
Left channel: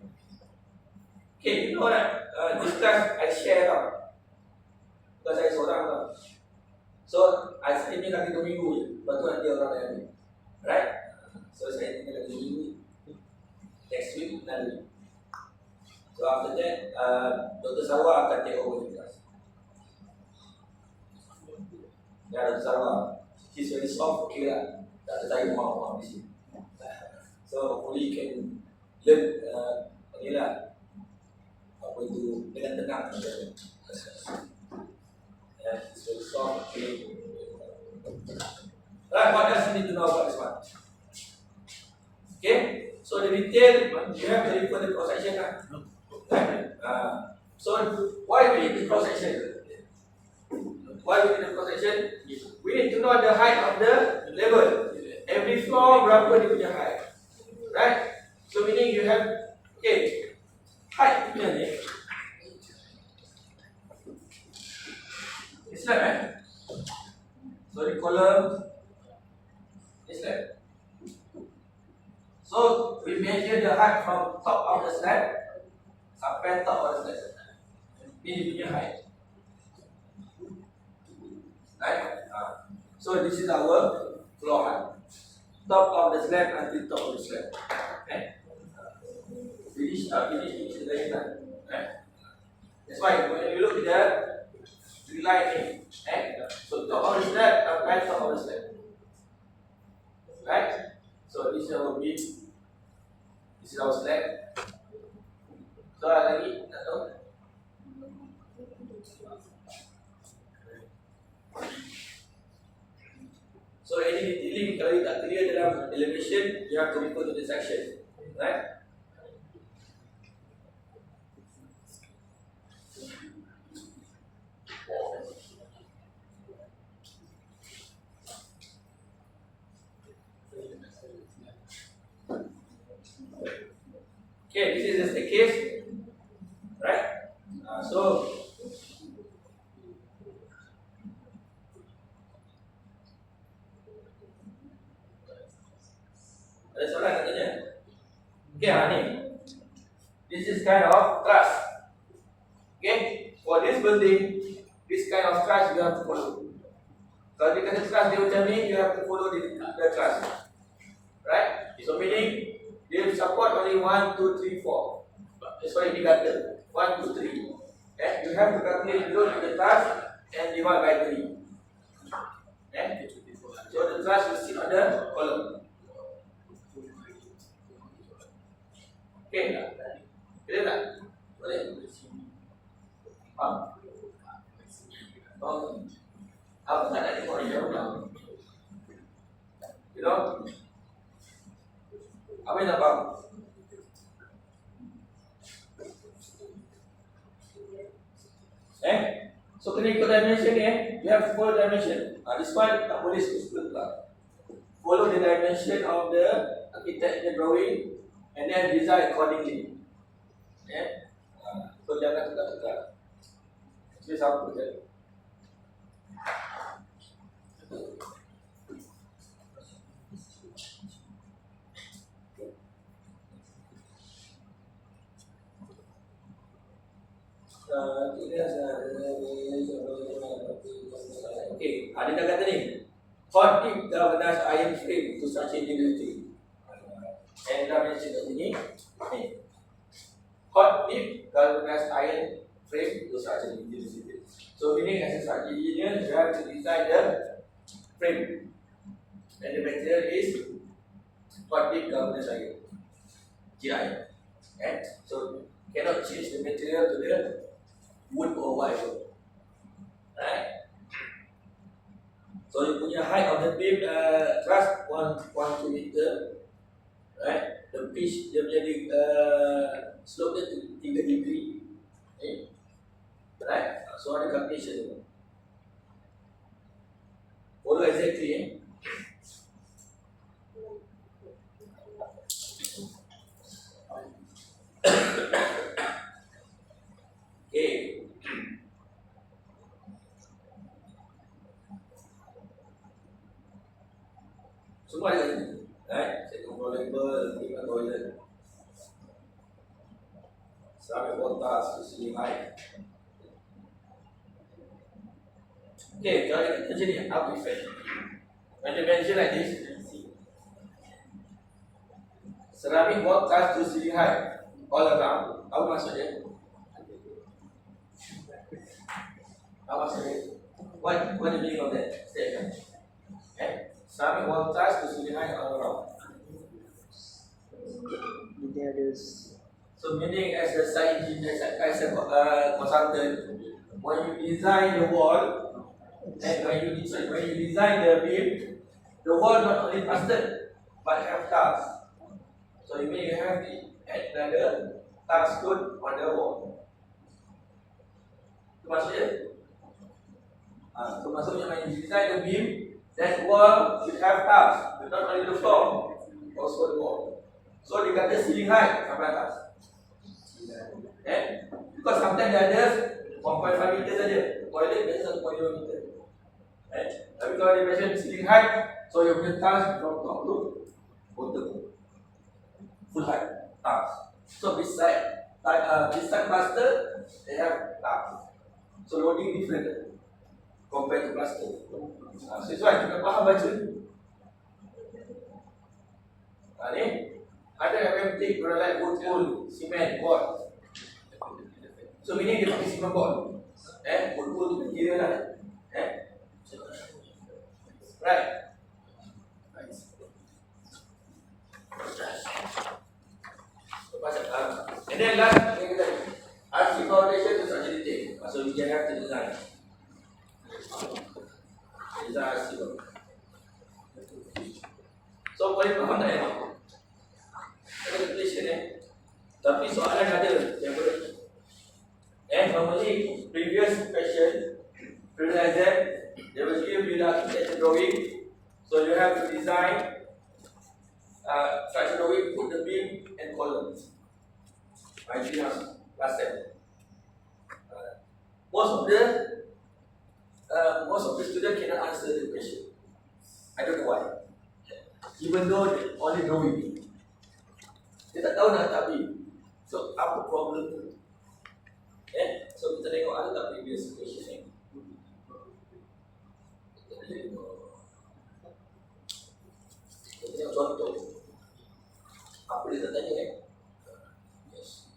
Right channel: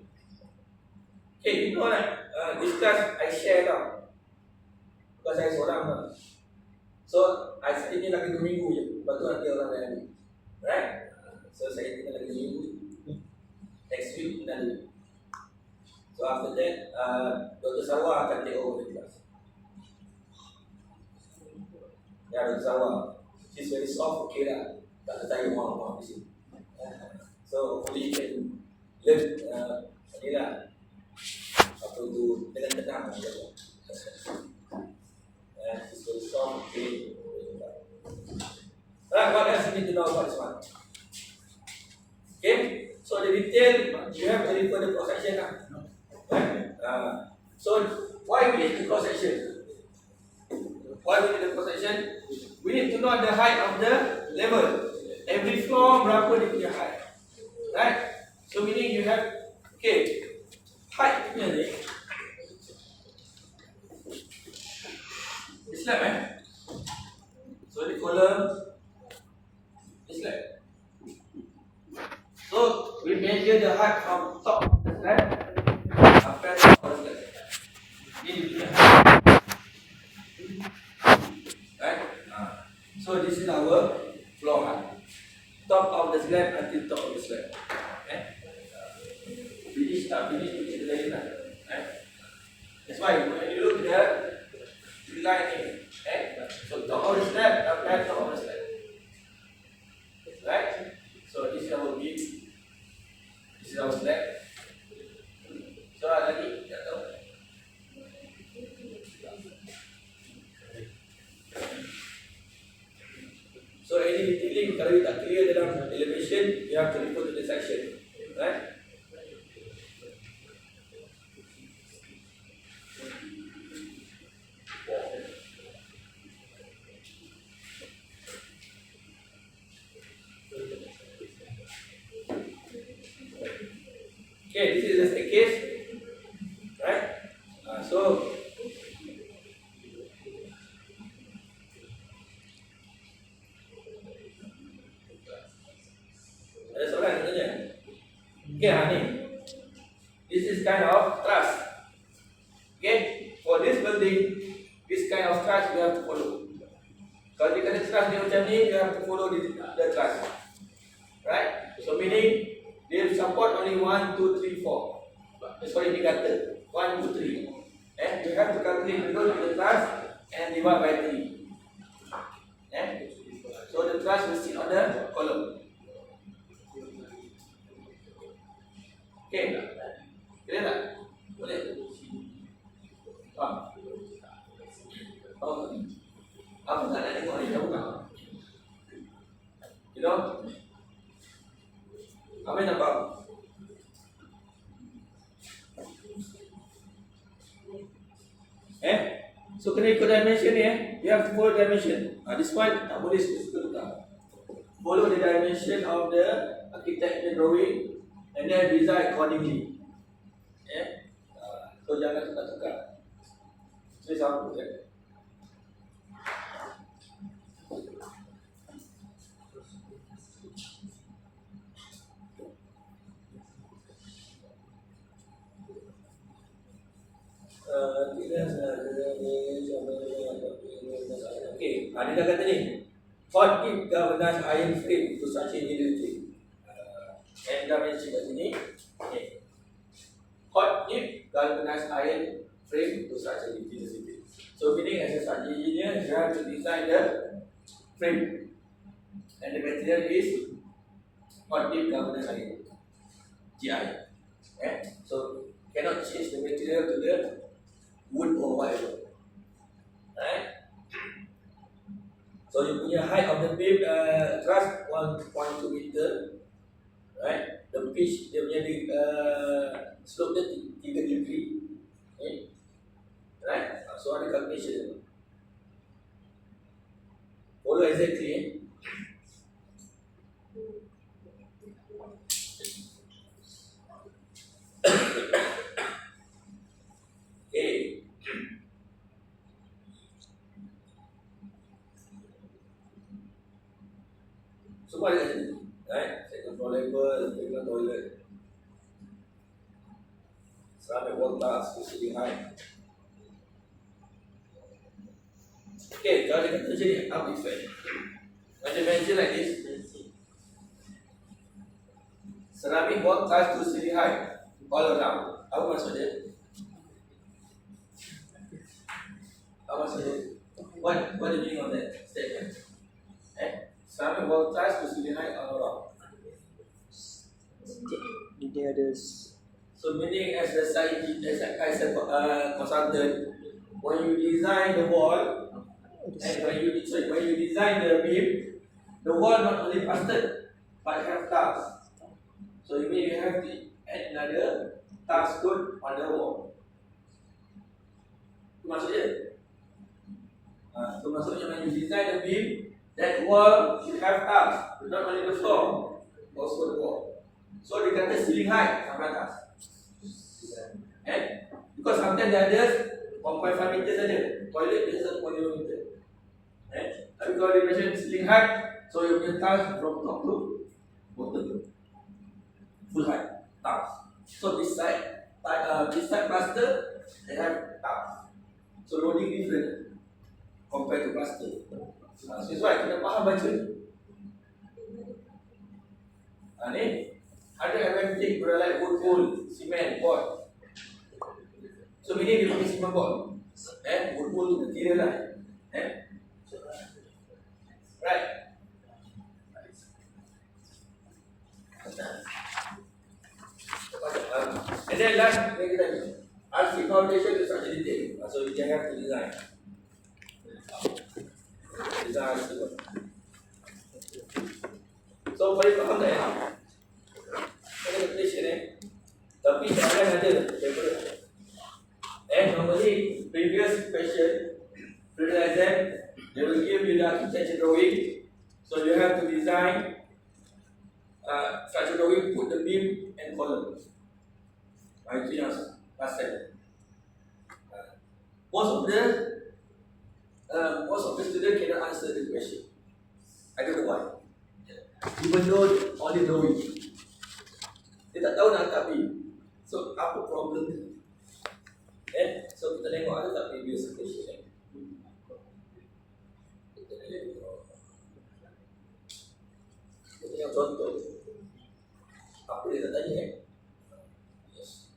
Okay, you know that this class I share lah. Bukan saya seorang lah. So, saya ini lagi 2 minggu je. Lepas tu nanti orang lain ambil. Right? So, saya tinggal lagi 2 minggu. Next week, another week. So, after that, Dr. Sarwa akan take over the class. Ya, Dr. Sarwa. She's very soft, okay lah. Tak ada tayu orang-orang di sini. So, hopefully you can learn ni lah. Apa itu, dengan tenang. She's very soft, okay. Right, what else you need to know about this one? Okay, so the detail, you have to refer the cross section lah. Right? So, why we need the cross section? Why we need the cross section? We need to know the height of the level. Every floor berapa dia punya height. Right? So meaning you have, okay, height punya ni. This slab So the column, this slab. So we measure the height from top of the slab, up and top of the slab. Ini dia punya. So this is our floor height. Top of the slab until top of the slab. Finish, finish the line. That's why when you look at the tree line here, so top of the slab, top of the slab. Right? So this is our beam. This is our slab. So lagi, tak tahu. So any detailing kalau you tak clear dalam elevation, you have to refer to the section, right? Okay, this is the staircase, right? So ada soalan nak tanya? Okay, ni. This is kind of truss. Okay, for this building, this kind of truss you have to follow. Kalau dia kata truss dia macam ni, you have to follow the truss. Right? So meaning, they support only 1, 2, 3, 4. Sorry, indicator. 1, 2, 3. You have to calculate the load of the truss and divide by 3. So the truss will sit on the column. Okay, clear tak? Boleh? Faham? Oh, apa tak nak tengok ni? Apa tak? You know? Apa yang nak faham? So kena ikut dimension ni you have to follow dimension. This one tak boleh suka tukar. Follow the dimension of the architect drawing and then design accordingly. So jangan tukar-tukar. Jadi sama je. Okay, dia dah kata ni, hot dip galvanized iron frame to such engineering. And dah mention kat sini, hot dip galvanized iron frame to such engineering. So meaning as a such engineer, you have to design the frame, and the material is hot dip galvanized iron, GI. So cannot change the material to the wood or whatever. Right? So you punya height of the beam truss 1.2 meter, right? The pitch dia punya slope dia 3 degree, right? So ada calculation. Follow exactly. Okay. Semua ada kat sini, right? Second floor level, prima toilet, ceramic wall tiles to ceiling height. Okay, kalau dia kata macam ni, apa effect? When you mention like this, ceramic wall tiles to ceiling height, all around. Apa maksud dia? Apa maksud dia? What do you mean of that statement? Ceramic wall tiles to ceiling height all around. Dia ada So meaning as a site engineer, as a consultant, when you design the wall and when you design the beam, the wall not only plastered but have tiles. So you mean you have to add another tiles code on the wall. Itu maksudnya. So maksudnya when you design the beam, that wall should have tiles, but not only the floor, also the wall. So dia kata ceiling height sampai atas. Because sometimes dia ada 1.5 meter saja. Toilet biasa 1.5 meter. Tapi kalau dia mention ceiling height, so you punya tiles from top to bottom. Full height tiles. So beside plaster, they have tiles. So loading different compared to plaster. Siswa kita faham baca ni. Ni ada FMT peralatan wood, cement, board. So ini dia pakai cement board. Wood tu kira lah. Right. And then last, RC foundation is such a detail. So you can have to design. Design RC. So boleh faham tak ya? Ada calculation tapi soalan ada paper. Normally previous question, previous exam, they will give you the architecture drawing. So you have to design structure drawing, put the beam and column. Itu yang last step. Most of the students cannot answer the question. I don't know why. Even though only drawing, dia tak tahu nak letak beam. So apa problem tu? So kita tengok ada tak previous question Kita tengok contoh. Apa dia tak tanya Yes.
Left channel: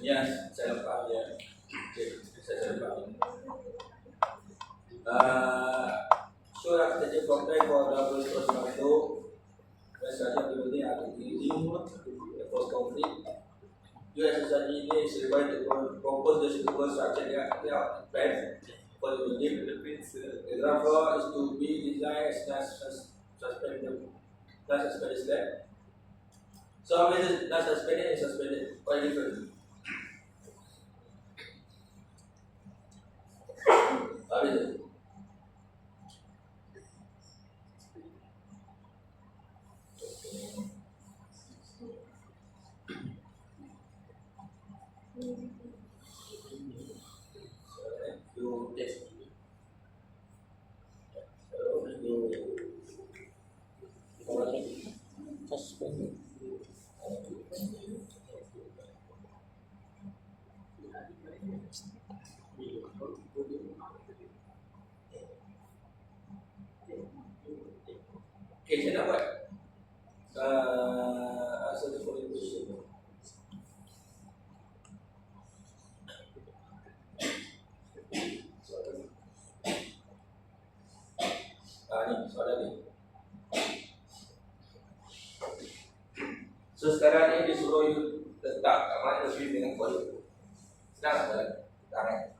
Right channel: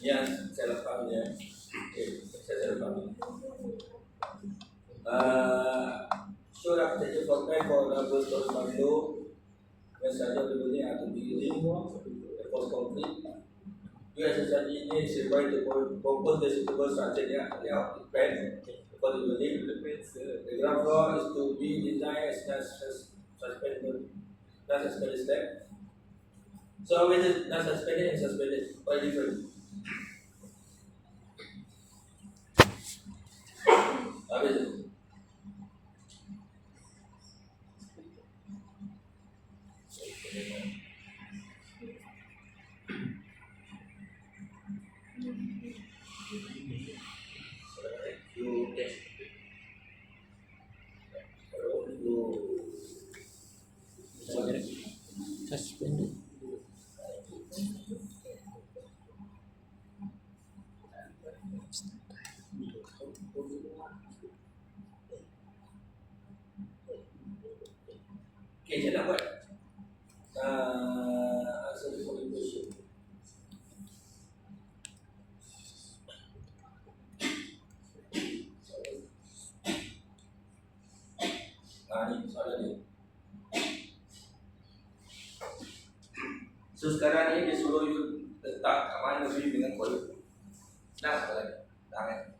Yang saya lepas ya. Okay, saya lepas. Show architecture contract for double story condo. When saja building atau building for concrete. You as a study is required to propose the suitable structure layout plan for the building. The ground floor is to be designed as suspended step. So with the not suspended and suspended, what different? What is it? You test. Suspended. Okay, saya nak buat answer the following question. Ni soalan ni. So sekarang ni dia suruh you letak kat mana beam dengan column. Nah, soalan tangan.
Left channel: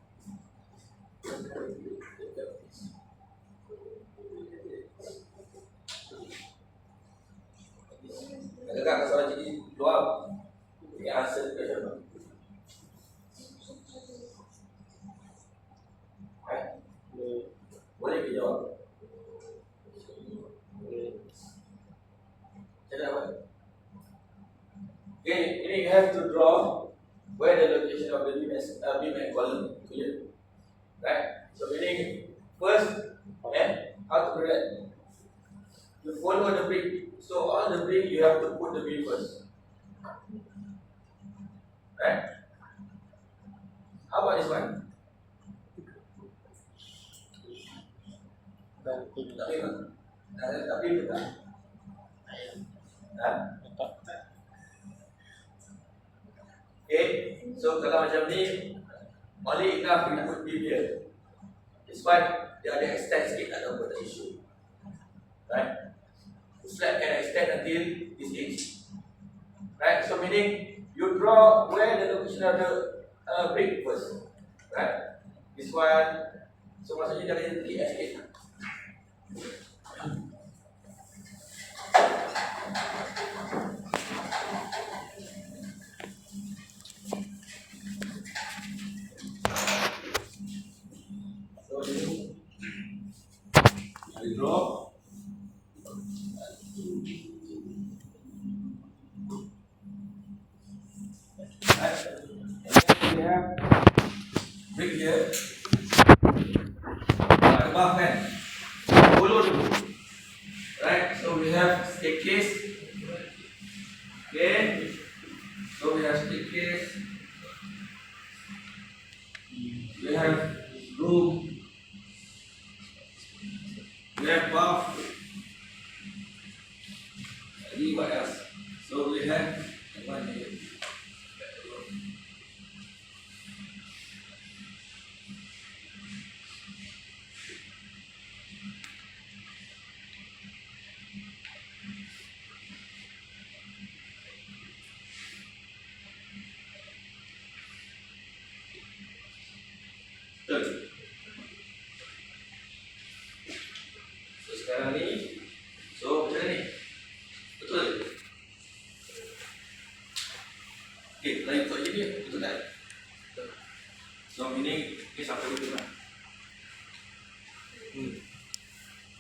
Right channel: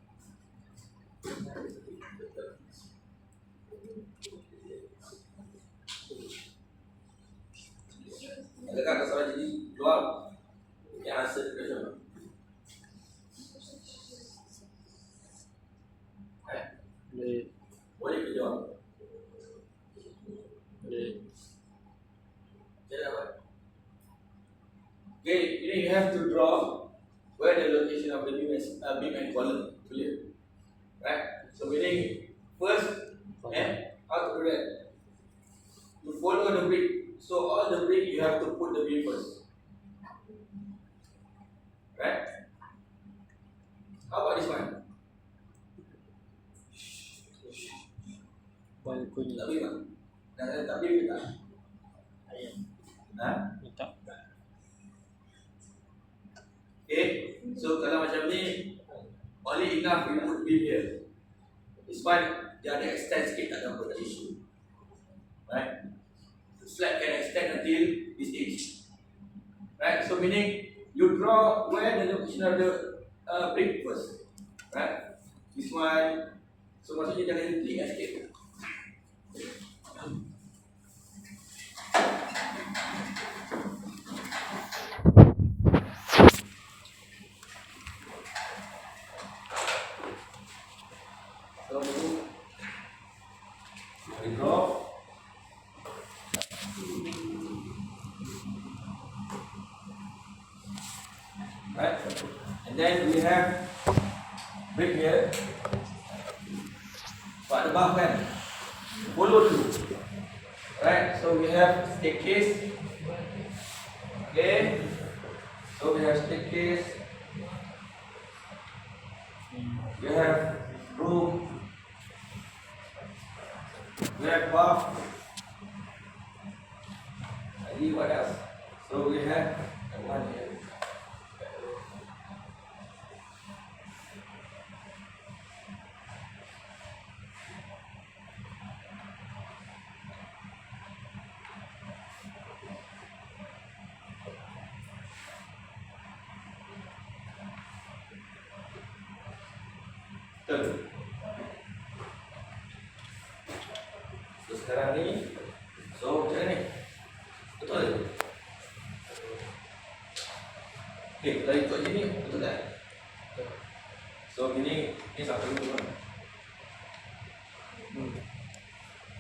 Agak soalan jadi keluar. Yang answer the question. of the beam and column. Clear? Right? So meaning first, how to do that? You follow the brick. So on the brick you have to put the beam first. Right? How about this one? Balcony. Tak beam tak? Tak beam ke tak? Ha? Tak. Okay, so kalau macam ni, only enough we put beam here. This one, dia ada extend sikit, tak ada apa, tak issue. Right? The slab can extend until this edge. Right? So meaning, you draw where the location of the brick first. Right? This one, so maksudnya jangan jadi sikit. We draw. Right. And then we have brick here. At the back kan. Follow dulu. Right. So we have staircase. Okay. So we have staircase. We have room. We have bath. Lagi what else? So we have one here. Betul. So sekarang ni, so macam ni, betul. Okay, kalau ikut je ni, betul tak? So ini sampai dulu kan?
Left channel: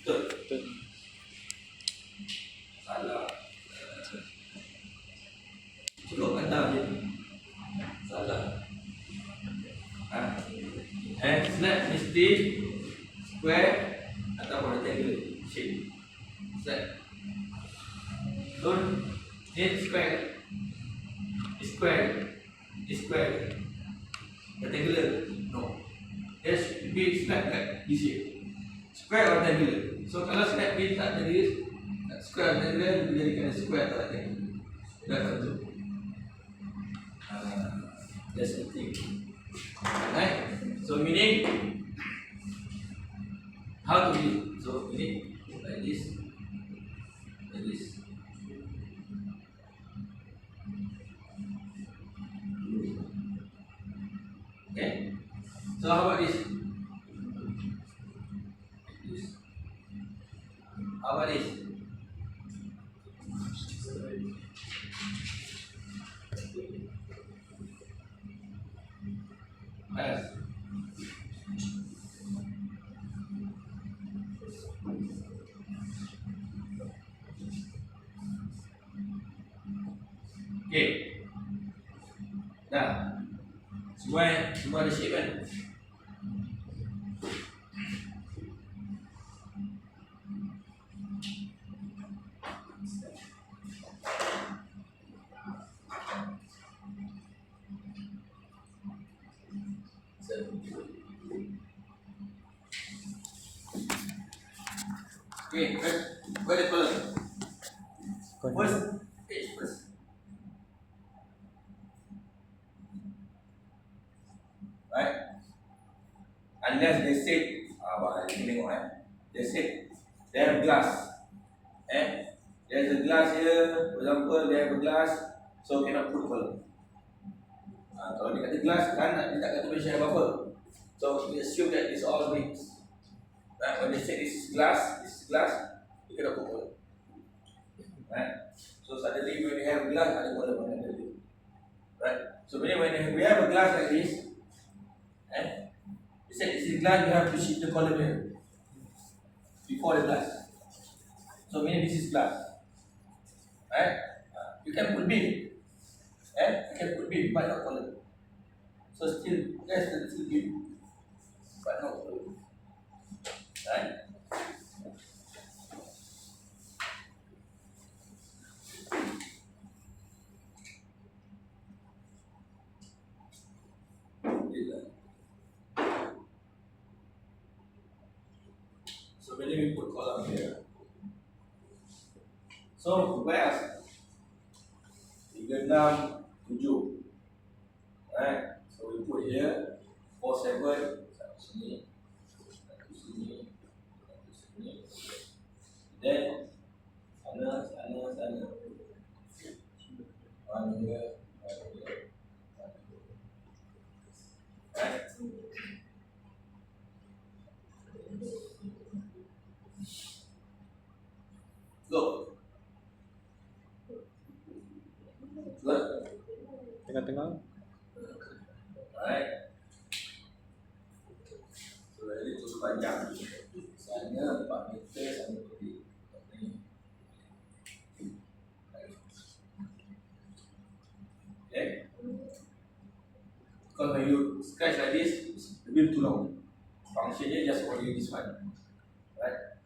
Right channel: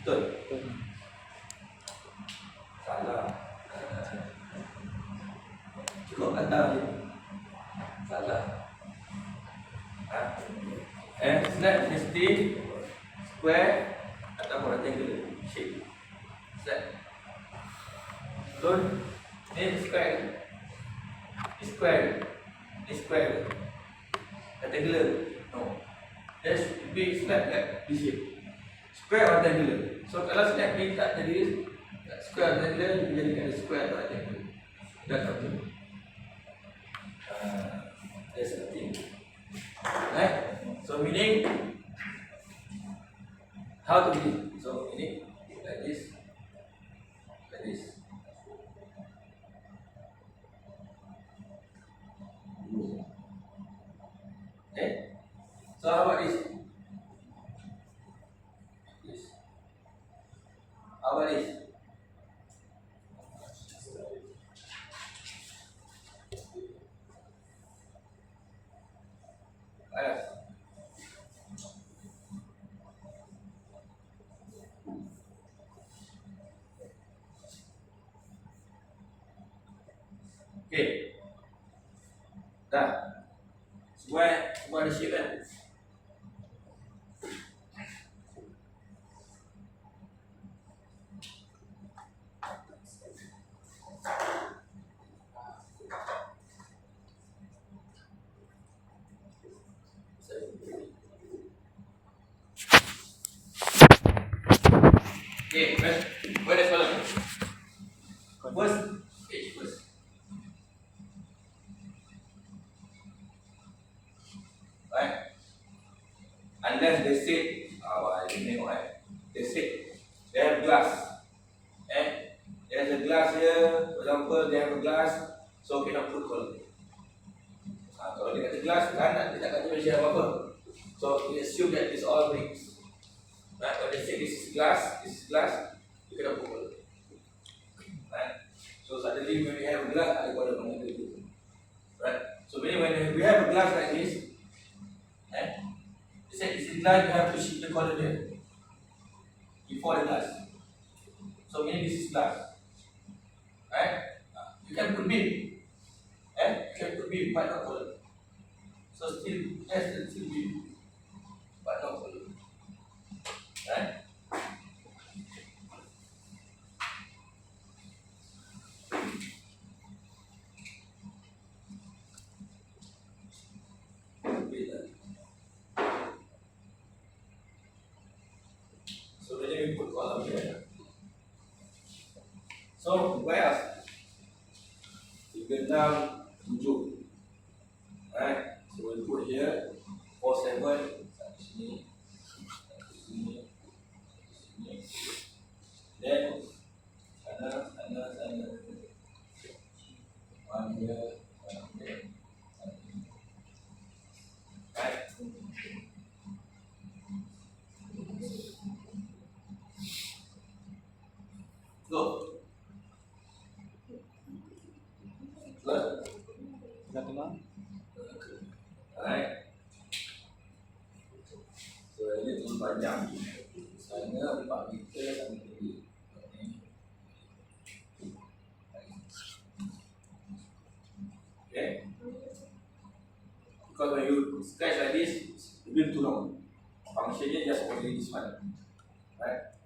Betul? Betul. Salah. Cukup kata je. Salah. And slab mesti square atau rectangular shape. Slab. Betul? Ni square. Ni square. Ni square. Rectangular. No. There should be slab like this shape. Square or rectangular. So kalau slab ni tak jadi square or rectangular, dia jadikan square atau rectangular. Dah tentu. That's the thing. Right? So meaning how to do? So ini like this, like this. Okay. So how about this? This. How about this? What else? Okay. Dah. Semua ada shape kan? Okay, where the column? First, page first. Right? Unless they said, they said they have glass. There's a glass here, for example, they have a glass, so cannot put column. Kalau dia kata glass, kan dia tak kata mention apa-apa. So we assume that it's all bricks. Right? When they say this is glass, you cannot put column. Right? So suddenly when we have a glass, ada column mana ada tu. Right? So when we have a glass like this, they said this is glass, you have to shift the column here before the glass. So meaning this is glass. Right? You can put beam. You can put beam, but not column. So still yes, it's still beam, but not full. Right? So when we put column here. So where 3, 6, 7. Right? So we put here 4, 7. Satu sini, satu sini, satu sini. Then sana. One here, one here, one here. Right? Go. Good. Tengah-tengah. Alright. So ini tu panjang. Sana 4 meter, sana pergi. Okay. Because when you sketch like this, it's a bit too long. Functionnya just only this one. Right?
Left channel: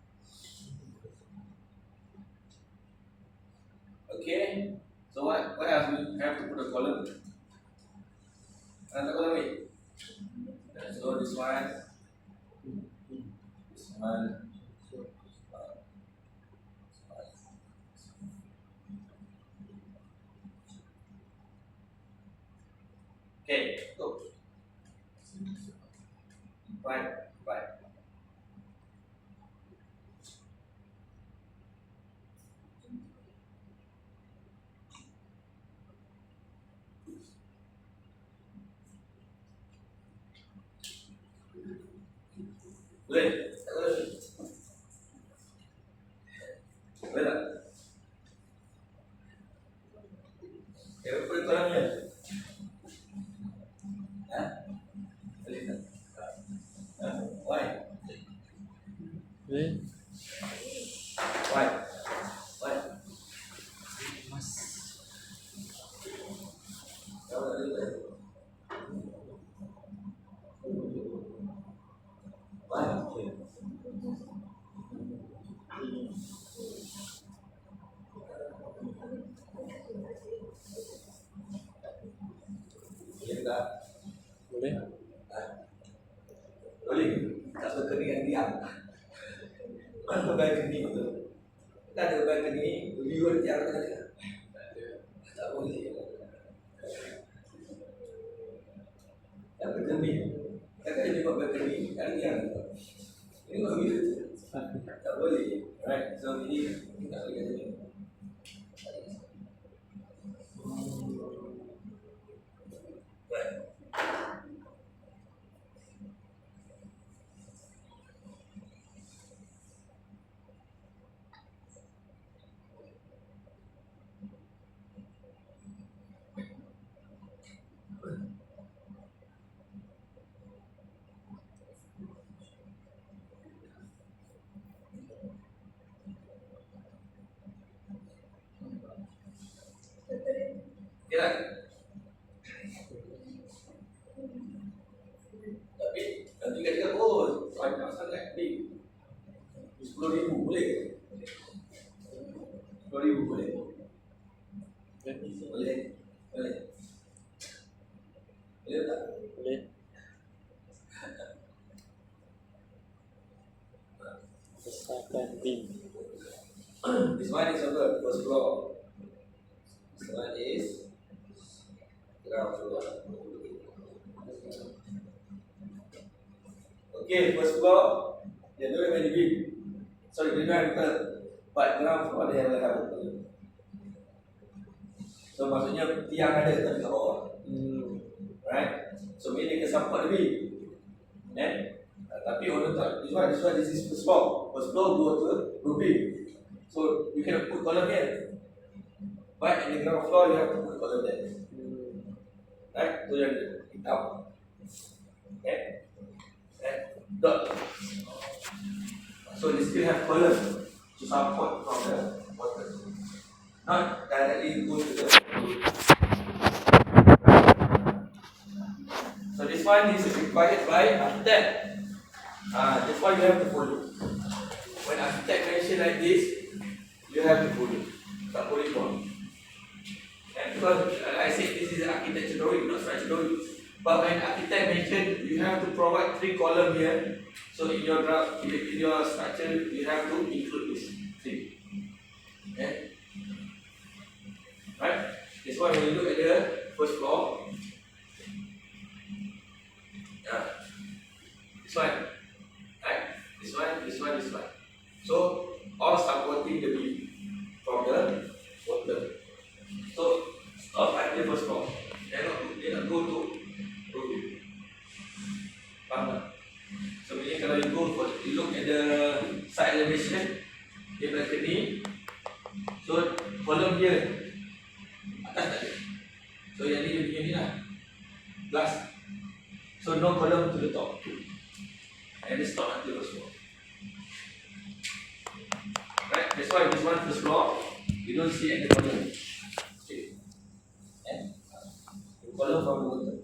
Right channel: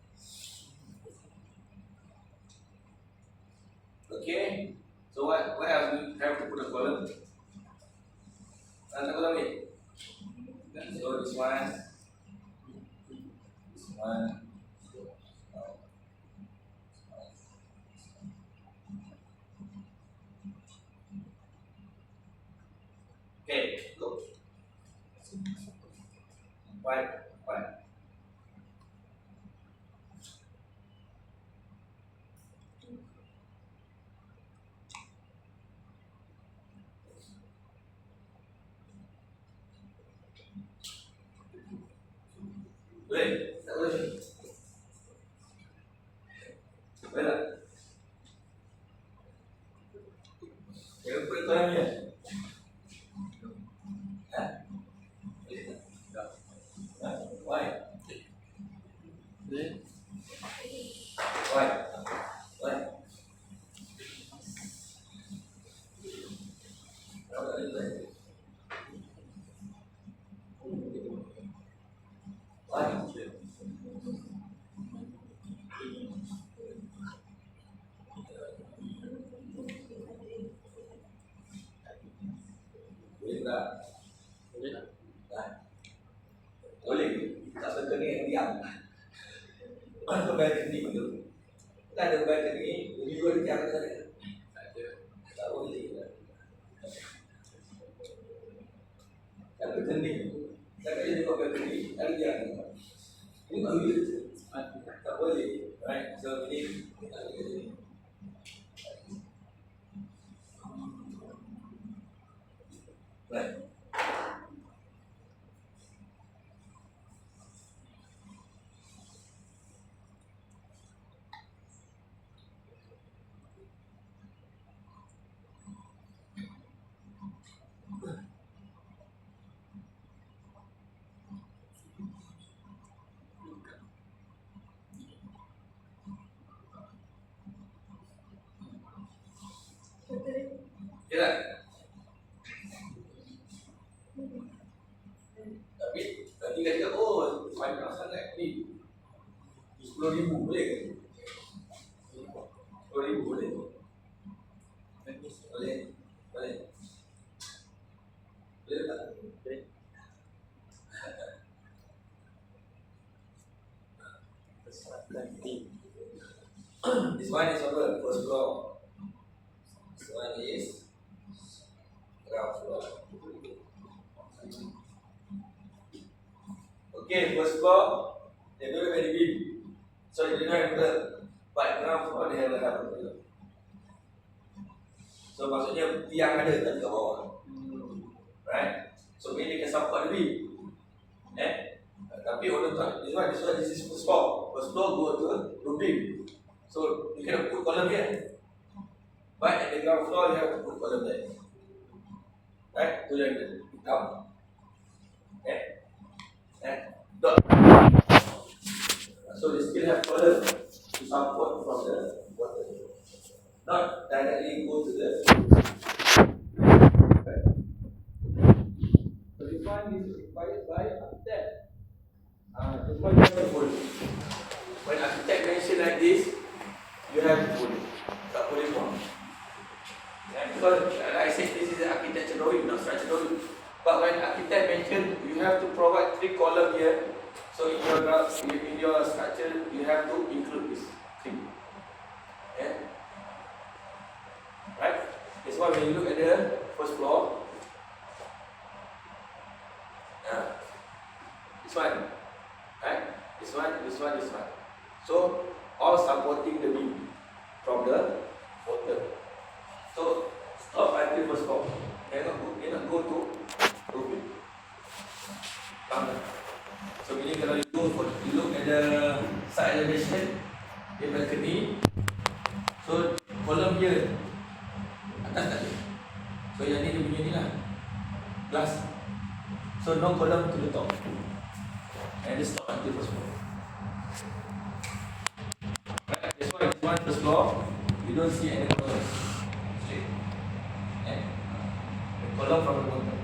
Okay. So what else we have to put a column? Another column it. So this one. Okay, go. Right. Boleh? Tak boleh? Boleh tak? Okay, put kolamnya. Ha? Boleh tak? Ha? Why? Boleh. Why? Tahu tak boleh? Why? Boleh tak? Boleh. Ha? Boleh? Tak suka dengan diam. Mana balcony tu? Tak ada balcony, viewer diam tak? Tak boleh. Tak balcony. Tak ada tengok balcony, kali diam. Ini tak boleh. Tak boleh. Right? So ini tak boleh jadi. Right. Okay tak? Tapi nanti kata oh banyak sangat ni 10,000 boleh ke? 10,000 boleh? Boleh? Boleh tak? Boleh. Besarkan tim. This one is on the first floor. This one is ground floor. Okay, first floor, they don't have any beam. Sorry, they don't have curb. But ground floor, they have a curb. So maksudnya tiang ada tapi kat bawah. Right? So maybe they can support the beam. Tapi on the top, this is first floor. First floor go to the beam. So you cannot put column here. But in the ground floor, you have to put column there. Right? So you have to hitam. Okay? Dot. So they still have column to support from the water. Not directly go to the this one is required by architect. This one you have to follow. When architect mention like this, you have to follow. Tak boleh buang. Because I said this is an architecture drawing, not structure drawing. But when architect mention, you have to provide 3 columns here. So in your graph, in your structure, you have to include this 3. Okay? Right? This one when you look at the first floor. This one. Right? This one. So all supporting the beam from the water. So stop at the first floor. They not go to roofing. Faham tak? So bila kalau you look at the side elevation, dia balcony. So kolom dia atas tak ada. So yang ni dia punya ni lah, glass. So no column to the top. And they stop until first floor. Right? That's why this one first floor, you don't see any column. Okay. The column from the bottom.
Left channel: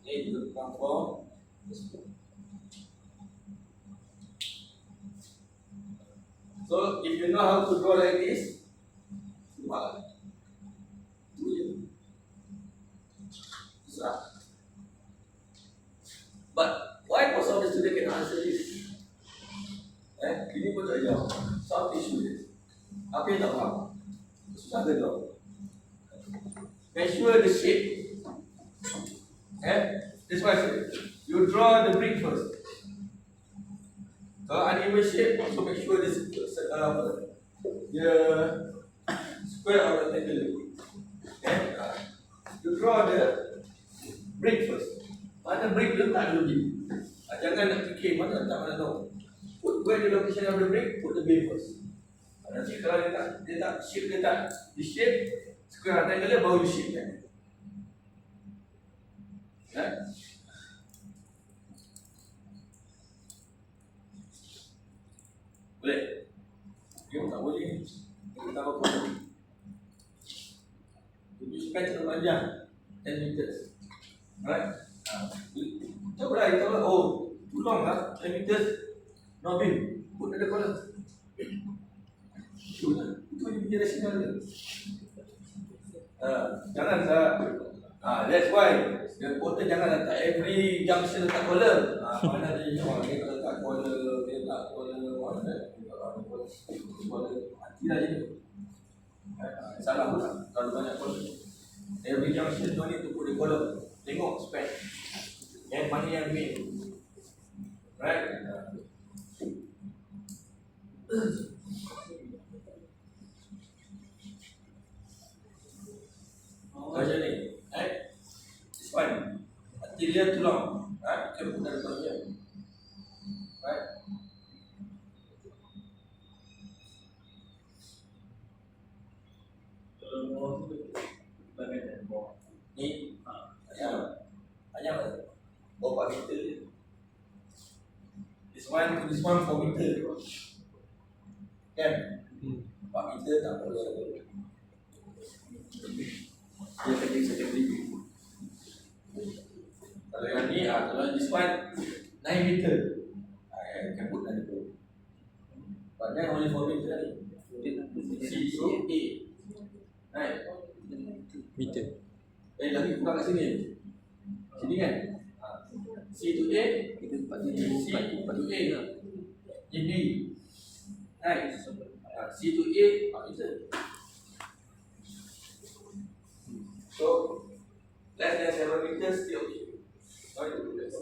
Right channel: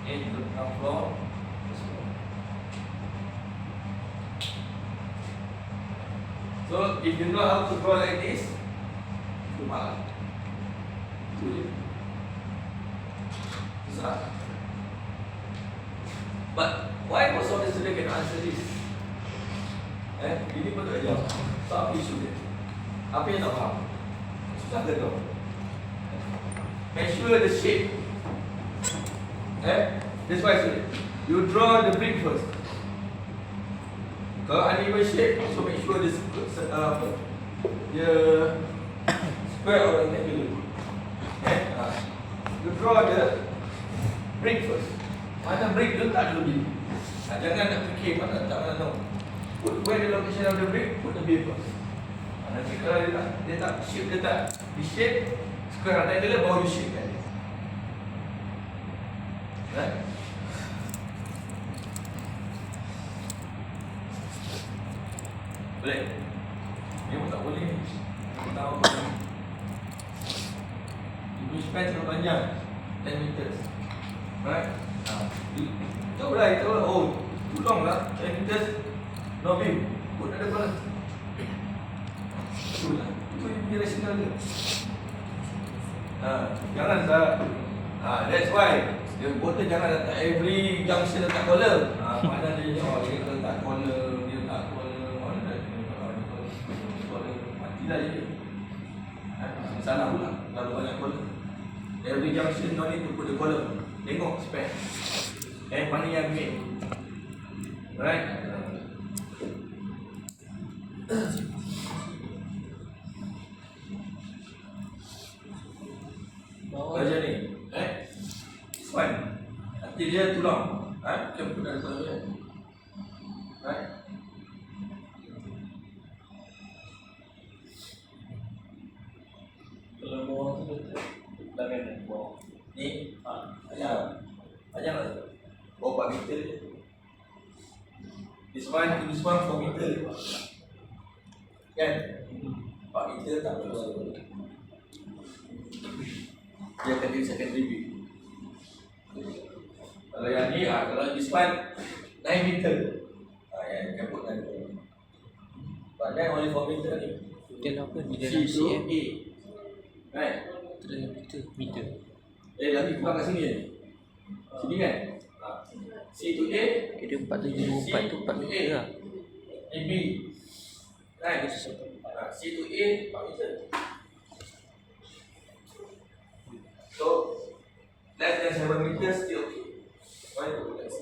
Okay, you look down floor, first floor. So if you know how to draw like this, you malah. Itu je. Susah. But why most of the students cannot answer this? Ini pun tak jawab. So apa isu dia? Apa yang tak faham? Susah ke kau? Make sure the shape. That's why I said you draw the brick first. Kalau uneven shape, so make sure the square or rectangular. You draw the brick first. Mana brick tu tak ada lebih. Jangan nak fikir mana tak mana tahu. Put where the location of the brick, put the beam first. Nanti kalau dia tak shape, dia tak di shape square rectangular, baru you shape kan. Right? Boleh? Dia pun tak boleh. Dia tak apa pun. You span terlalu panjang, 10 meters. Right? Tahu lah, you tahu lah, oh, too long lah, 10 meters, no beam, put ada column. Itu lah, itu dia punya rasional dia. Jangan tak, that's why, dia important jangan letak every junction letak column. Mana dia, dia letak column, dia letak column, mana dia, mati lah jadi. Salah pula, kalau banyak column. Every junction no need to put the column. Tengok span. Mana yang main. Right? Macam ni. This one. Nanti dia tulang. Bukan pun tulang dia. Right? Kalau bawah tu betul. Tangan bawah. Ni panjang lah. Bawah 4 meter je. This one to this one 4 meter je. Kan? 4 meter tak perlu. Dia akan jadi secondary beam. Kalau yang ni, kalau this one 9 meter. You can put 9 meter. But then only 4 meter ni. Dia apa? Dia C to A. Right? Meter. Lagi kurang kat sini ni. Sini kan? C to A. Dia 474 tu 4 meter lah. A B. Right? C to A 4 meter. So less than 7 meters still okay. Why do that?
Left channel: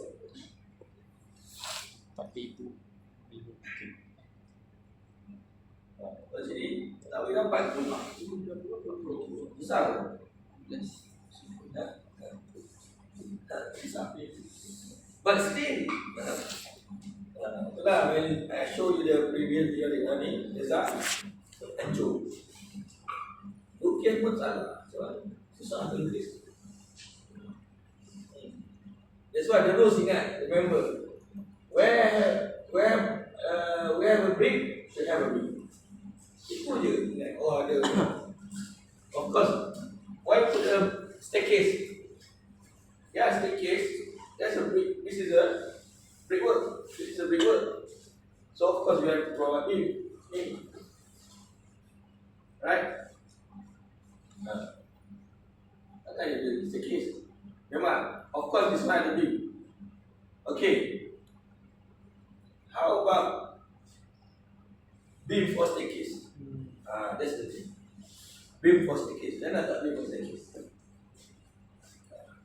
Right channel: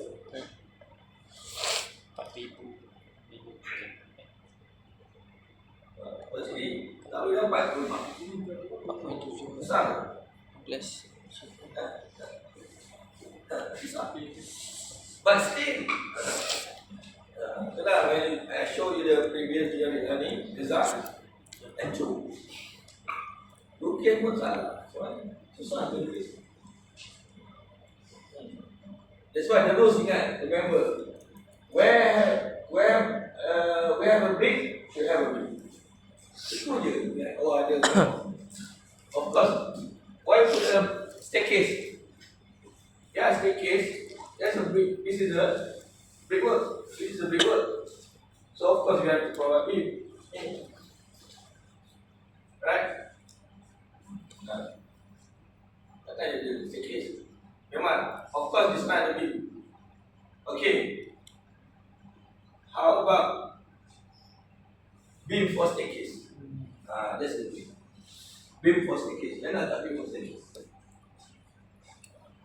4,000. Pada sini tak boleh dapat rumah. Besar. Plus. Besar. But still, itulah when I show you the previous theory ni, result and show. Rukian pun salah. Susah to increase. That's why the rules ingat. Remember, where have a brick, should have a brick. Itu je. Oh ada. Of course, why put a staircase? Yeah, staircase. This is a brickwork. This is a brickwork. So of course you have to provide beam. Right? Takkan you do staircase. Memang, of course this one ada beam. Okay. How about beam for staircase? That's the thing. Beam for staircase. Then tak beam for staircase.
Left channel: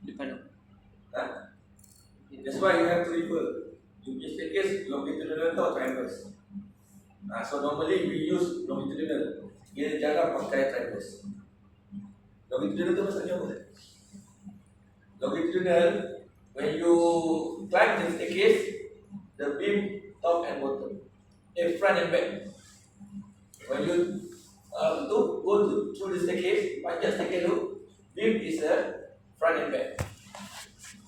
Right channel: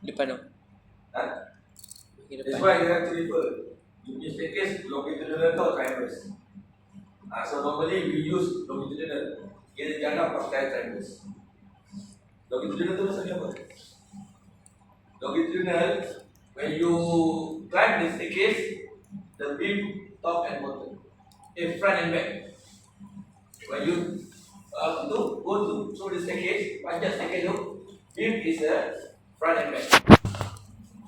Depan tu. That's why you have to refer. In staircase, longitudinal atau triangles. So normally we use longitudinal. Kita jarang pakai triangles. Longitudinal tu maksudnya apa? Longitudinal, when you climb the staircase, the beam top and bottom, front and back. When you go through the staircase, panjat staircase tu, beam is front and back.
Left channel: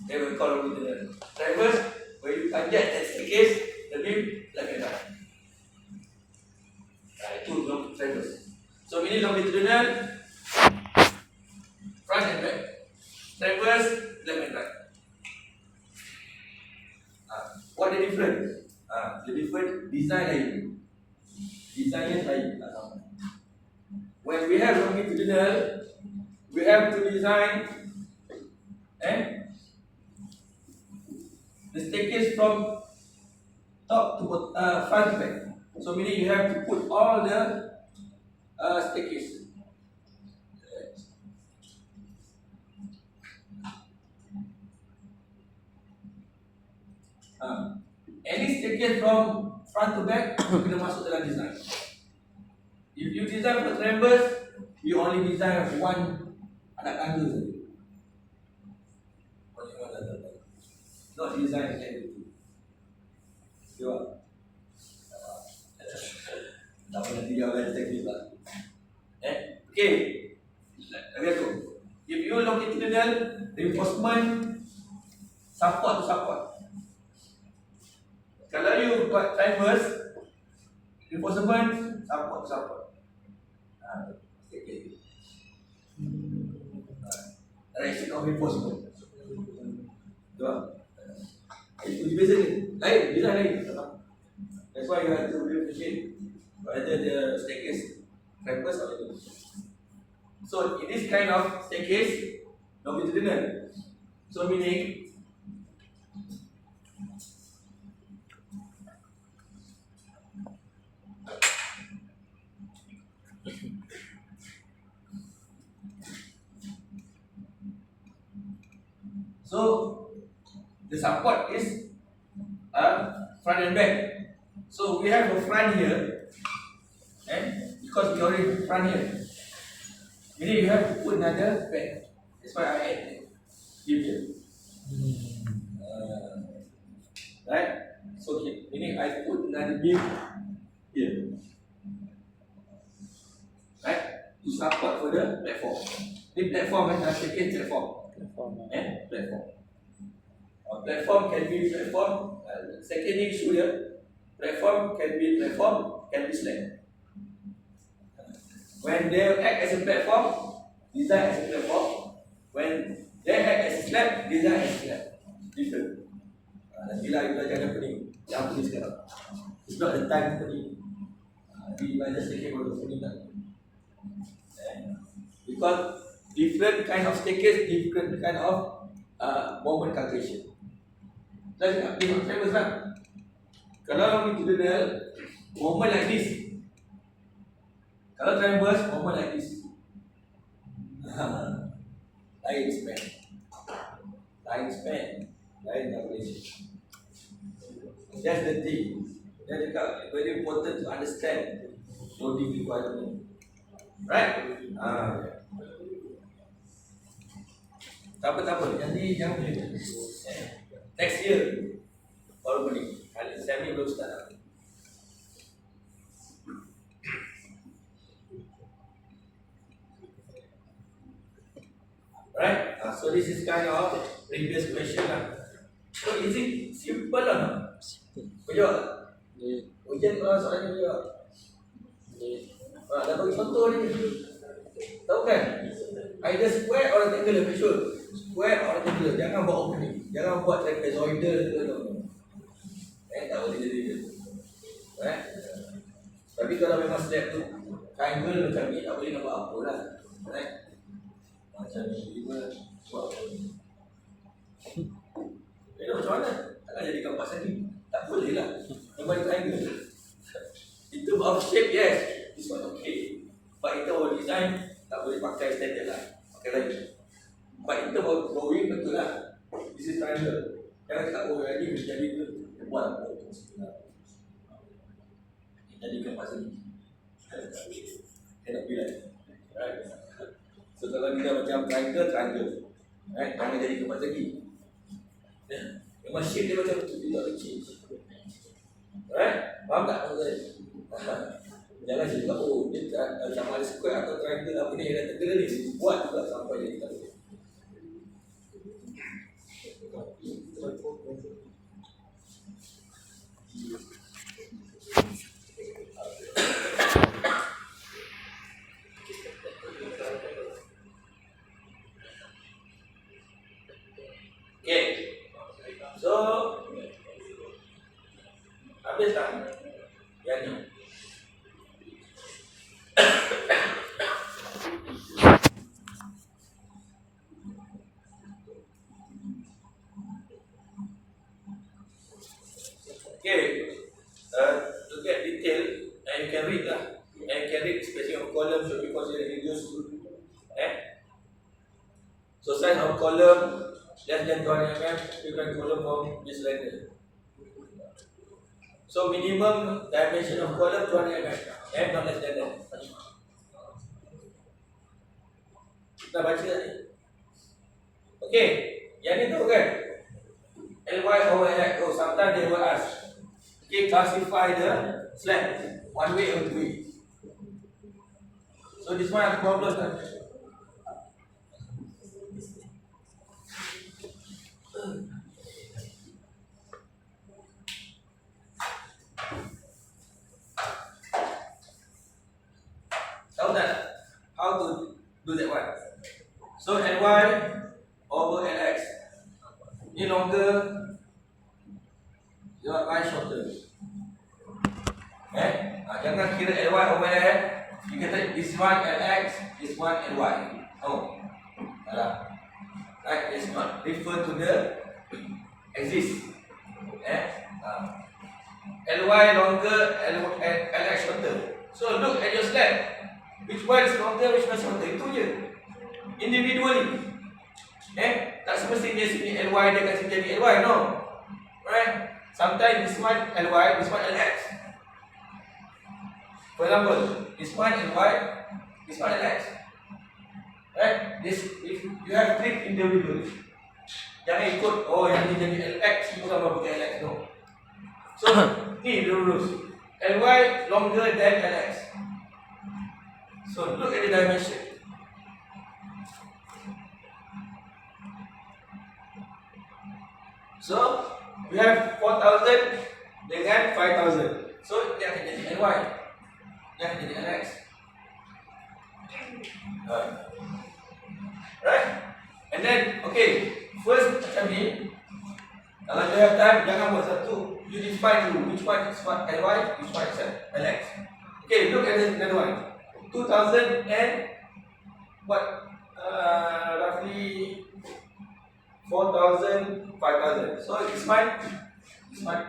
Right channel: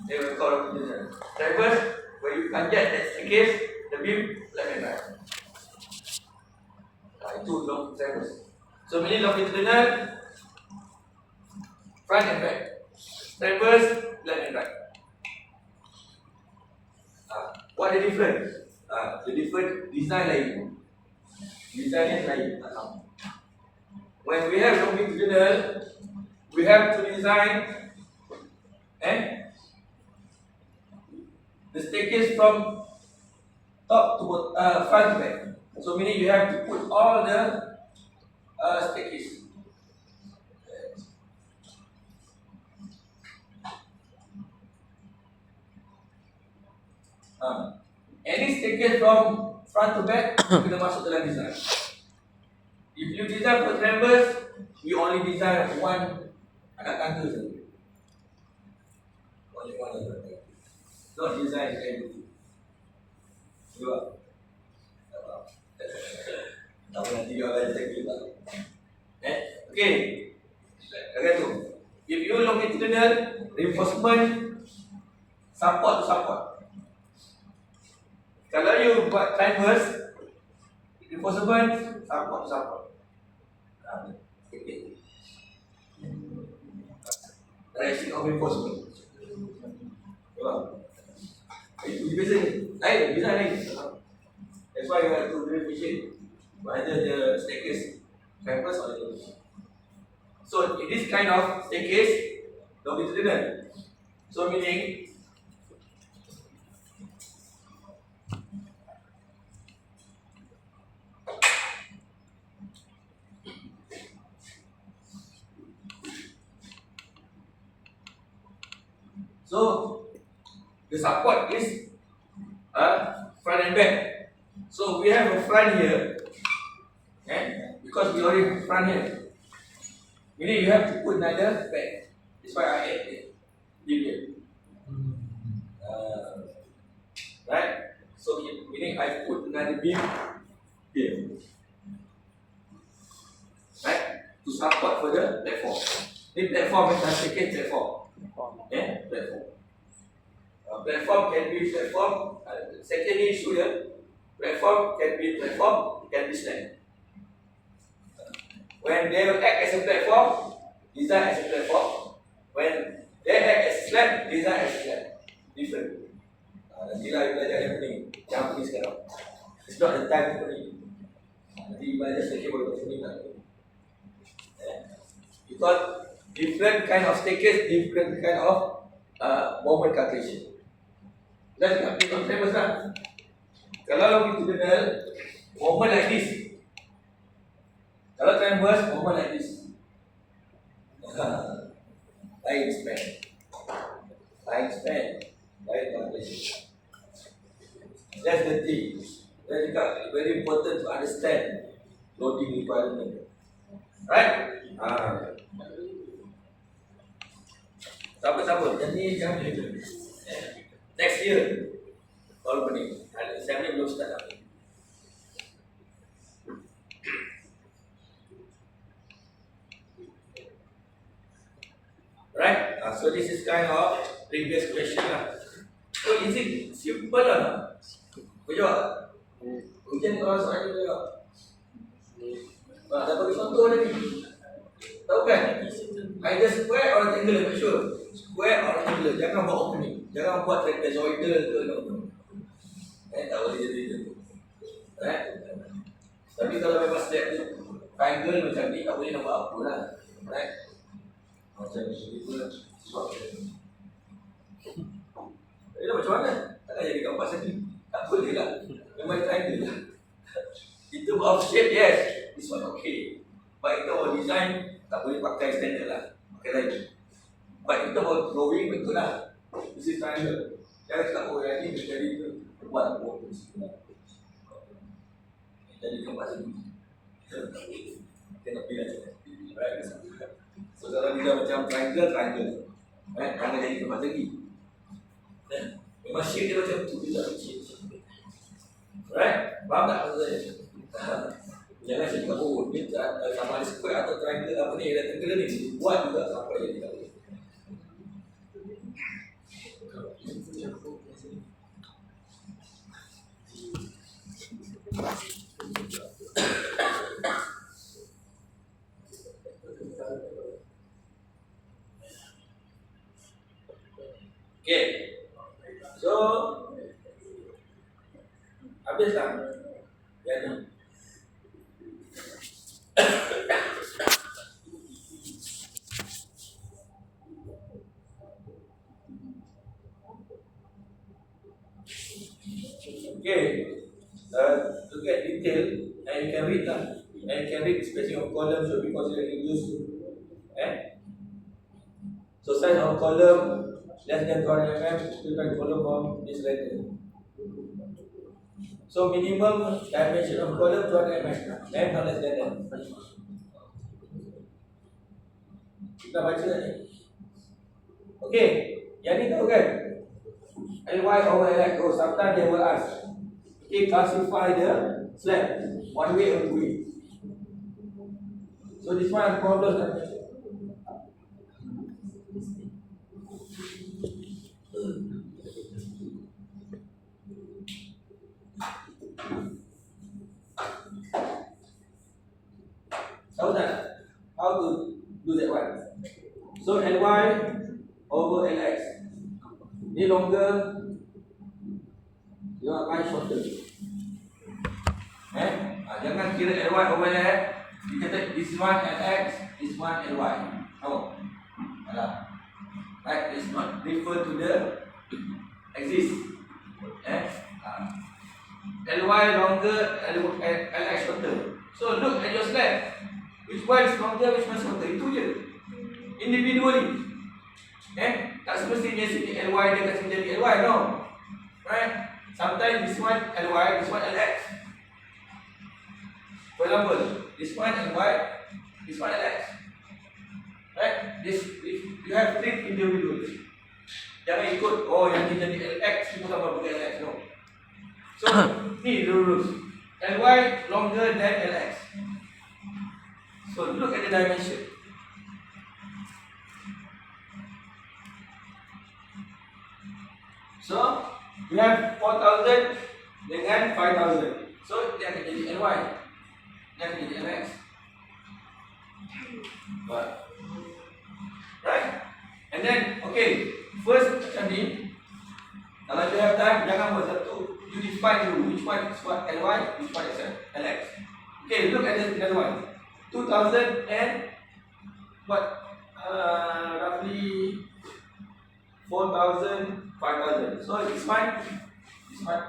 They will call longitudinal. Traverse, when you panjat that staircase, the beam left and right. Itu traverse. So meaning longitudinal, front and back. Traverse, left and right. What the difference? The different design lain. Design lain. When we have longitudinal, we have to design the staircase from top to front to back. So meaning you have to put all the staircase. Any staircase from front to back kena masuk dalam design. If you design for traverse, you only design one anak tangga saja. Only one anak tangga. Not design everything. Sure. Tahu nanti dia akan cakap lah. Okay. Lagi tu. If you longitudinal, reinforcement support to support. Kalau you buat transverse, reinforcement support to support. Okay. Direction of reinforcement. Nampak? Itu biasa ni. Lain, design lain. That's why you have to differentiate whether the staircase transverse or not. So in this kind of staircase, longitudinal. So meaning the support is front and back. So we have a front here, because we already have front here. Meaning you have to put another back. That's why I add it here. Right? So meaning I put another beam here. Right? To support for the platform. This platform is second platform. Platform. Platform can be platform. Second issue here. Platform can be platform, can be slab. When they act as a platform, design as a platform. When they act as a slab, design as a slab. Different. Nantilah you belajar yang pening. Yang pening sekarang. It's not the time to pening. Nanti belajar sedikit baru pening tak. Because different kind of staircase, different kind of moment calculation. Let's look at different tables lah. Kalau longitudinal, moment like this. Kalau transverse, moment like this. Lain span. Lain calculation. That's the thing. That's very important to understand loading requirement. Right? Siapa-siapa? Jangan boleh. Next year. Kalau boleh. Saya ni belum start lagi. Right? So this is kind of previous question lah. So is it simple or not? Kau jawab tak? Ujian kalau soalan dia jawab. Dah bagi contoh ni. Tahu kan? Either square or rectangular, make sure. Square or rectangular. Jangan buat opening. Jangan buat trapezoidal ke no. Tak boleh jadi tu. Tapi kalau memang step tu triangle macam ni, tak boleh nak buat apa lah. Macam ni kita sebab macam mana? Takkan jadi kampas lagi. Tak boleh lah. Memang triangle lah. Itu out shape, yes. This one okay. But itu our design, tak boleh pakai standard lah. Pakai lagi. But itu our drawing betul lah. This is triangle. Jangan cakap, oh yang ni jadi tu. Buat tu jadi kampas lagi. Cannot be like right? So kalau kita macam triangle, jangan jadi kampas lagi. Memang shape dia macam tu, dia tak change. Right? Faham tak maksud saya? Jangan cakap, oh dia sama ada square atau triangle apa ni, dia tenggelam ni. Buat juga sampai jadi tak boleh. Okay, so habis tak? Yang ni. Okay, to get detail, and you can read lah, and you can read spacing of column should be considered useful. So size of column less than 200 mm, different column from this render. So minimum dimension of column 200 mm, and not less than that. Kita baca ni. Okay, yang ni tahu kan? LY over X. Oh, sometimes they will ask. Okay, classify the slab one way or two way. So this one ada problem kan? Tahu tak how to do that one? So LY over LX. Ni longer, Y shorter. Jangan kira LY over LX. You kata this one LX, this one LY. No. Salah. Right, it's not refer to the axis. LY longer, LX shorter. So look at your slab. Which one is longer, which one is shorter? Itu je. Individually. Tak semestinya sini LY dia kat sini jadi LY, no. Right? Sometimes this one LY, this one LX. For example, this one LY, this one LX. Right? This if you have trick individually. Jangan ikut, oh yang ni jadi LX, itu sama pakai LX, no. So, ni the rules. LY longer than LX. So look at the dimension. So we have 4,000 dengan 5,000. So dia akan jadi LY. Dia akan jadi LX. Right? And then okay, first macam ni. Kalau you have time, jangan buat satu. You define dulu which one is what LY, which one is LX. Okay, look at the another one. 2,000 and what? Roughly 4,000, 5,000. So this one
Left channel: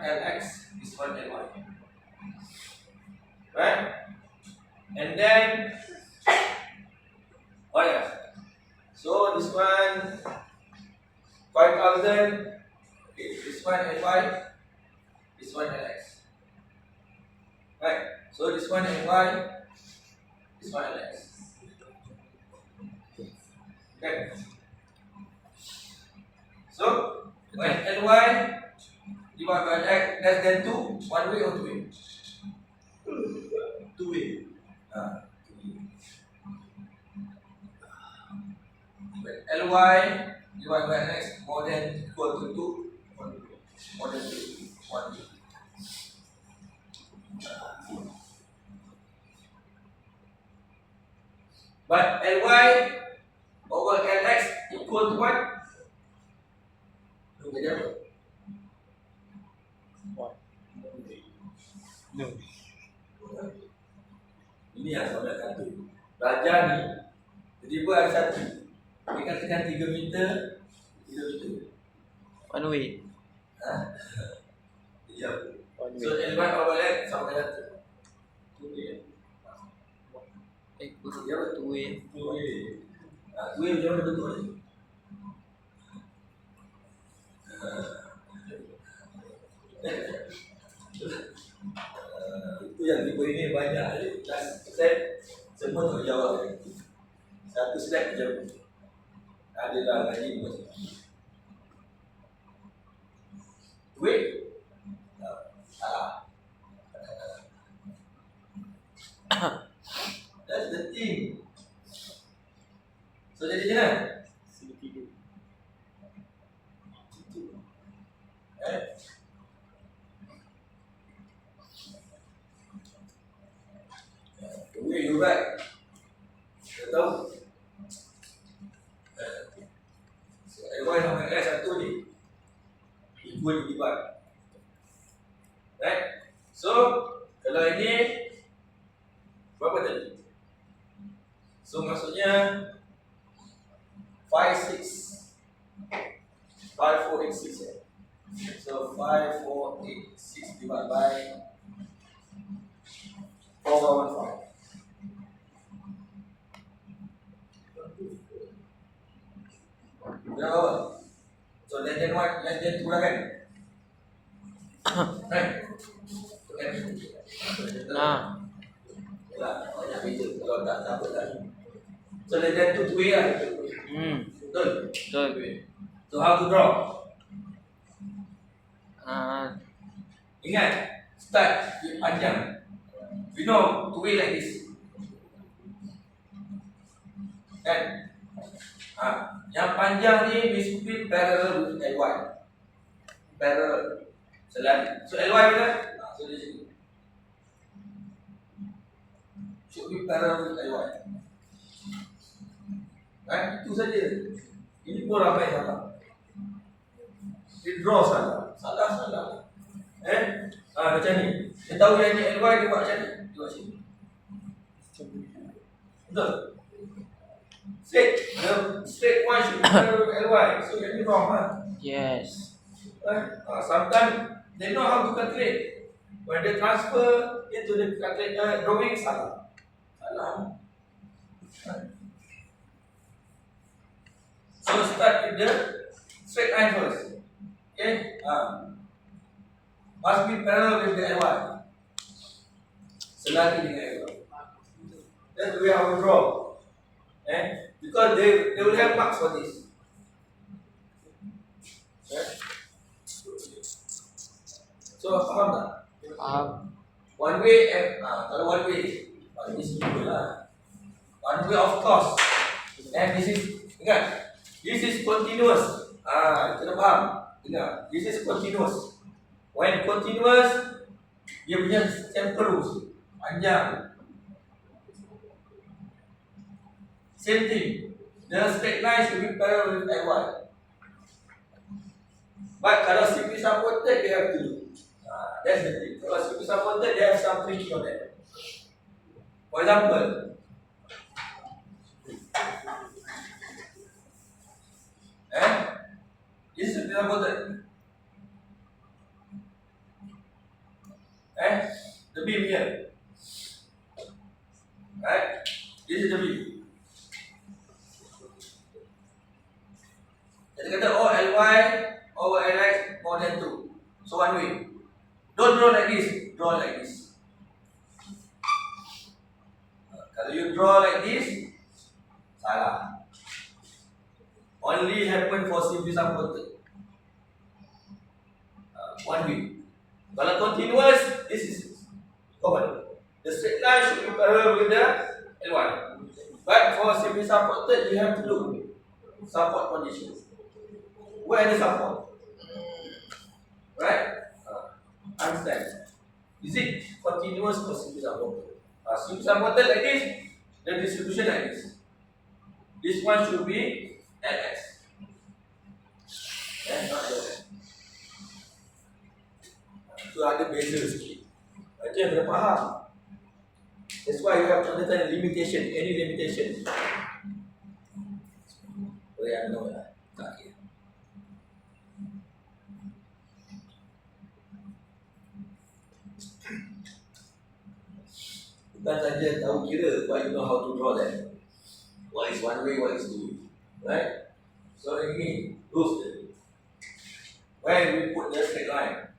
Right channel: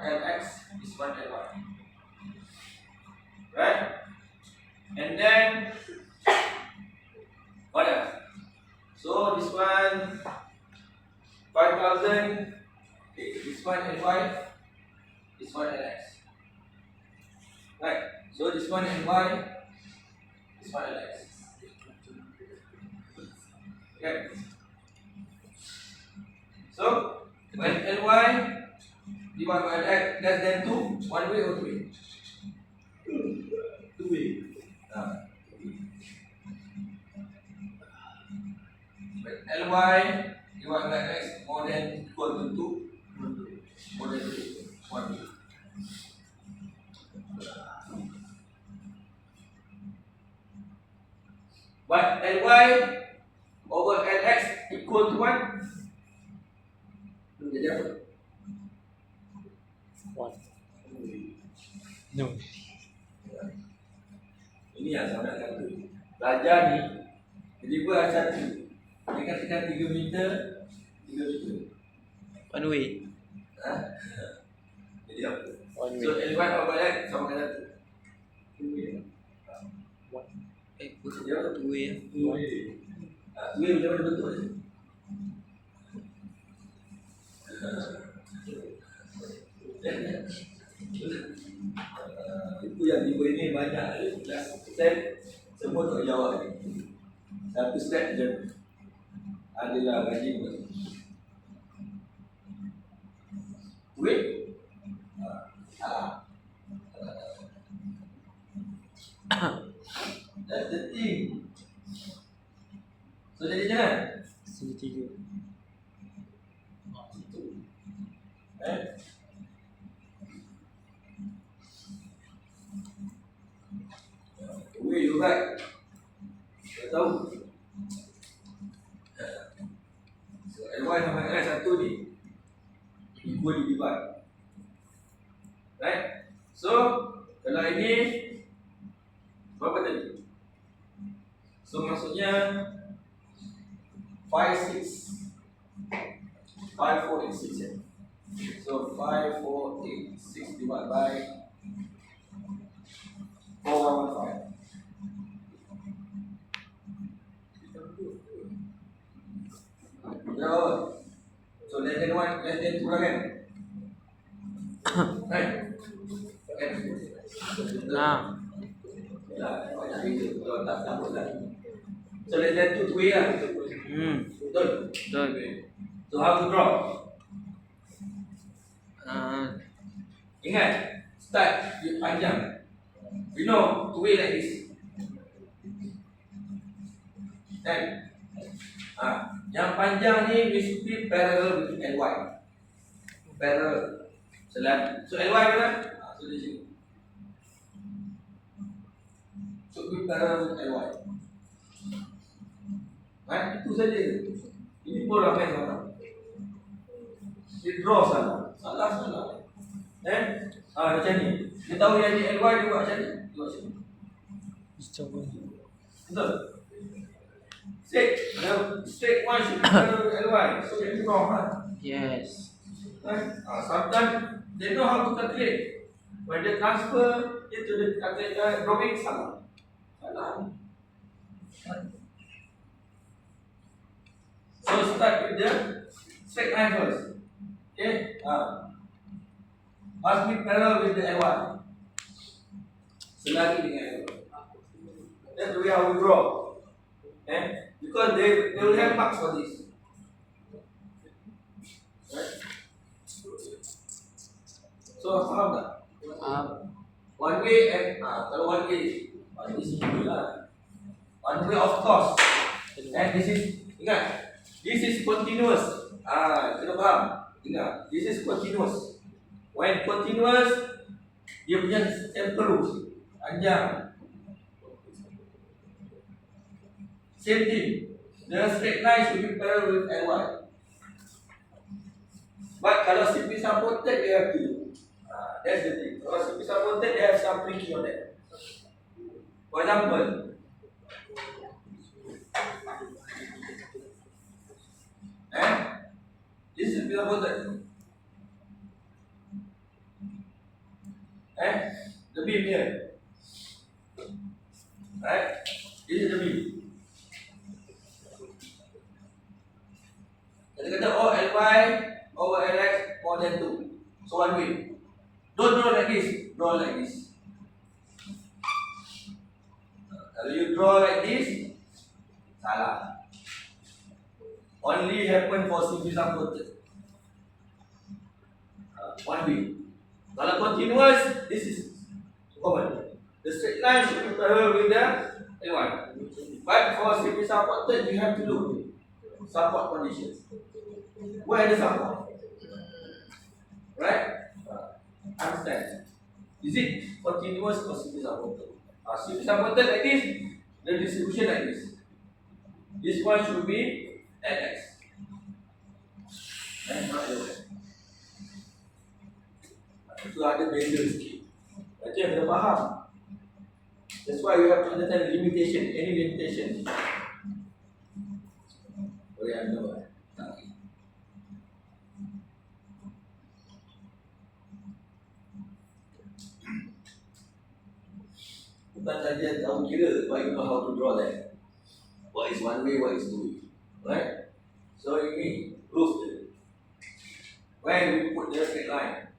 LX, this one LY. Right? And then what else? So this one 5,000. Okay, this one LY, this one LX. Right? So this one LY, this one LX. Okay. So when LY divided by LX less than 2, one way or two way? Two way. When LY divided by LX more than equal to 2, more than 2, one way. But LY over LX equal to what? Jadi No. Ini yang saya nak kata. Belajar ni, jadi buat satu. Dia katakan 3 meter, 3 meter. One way. Ha? Jadi apa? One So, way. L1 kalau balik, sama dengan satu. 2 way. Kurang. Dia apa? 2 way. 2 way. 2 way macam mana bentuk dia? Itu yang tiba ini banyak. Last step semua tak jawab. Satu step je. Adalah gaji buat. Duit? Salah. That's the thing. So jadi macam mana? Segitiga. Duit juga. Kita tahu. So L1 sama S satu ni equal divide. Right? So kalau ini berapa tadi? So maksudnya 5, 6 5, 4, 8, 6 ya. So 5, 4, 8, 6 divided by 4, 1, 5. Berapa? So less than 1, less than 2 lah kan? Right? Okay. Nah. Lah, banyak beza. Kalau tak sama lah. So less than 2 way lah. Betul? Betul. So how to draw? Ingat, start with panjang. You know, 2 way like this. Kan? Yang panjang ni we split parallel with LY. Parallel. Selari. So LY bila? So di sini. Should be parallel with LY. Itu saja. Ini pun ramai salah. Dia draw salah. Salah. Macam ni. Dia tahu yang ni LY dia buat macam ni. Dia buat macam ni. Betul? Straight one should be parallel with LY. So dia wrong lah. Yes. Sometimes they know how to calculate. When they transfer into the calculator drawing salah. So start with the straight line first. Okay? Must be parallel with the L1. Selagi dengan L1. That's the way I will draw. Because they will have marks for this. Right? So faham tak? One way kalau one way simple lah. One way of course. And this is, ingat, this is continuous. Kena faham. Ingat, this is continuous. When continuous, dia punya temperus panjang. Same thing. The straight line should be parallel with L1. But kalau CP supported, you have to. That's the thing. Kalau CP supported, they have some tricky on that. For example, this is CP supported. The beam here. Right? This is the beam. Kita kata LY over LX more than 2. So one way. Don't draw like this. Draw like this. Kalau you draw like this, salah. Only happen for simply supported. One way. Kalau continuous, this is common. The straight line should be parallel with the L1. But for simply supported, you have to look support conditions. Where are the support? Right? Understand? Is it continuous or simply supported? Simply supported like this, the distribution like this. This one should be LS. Not LS. Itu ada beza sikit. Itu yang kena faham. That's why you have to understand the limitation, any limitation. Boleh anda lah. Tak kira. Bukan saja tahu kira, but you know how to draw that. What is one way, what is two way. Right? So ini rules dia. When we put the straight line,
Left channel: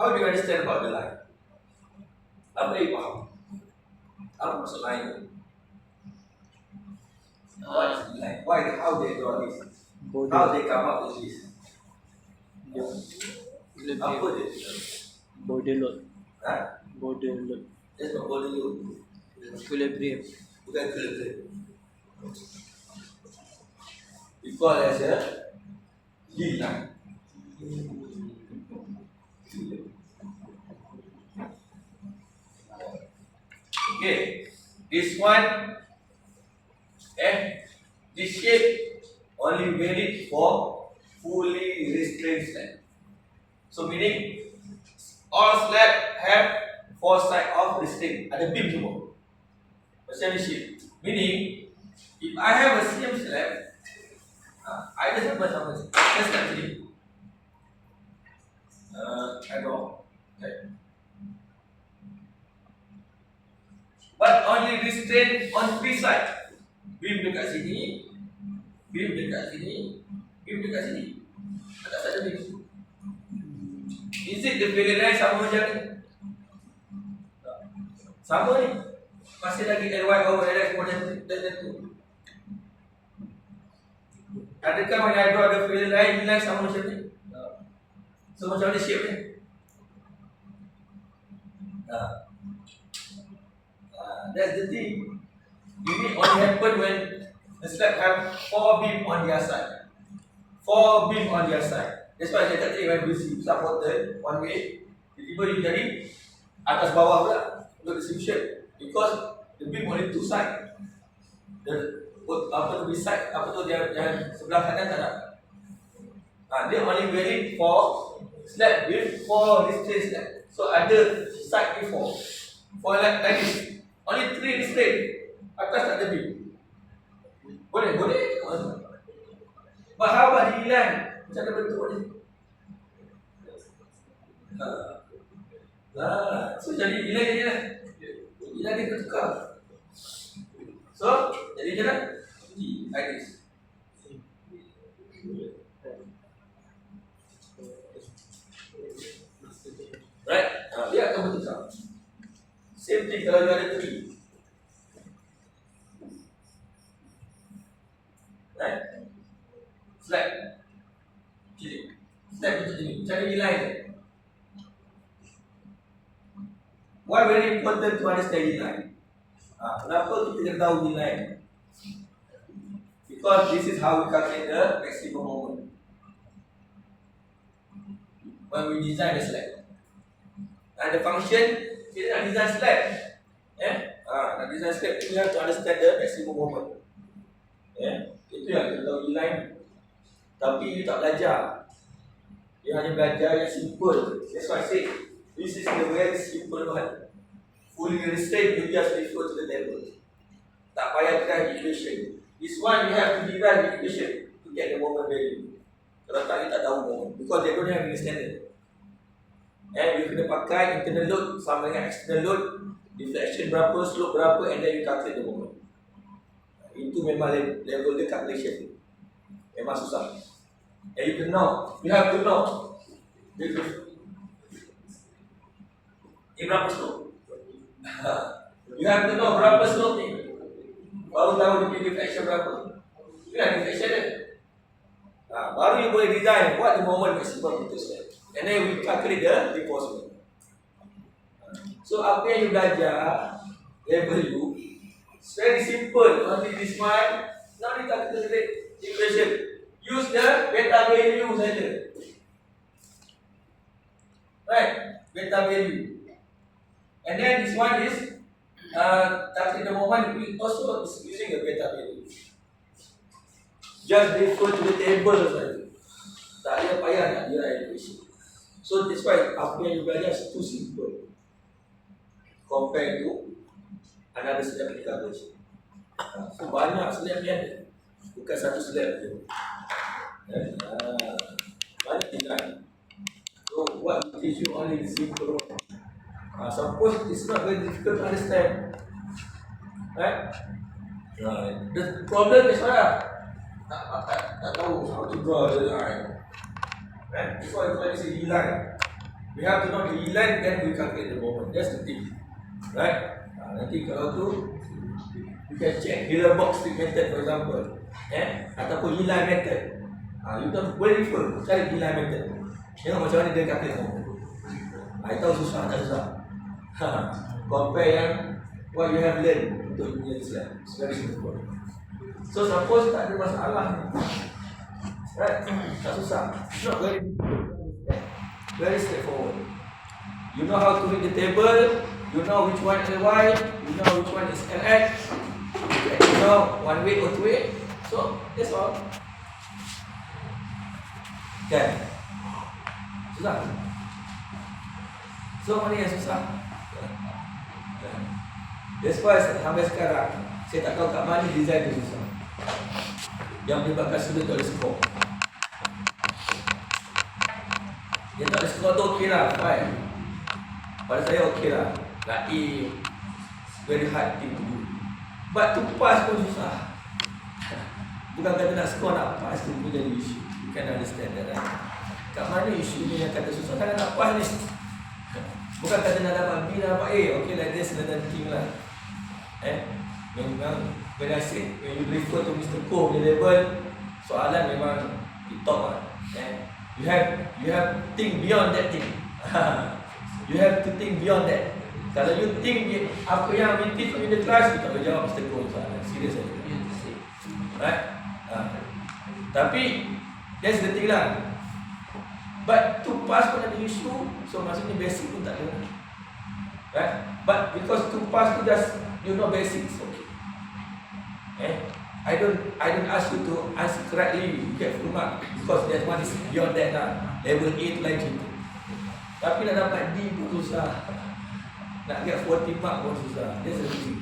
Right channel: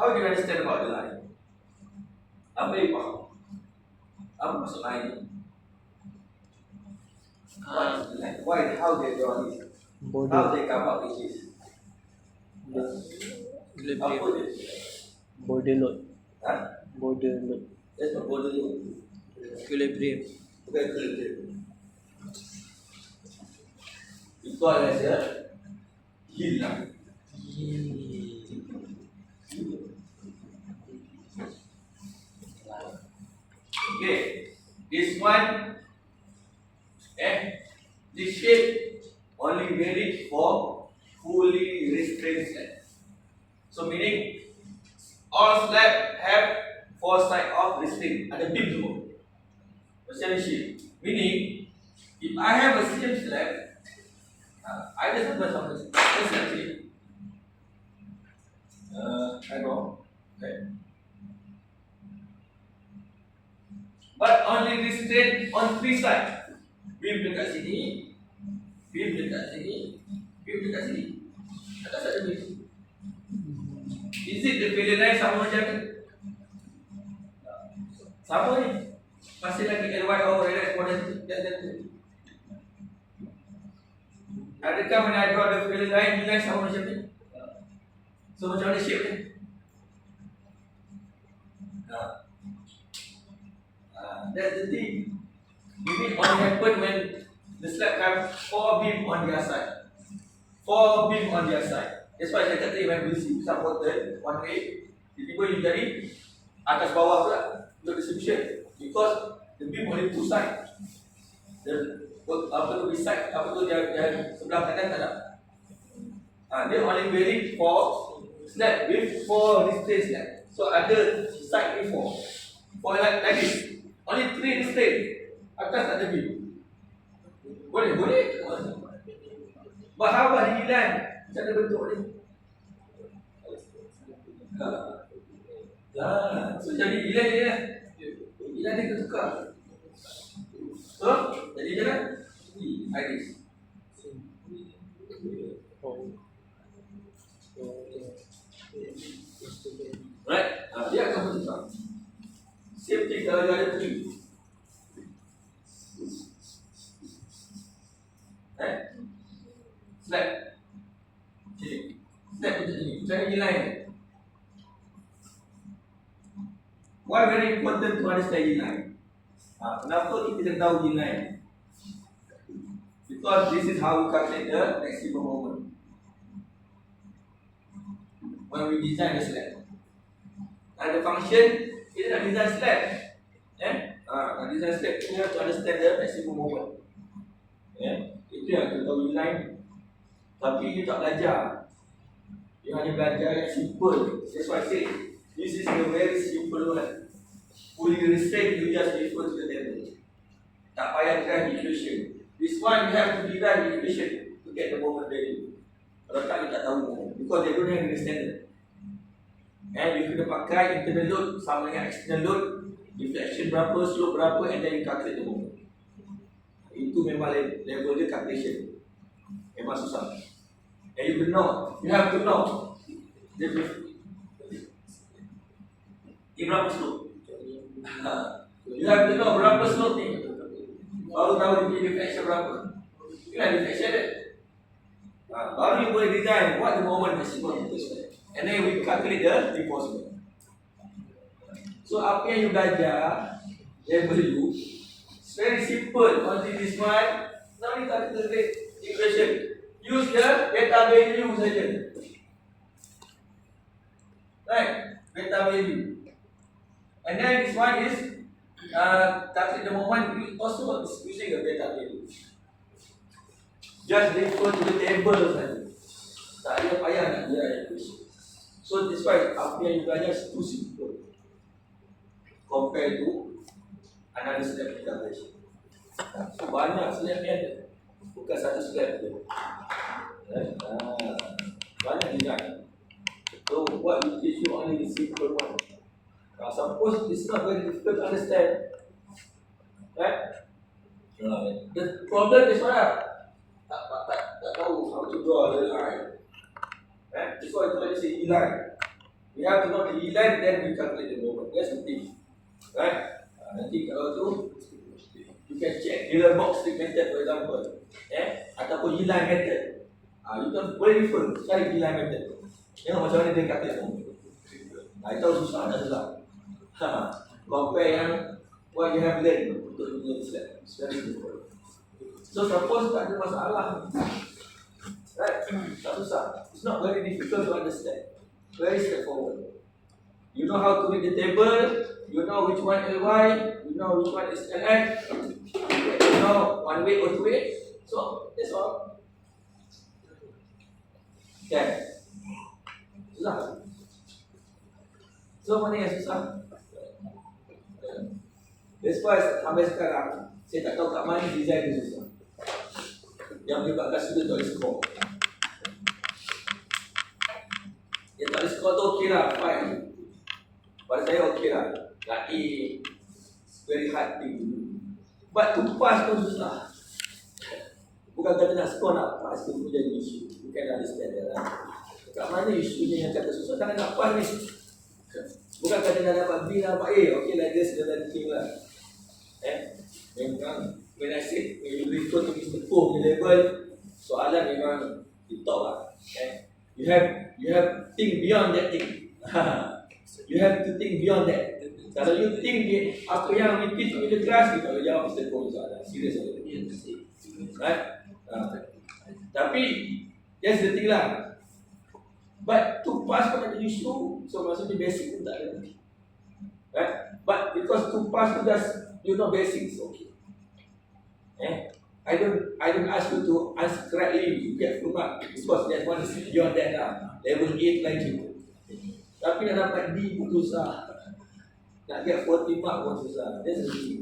how do you understand about the line? Apa yang faham? Apa maksud line tu? What is the line? Why? How they draw this? How Border. they come up with this? Apa dia? Border load. Ha? Border load. That's not border load. Equilibrium. Bukan equilibrium. We call as a yield line. Okay, this one, this shape only valid for fully restrained slab. So meaning all slab have four sides of restraint. Ada beam semua. Macam ni shape. Meaning if I have a same slab, I just sama just like this. I go. Okay. But only restrain on three sides. Beam dekat sini, beam dekat sini, beam dekat sini. Atas ada beam. Is it the filling line sama macam ni? Sama ni. Masih lagi LY over LX dan tu. Adakah when I draw the filling line, nilai sama macam ni? So macam mana shape ni? That's the thing. Ini only happen when the slab have four beam on their side. Four beam on their side. That's why saya kata when we supported one way, tiba-tiba you jadi atas bawah pula untuk distribution. Because the beam only two side. The apa tu side, apa tu dia sebelah kanan tak ada. Dia only valid for slab with four restraint slab. So ada side ni four. For like this. Only three restraint. Atas tak ada beam. Boleh? But how about the line? Macam mana bentuk ni? So jadi ilan dia lah. Ilan dia tertukar. So jadi dia lah. Like this. Right? Dia akan bertukar. Same thing kalau dia ada tree. Right? Slab. Sini. Slab macam ni. Cari line. Why very important to understand line? Kenapa kita kena tahu line? Because this is how we calculate the maximum moment when we design the slab. And the function, kita nak design slab. Nak design slab, we have to understand the maximum moment. Itu yang kita tahu line. Tapi you tak belajar. You hanya belajar yang simple. That's why I say this is the very simple one. Fully restrained, you just refer to the table. Tak payah drive equation. This one you have to derive equation to get the moment value. Kalau tak, you tak tahu moment. Because they don't have any standard. You kena pakai internal load sama dengan external load, deflection berapa, slope berapa, and then you calculate the moment. Itu memang level dia calculation. Memang susah. And you can know, you have to know. Berapa slope? You have to know berapa slope ni. Baru tahu dia deflection berapa. Itulah deflection dia. Baru you boleh design what the moment maximum itu sebenarnya. And then we calculate the reinforcement. So apa yang you belajar, level you, it's very simple. Only this one, now we calculate equation. Use the beta value saja. Right, beta value. And then this one is Tapi the moment we also is using a beta value. Just refer to the table saja. Tak ada payah nak derive equation. So that's why apa yang you belajar is too simple compared to another slab calculation. So banyak slab ni ada, bukan satu slab je. Banyak design. So what we teach you only the simple one. Suppose it's not very difficult to understand, right? The problem is what? Tak tahu how to draw the line, right? Before I say E-line, we have to know the E-line, then we calculate the moment. That's the thing, right? Nanti kalau tu, you can check Euler box stick method for example, ataupun E-line method. You can boleh refer, cari E-line method. Tengok macam mana dia calculate moment. Tahu susah tak susah? Compare yang what you have learned untuk punya slide. It's very simple. So suppose tak ada masalah ni, right? Tak susah. It's not very difficult to understand. Very straightforward. You know how to read the table. You know which one Ly. You know which one is Lx. You know one way or two way. So that's all. Kan? Susah. So mana yang susah? That's why sampai sekarang saya tak tahu kat mana design dia susah. Yang menyebabkan student tak boleh skor. Dia tak boleh skor tu okey lah, fine. Pada saya okey lah. Nak A, very hard thing to do. But to pass pun susah. Bukan kata nak skor nak pass tu pun jadi isu. You can understand that, right? Kat mana isu ni yang kata susah? Kan nak pass ni. Bukan kata nak dapat B, nak dapat A. Okay lah, dia sedang thinking lah. Memang when I say, when you refer to Mr. Koh punya level, soalan memang di top lah. You have think beyond that thing. You have to think beyond that. Kalau you think apa yang we teach in the class, you tak boleh jawab Mr. Koh soalan. Serius saja. Right? Tapi that's the thing lah. But to pass pun ada isu, so maksudnya basic pun tak ada. Right? But because to pass tu just you know basics, okay. I don't ask you to answer correctly, you get full mark because that one is beyond that lah. Level 8 lagi tu. Tapi nak dapat D pun susah. Nak get 40 mark pun susah. That's the thing.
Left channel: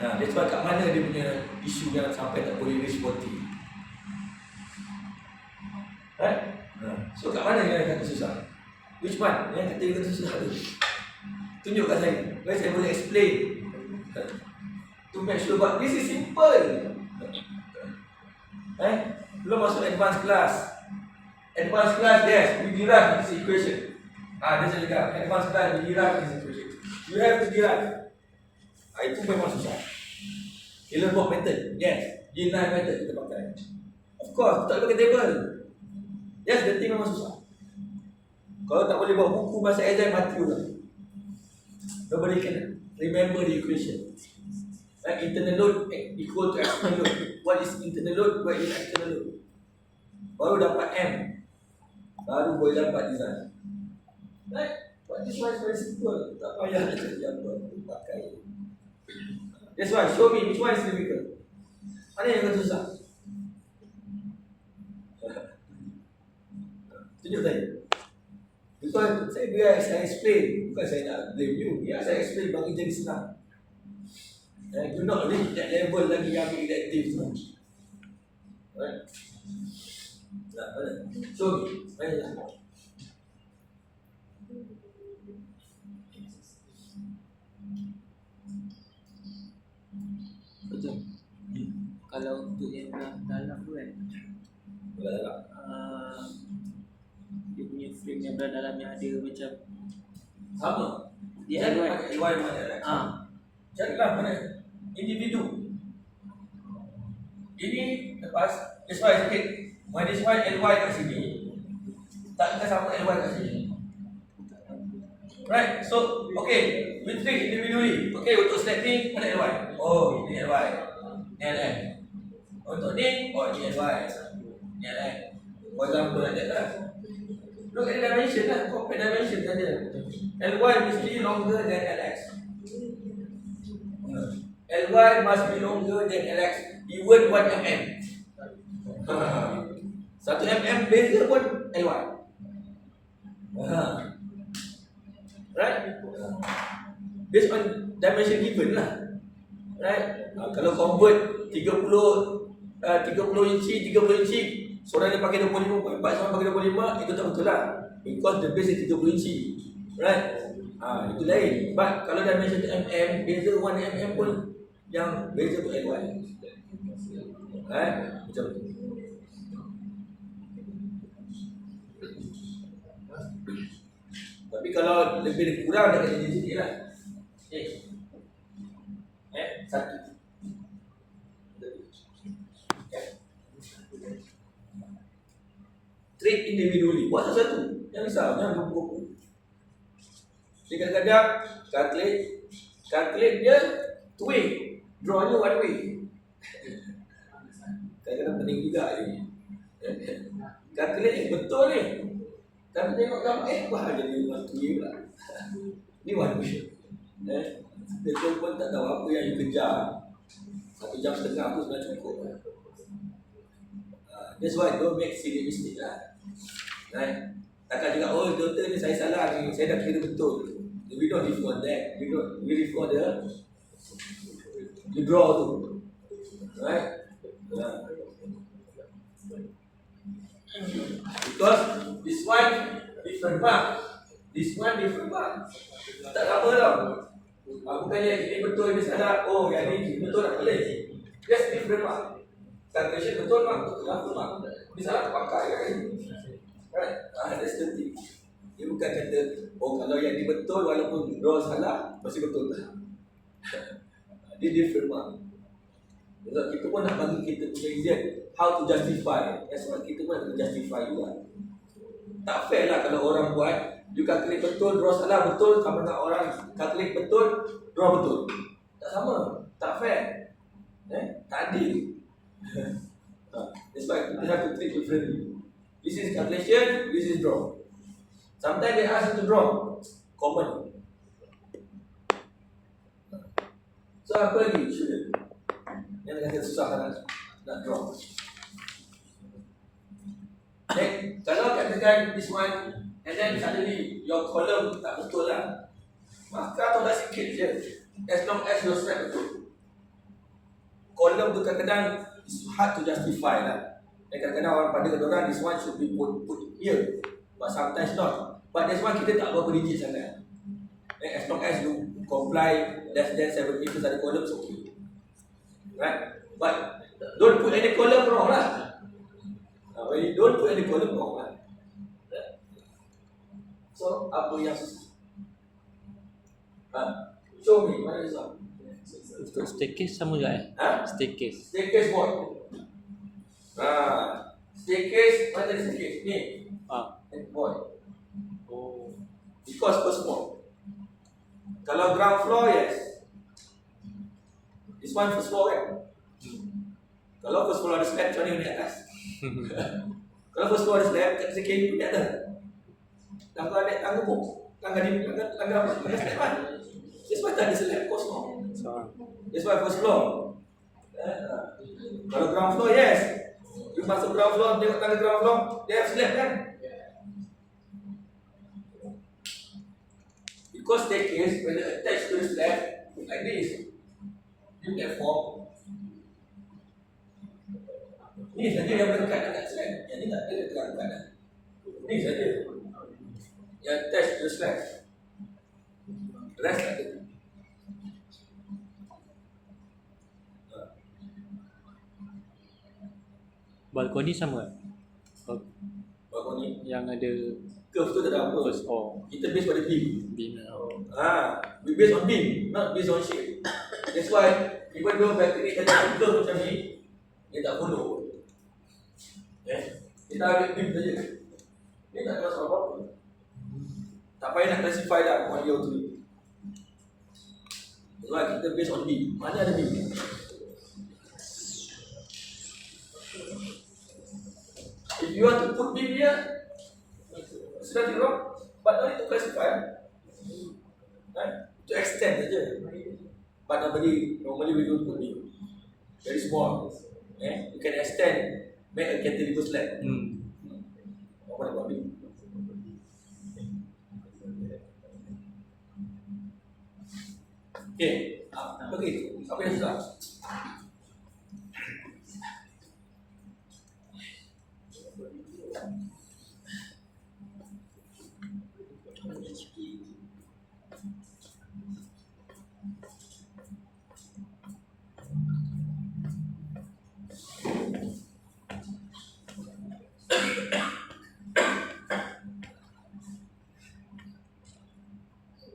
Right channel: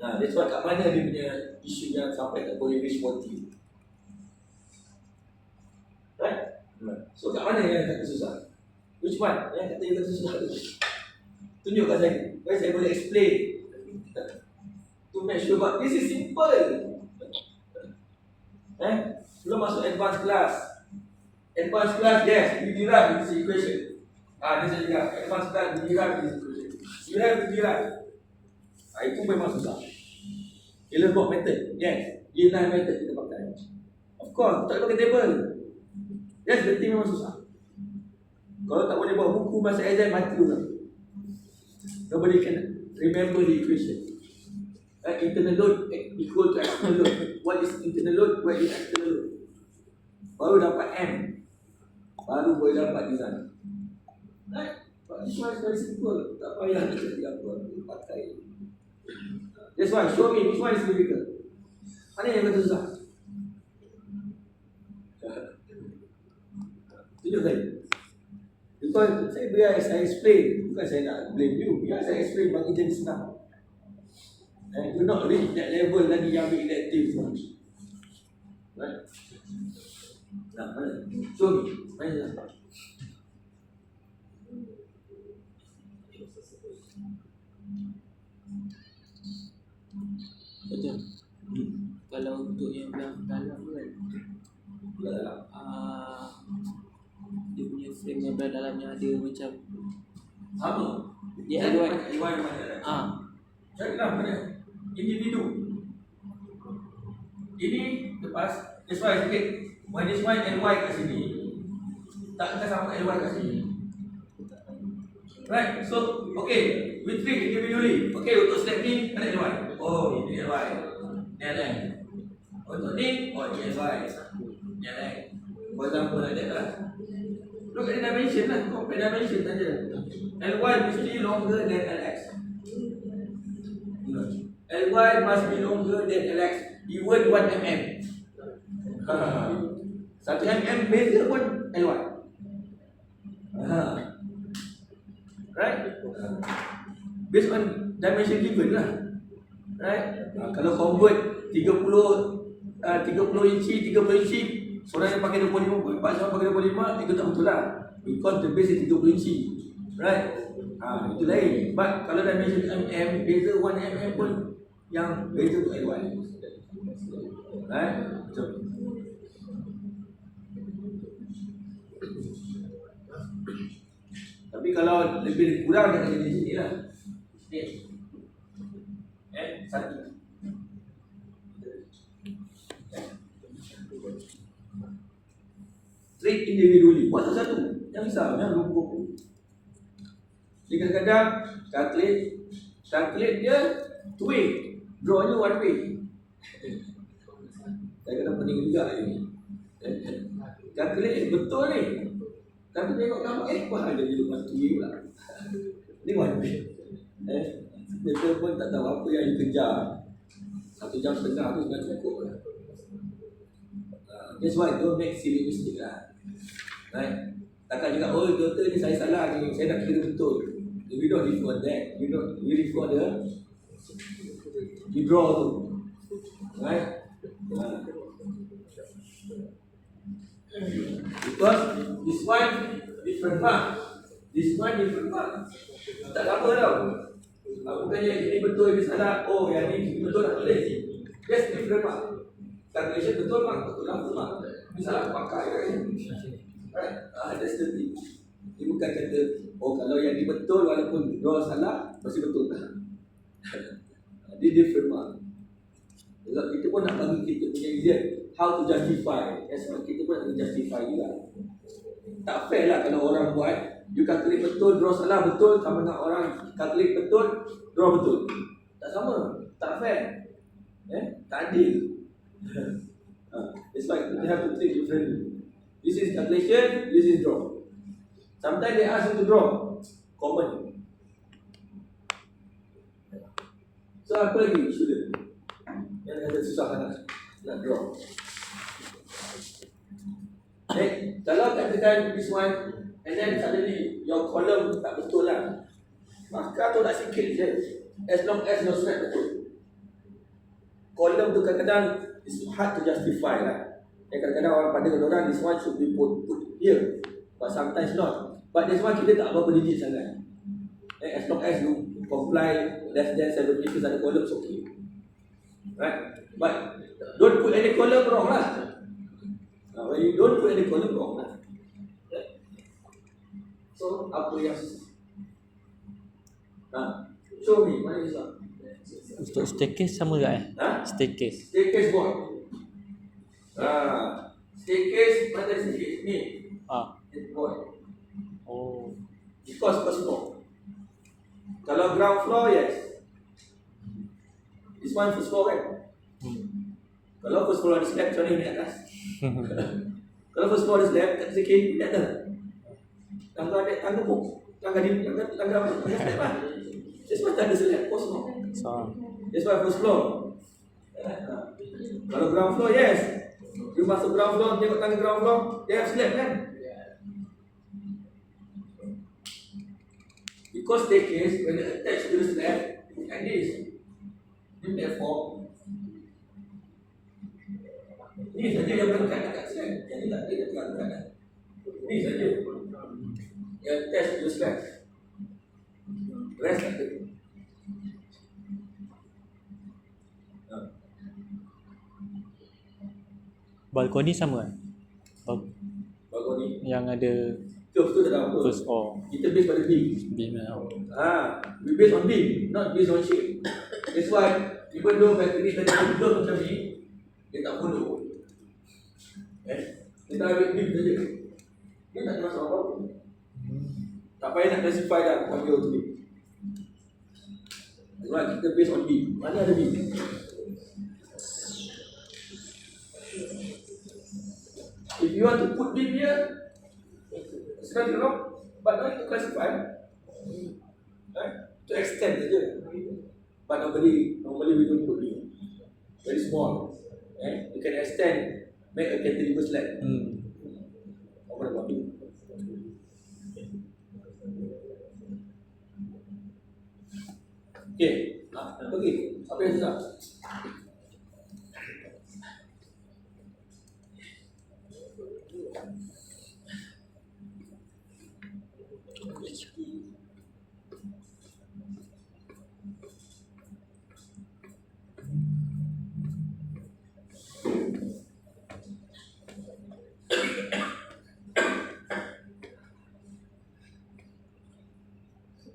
That's why kat mana dia punya isu yang sampai tak boleh reach 40. Right? So kat mana yang kata susah? Which one? Yang kata susah tu? Tunjuk kat saya. Baik saya boleh explain. To make sure but this is simple. Belum masuk advanced class. Advanced class, yes, we derive this equation. Dia saya cakap, advanced class we derive this equation. You have to derive. Itu memang susah. Euler box method, yes. E-line method kita pakai. Of course, tak pakai table. Yes, berarti memang susah. Kalau tak boleh buat buku bahasa exam, mati juga. Nobody can remember the equation. Internal load equal to external load. What is internal load? What is external load? Baru dapat M. Baru boleh dapat design. Right? But this one is very simple. Tak payah nak cari apa. Pakai. That's why, show me which one is difficult. Mana yang betul susah? Tunjuk saya. Because biar saya explain. Bukan saya nak blame you. Biar saya explain bagi jadi senang. Do not reach that level lagi yang ambil elective semua. Right? Nah, mana? Show me. Mana? Betul. Kalau untuk yang dalam tu kan, dia punya frame yang belah dalam yang ada macam sama. Dia ada Carilah mana individu. Ini lepas that's why I say when this one LY kat sini tak akan sama LY kat sini. Right? So okay, we treat individually. Okay, untuk step ni mana LY? Oh, ini LY. Ini LM. Untuk ni, oh ini LY. Ini LM. For example like that lah. Look at the dimension lah. Compare dimension saja. LY mesti longer than LX. LY must be longer than LX, even 1 mm. 1 mm beza pun LY. Right? Based on dimension given lah. Right? Kalau convert 30 inci, 30 inci, seorang yang pakai 25, seorang pakai 25, itu tak betul lah. Because the base is 30 inci. Right? Itu lain. But kalau dimension mm, beza 1 mm pun yang beza tu LY. Right? Macam tu. Tapi kalau lebih kurang dah kena jadi lah. Satu. Treat individually. Buat satu-satu. Jangan risau, jangan berbuku. Jadi kadang-kadang calculate dia two way, draw nya one way. Kadang-kadang penting juga ini. Calculate betul ni. Tapi tengok kamu, bahan jadi one way pula. Ni one way. Betul pun tak tahu apa yang you kejar. 1 jam setengah tu sudah cukup lah. That's why don't make silly mistake lah. Right? Takkan juga, doktor ni saya salah ni, saya dah kira betul. We don't live on that. We live on the draw tu. Right? Because this one different mark. This one different mark. Tak sama tau. Bukannya ini betul, ini salah. Yang ini betul tak boleh. That's different mark. Calculation betul mark, betul apa mark. Ini salah pakai kan. Right? That's the thing. Dia bukan kata, kalau yang ini betul walaupun draw salah, masih betul tak? Dia different mark. Sebab kita pun nak bagi kita punya exam how to justify. Sebab kita pun nak justify juga. Tak fair lah kalau orang buat, you calculate betul, draw salah betul, sama dengan orang calculate betul, draw betul. Tak sama, tak fair. Tak adil. That's why we have to treat differently. This is calculation, this is draw. Sometimes they ask you to draw. Common. So apa lagi? Shouldn't. Yang kata susah nak draw. Kalau katakan this one, and then suddenly your column tak betul lah, maka tu dah sikit je. As long as your spread betul. Column tu kadang-kadang it's hard to justify lah. Dan kadang-kadang orang pada orang this one should be put here, but sometimes not. But this one kita tak berapa digit sangat. As long as you comply less than 70 if ada column, it's okay. Right? But don't put any column wrong lah. When you don't put any column wrong lah. So apa yang susah? Show me, mana susah? Untuk staircase sama tak Staircase. Staircase board. Staircase, mana tadi staircase? Ni. Board. Oh. Because first floor. Kalau ground floor, yes. This one first floor kan? Kalau first floor ada slab, macam mana ni atas? Kalau first floor ada slab, tak sikit ni atas. Tangga ada tangga pun. Tangga slab kan? That's why tak ada slab, kosong. That's why first floor. Kalau ground floor, yes. You masuk ground floor, tengok tangga ground floor, dia have slab kan? Because staircase, when attached to the slab, like this, you get form. Ni saja yang berdekat dekat slab. Yang ni tak ada dekat-dekat. Ni saja yang attached to the slab. The rest tak ada. Balkoni sama Balkoni yang ada curve tu tak tahu apa. Kita base pada beam. We base on beam, not based on shape. That's why even though balcony tadi curve macam ni, dia tak follow. Kita ambil beam saja. Dia tak ada masalah apa-apa. Tak payah nak classify dah panggil tu ni. That's why kita based on beam. Mana ada beam? If you want to put beam here, sudah di wrong, but no need to classify. Right? To extend saja. But normally we don't put new. Very small. You can extend, make a cantilever slab. What about you? Okay, pergi. Apa yang susah?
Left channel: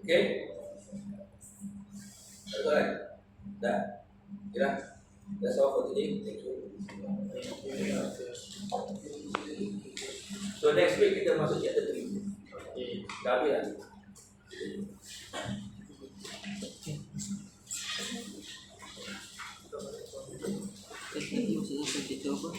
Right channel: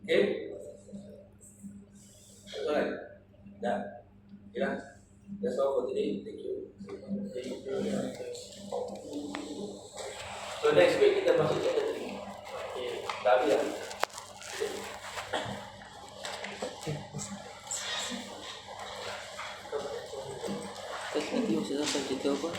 Okay? Alright? Dah? Okay lah? That's all for today. Thank you. So next week kita masuk chapter 3. Okay. Dah habis dah? Tadi masuk sampai kita apa?